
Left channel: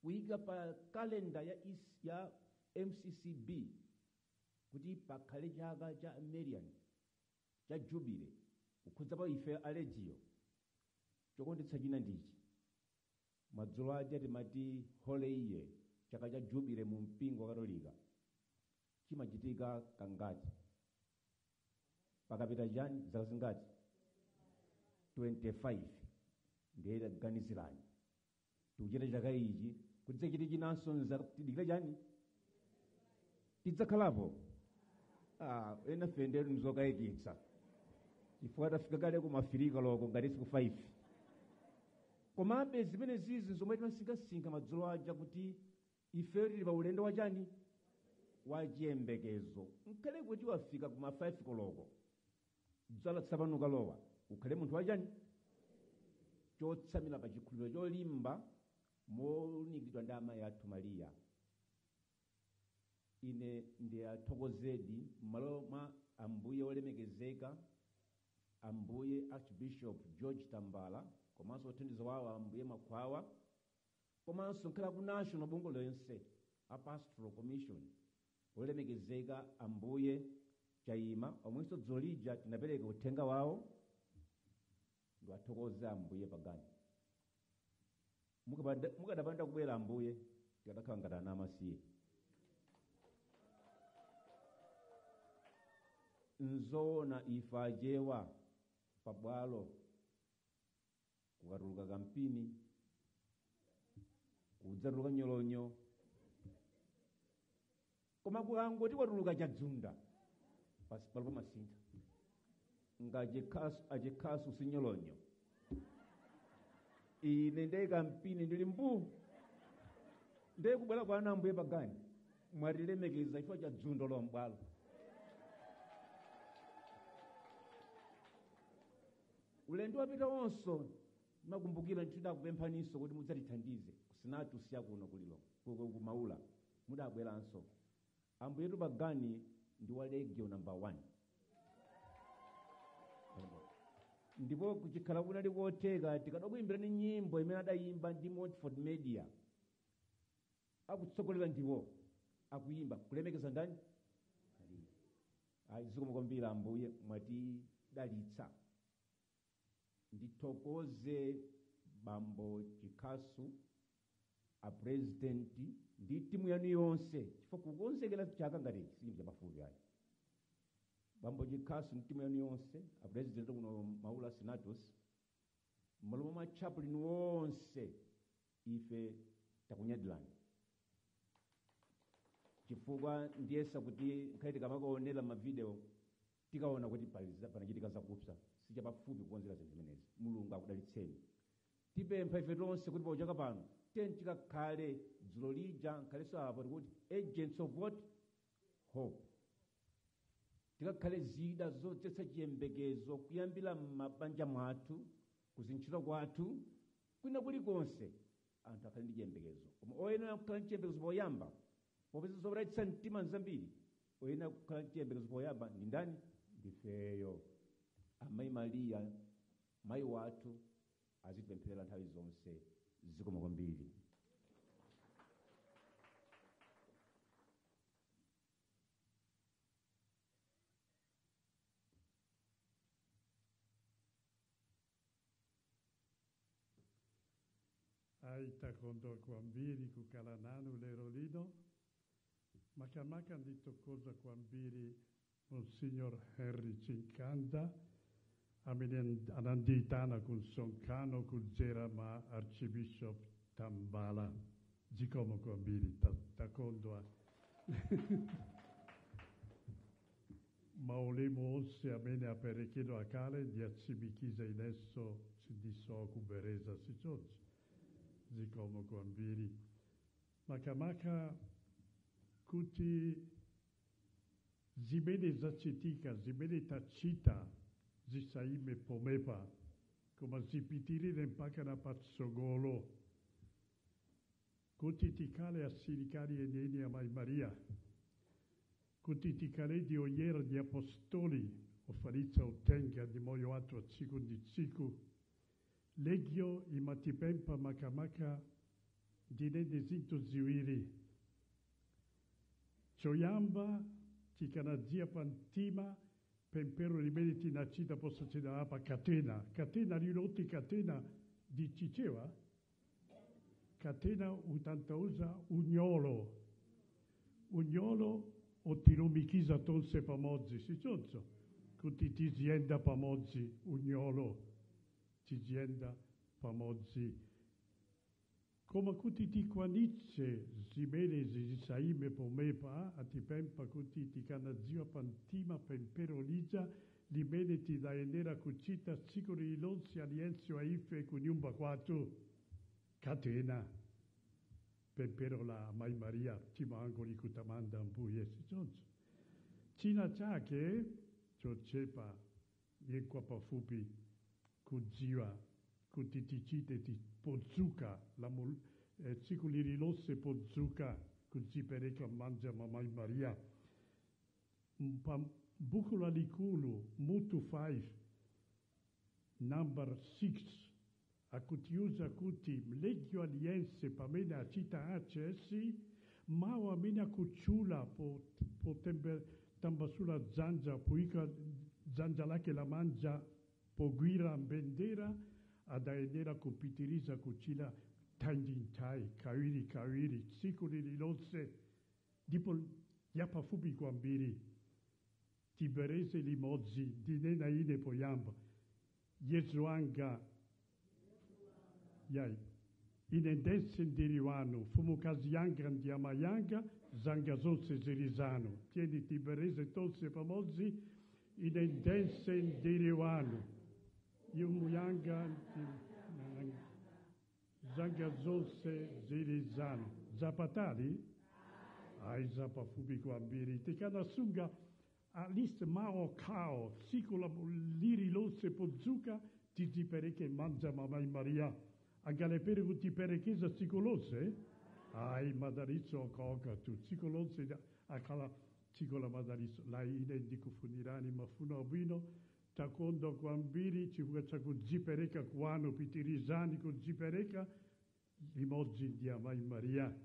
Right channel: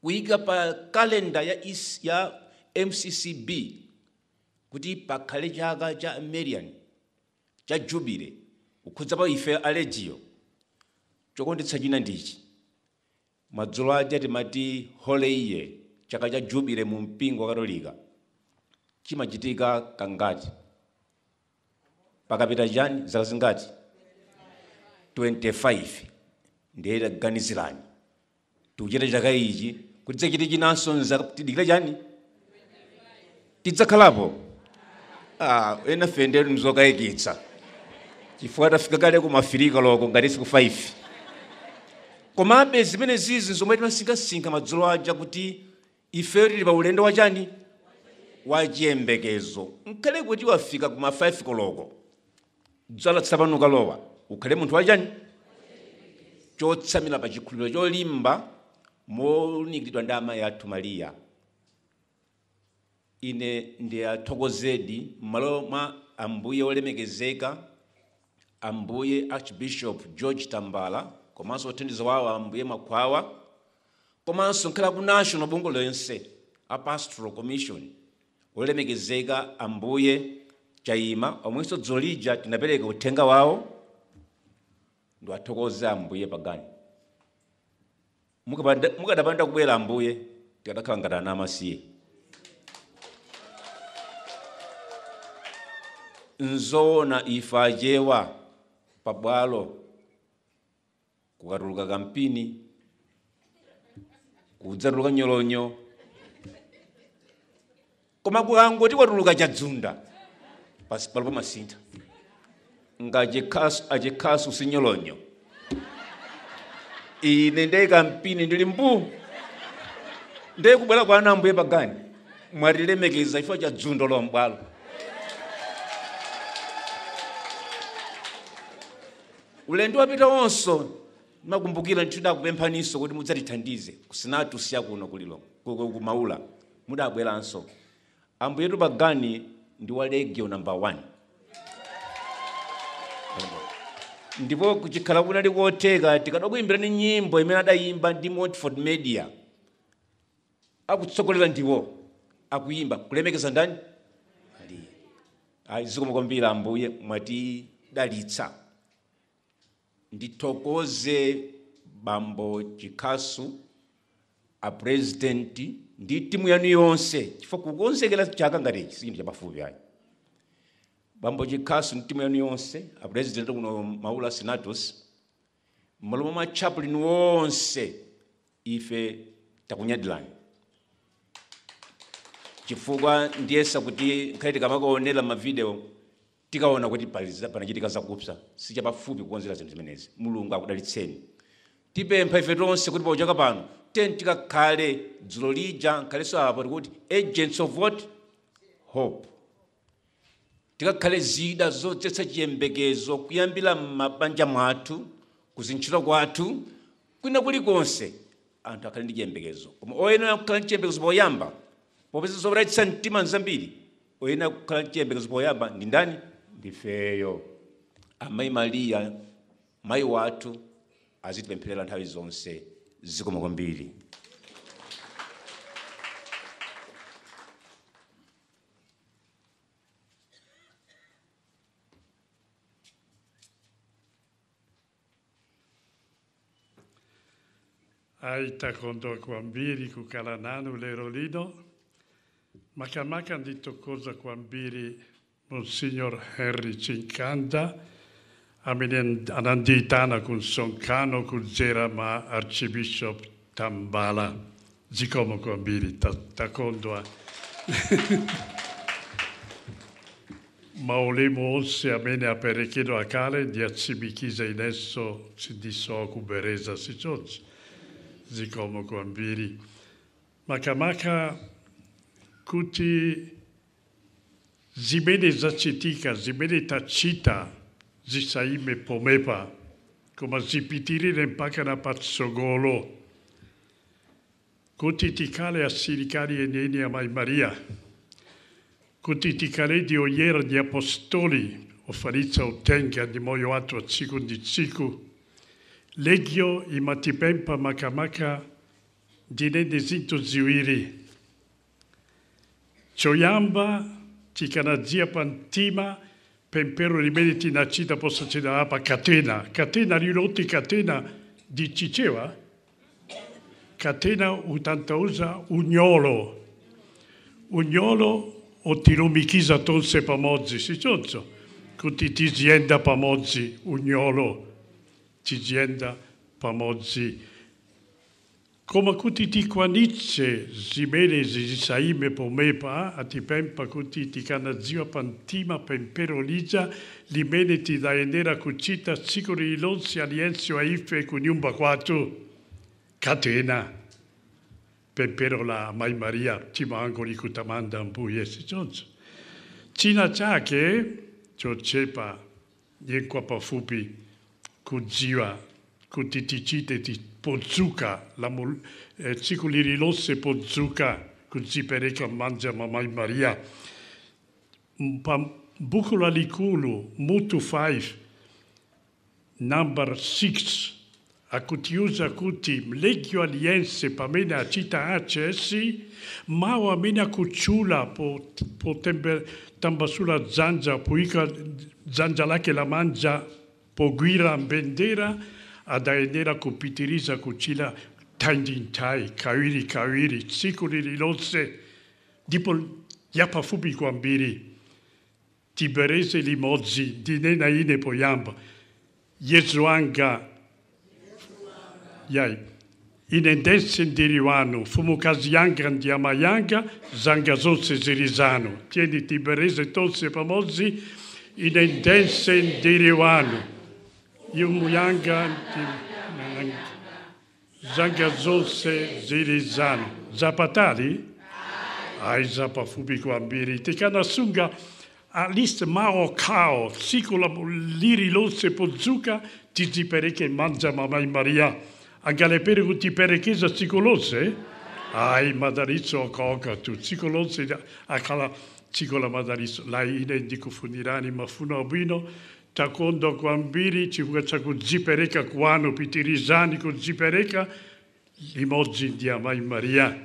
kuyika pa kalenda ya MCCB kuti pakhale chaka cha Marian cha Jubilee kukhudza pa ife a Legio chokondetsa china ndichi madzulo aja timati Holy Year chaka cha Jubilee mu mpingo wa Katolika chimachitika kangati pakapita chani zaka zingati 25 ndiye ganizirani tuchita chaka ichi kuti tidzachite chinanso tidikira chani tidzakhalapo ena fendero mzokayikitsa chifukwa tafika kale kumafirika loko ngati siku 5 komabe zimene zizi zomwe timasinkhasinkha madzulo aja kuti ife tili pa ulendo wa chani wa chiyembekezo nkhale kuti wafika kuma 5 koloko dzala tsapanuka lowa ukhale munthu wa chani chotsamira pa chikhulupiriro cholimba monikiridwa ndi amayi athu Maria ine ndiyathokozedi m'malo mwa ambuye olemekezeka ambuye Archbishop George Tambala komanso othandiza wawo ambuye Makhwawa komanso nkhala ku national bungwe lonse a Pastoral Commission olemekezeka ambuye Chaima omwenso dzolija tinapereka uthenga wawo ndiwathokoze ambuye pagani mukadapanda kubwera ambuye tikadakhala ngati ana amasiye nzoona ife achewa pabwalo kukatuluka kampini kudzatuluka nyolonyo koma kukangoti kwatuluka chadzunda pasi palipo masintha ngachekhasu sinyolonyo ine ndeye kampini ndili mbu ndeye kubwera kwa ana ambuye pagani mwatilemekeza chifukwa cha dzundo la mbwalo ulendo wapita wonso makumbukira ndidakupemphaniso kuti mudzatithandize kusinatu siya kuno kulilo kumaula mudabweranso ambuye pagani ndi wa Legio number 1 ndipo kuchikhala kunali kotheka tikadakuyimbirani nyimbo imene adayimba ndi Montfort Media akutsogolera ndiwo akuyimba kulemekeza ndani Maria zikomo kwambiri ambuye mwatidalitsa ndithokoze bambo Chikhasu a president ndi timu yanu yonse chifukwa kukonzekera chaka ngati ichi sinthu chapafupi ayi bambo Chikhasu ndi timu yanu yonse a president kuno Maula Senatus m'malo mwa chaplain wonse ife takunyadilani chifukwa ndiyesa kuti nkhale tikamakuonera mavideo tikaona kuti panachitika zakupsa sichapafupi kukonzera zinthu zimenezi Mulungu akudalitseni tipempha ife tonse kuti pochoka pano tikakhale dzulo lija nkhalenso apo tikuti agents of what hope tikakhale zida zodzetsa chiyembekezo kuyambira m'mabanja mwathu kuzintchito kwathu kwina kulikonse anthu akhale ndi chiyembekezo koma oyenera kukhala ndi chiyembekezo poyamba popeza zopatitsa mtima nzambiri oyenera kukhala ndi chiyembekezo poyamba ndi ndani ndifeyo amayi Maria mayi wathu azitipempherera nthawi zonse zikomo kwambiri Aitakondo kwambiri kukala nanu lero lino makamaka nditokoza kwambiri Monsignor Henry Cincanda, ananditana kun sonkano kuzera ma Archbishop Tambala. Zikomo kwambiri takondwa. Maulimo onse amene aperekedo akale di atsibikiza inesso si disoku bereza si chochi. Zikomo kwambiri. Makamaka kuti zimene zachitika, zimene tachita, zisaime pomepa, koma zipitirire mpaka na patsogolo. Kuti tikale asilikali eneni amai Maria, kuti tikale di oyera di apostoli, ofaritza utenga di moyo watu a tsiku ndi tsiku, legio imatipempa makamaka dinende zinto ziwiri. Choyamba tikanadzia pantima pempero limene tinachita possa cena apa catena. Catena riroti catena di Ciceva. Catena utantauza ugnolo. Ugnolo o tilumikiza tonse pamozzi, si ciozzo. Kuti tizienda pamozzi, ugnolo. Tizienda pamozzi. Come kuti ti quanizze zimene zisaime pomepa, atipempa kuti ti canazio pantima pemperoliza, limene ti daenera cucita sicuri ilonsi alienzio aife cuniumba quatu, catena, pemperola mai Maria, ti mangoli cutamanda ambuie si zonzo. Cina ciache, ciocepa, yenqua pafupi, cuziva, kuti ti cite ti pozzuca, ciculi rilosse pozzuca, così pereca mangia mamma Maria. Bucola liculu, mutu 5, number 6, acutiusa cutim, legio aliense, pamena a cita accessi, ma o amena cucciula, po tamba sulla zangia, puica zangia là che la mangia, po guira bendera, adaenera kupitiriza kuchila taindintai, kawiri, tsikuri rilose, dipo yapa fupi kwambiri, tiberese limozzi, dinena ine poyamba, Yesuanga, yai, inendensen diriwano, fumukazi yanga ndiamayanga, zangazose zirizano, tieni tiberese tolse pamozzi, inendensen diriwano, Yumuyanga Zangazose Zirizano. Zapatali? Ai zapa fubi kwambiri. Tikana sunga alist mao kao. Sikula liri lose pozzuka. Tizi pereke mangia mamai Maria. Angale pere kuti perekeza sikolose? Ai madarizzo coca tu. Sikolose akala sikola madarizzo. Lai ine indikufunirani mafuno abino. Takondo kwambiri chivugacha kuzipereka kwano pitirizani kuzipereka limozzi di amai Maria.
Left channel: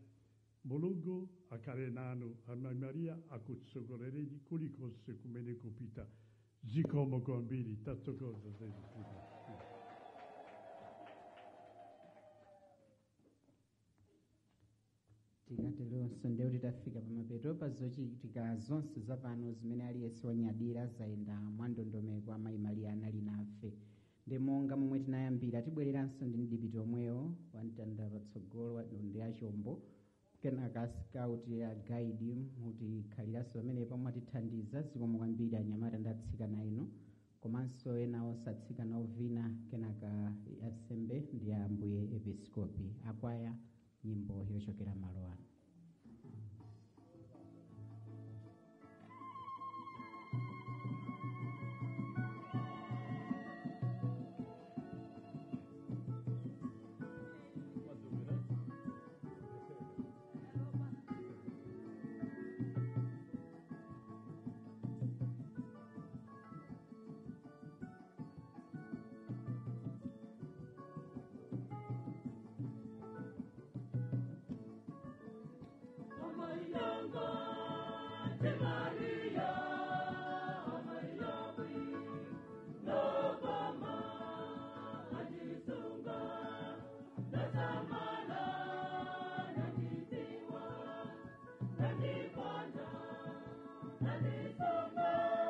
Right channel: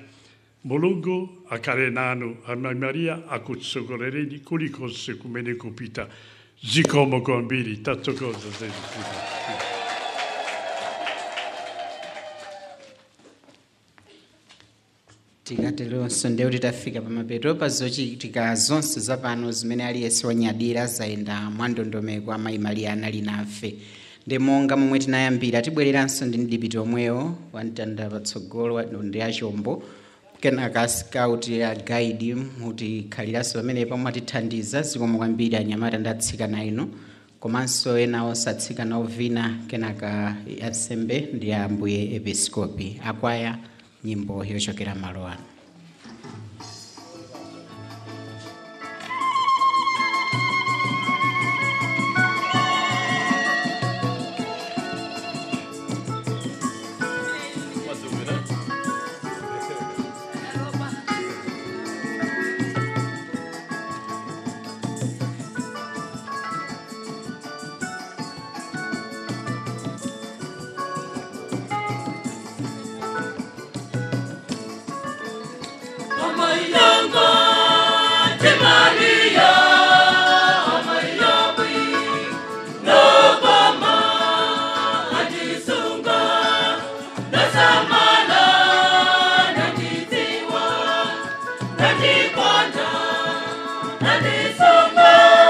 Mulungu akarenano amai Maria akutsogolereni kulikose kumene kupita. Zikomo kwambiri tatto cosa tikatero sondeo titafika pamapeto pazochitika zonse zapano zimene aliyense wanyadira zayenda mwandondomeko amayi Maria anali nafe ndi monga momwe tinayambira tibwereranso ndi mdipiti omwewo wamtanda patsogolo ndi achombo kenaka scout ya guide mutikhaliranso pamene pomwe atithandiza zikomo kwambiri anyamata ndi atsikana ino komanso ena osatsikana ovina kenaka ansembe ndi ambuye episkopi akwaya nyimbo yochokera malo ano. Nani songa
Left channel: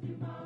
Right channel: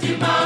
Tima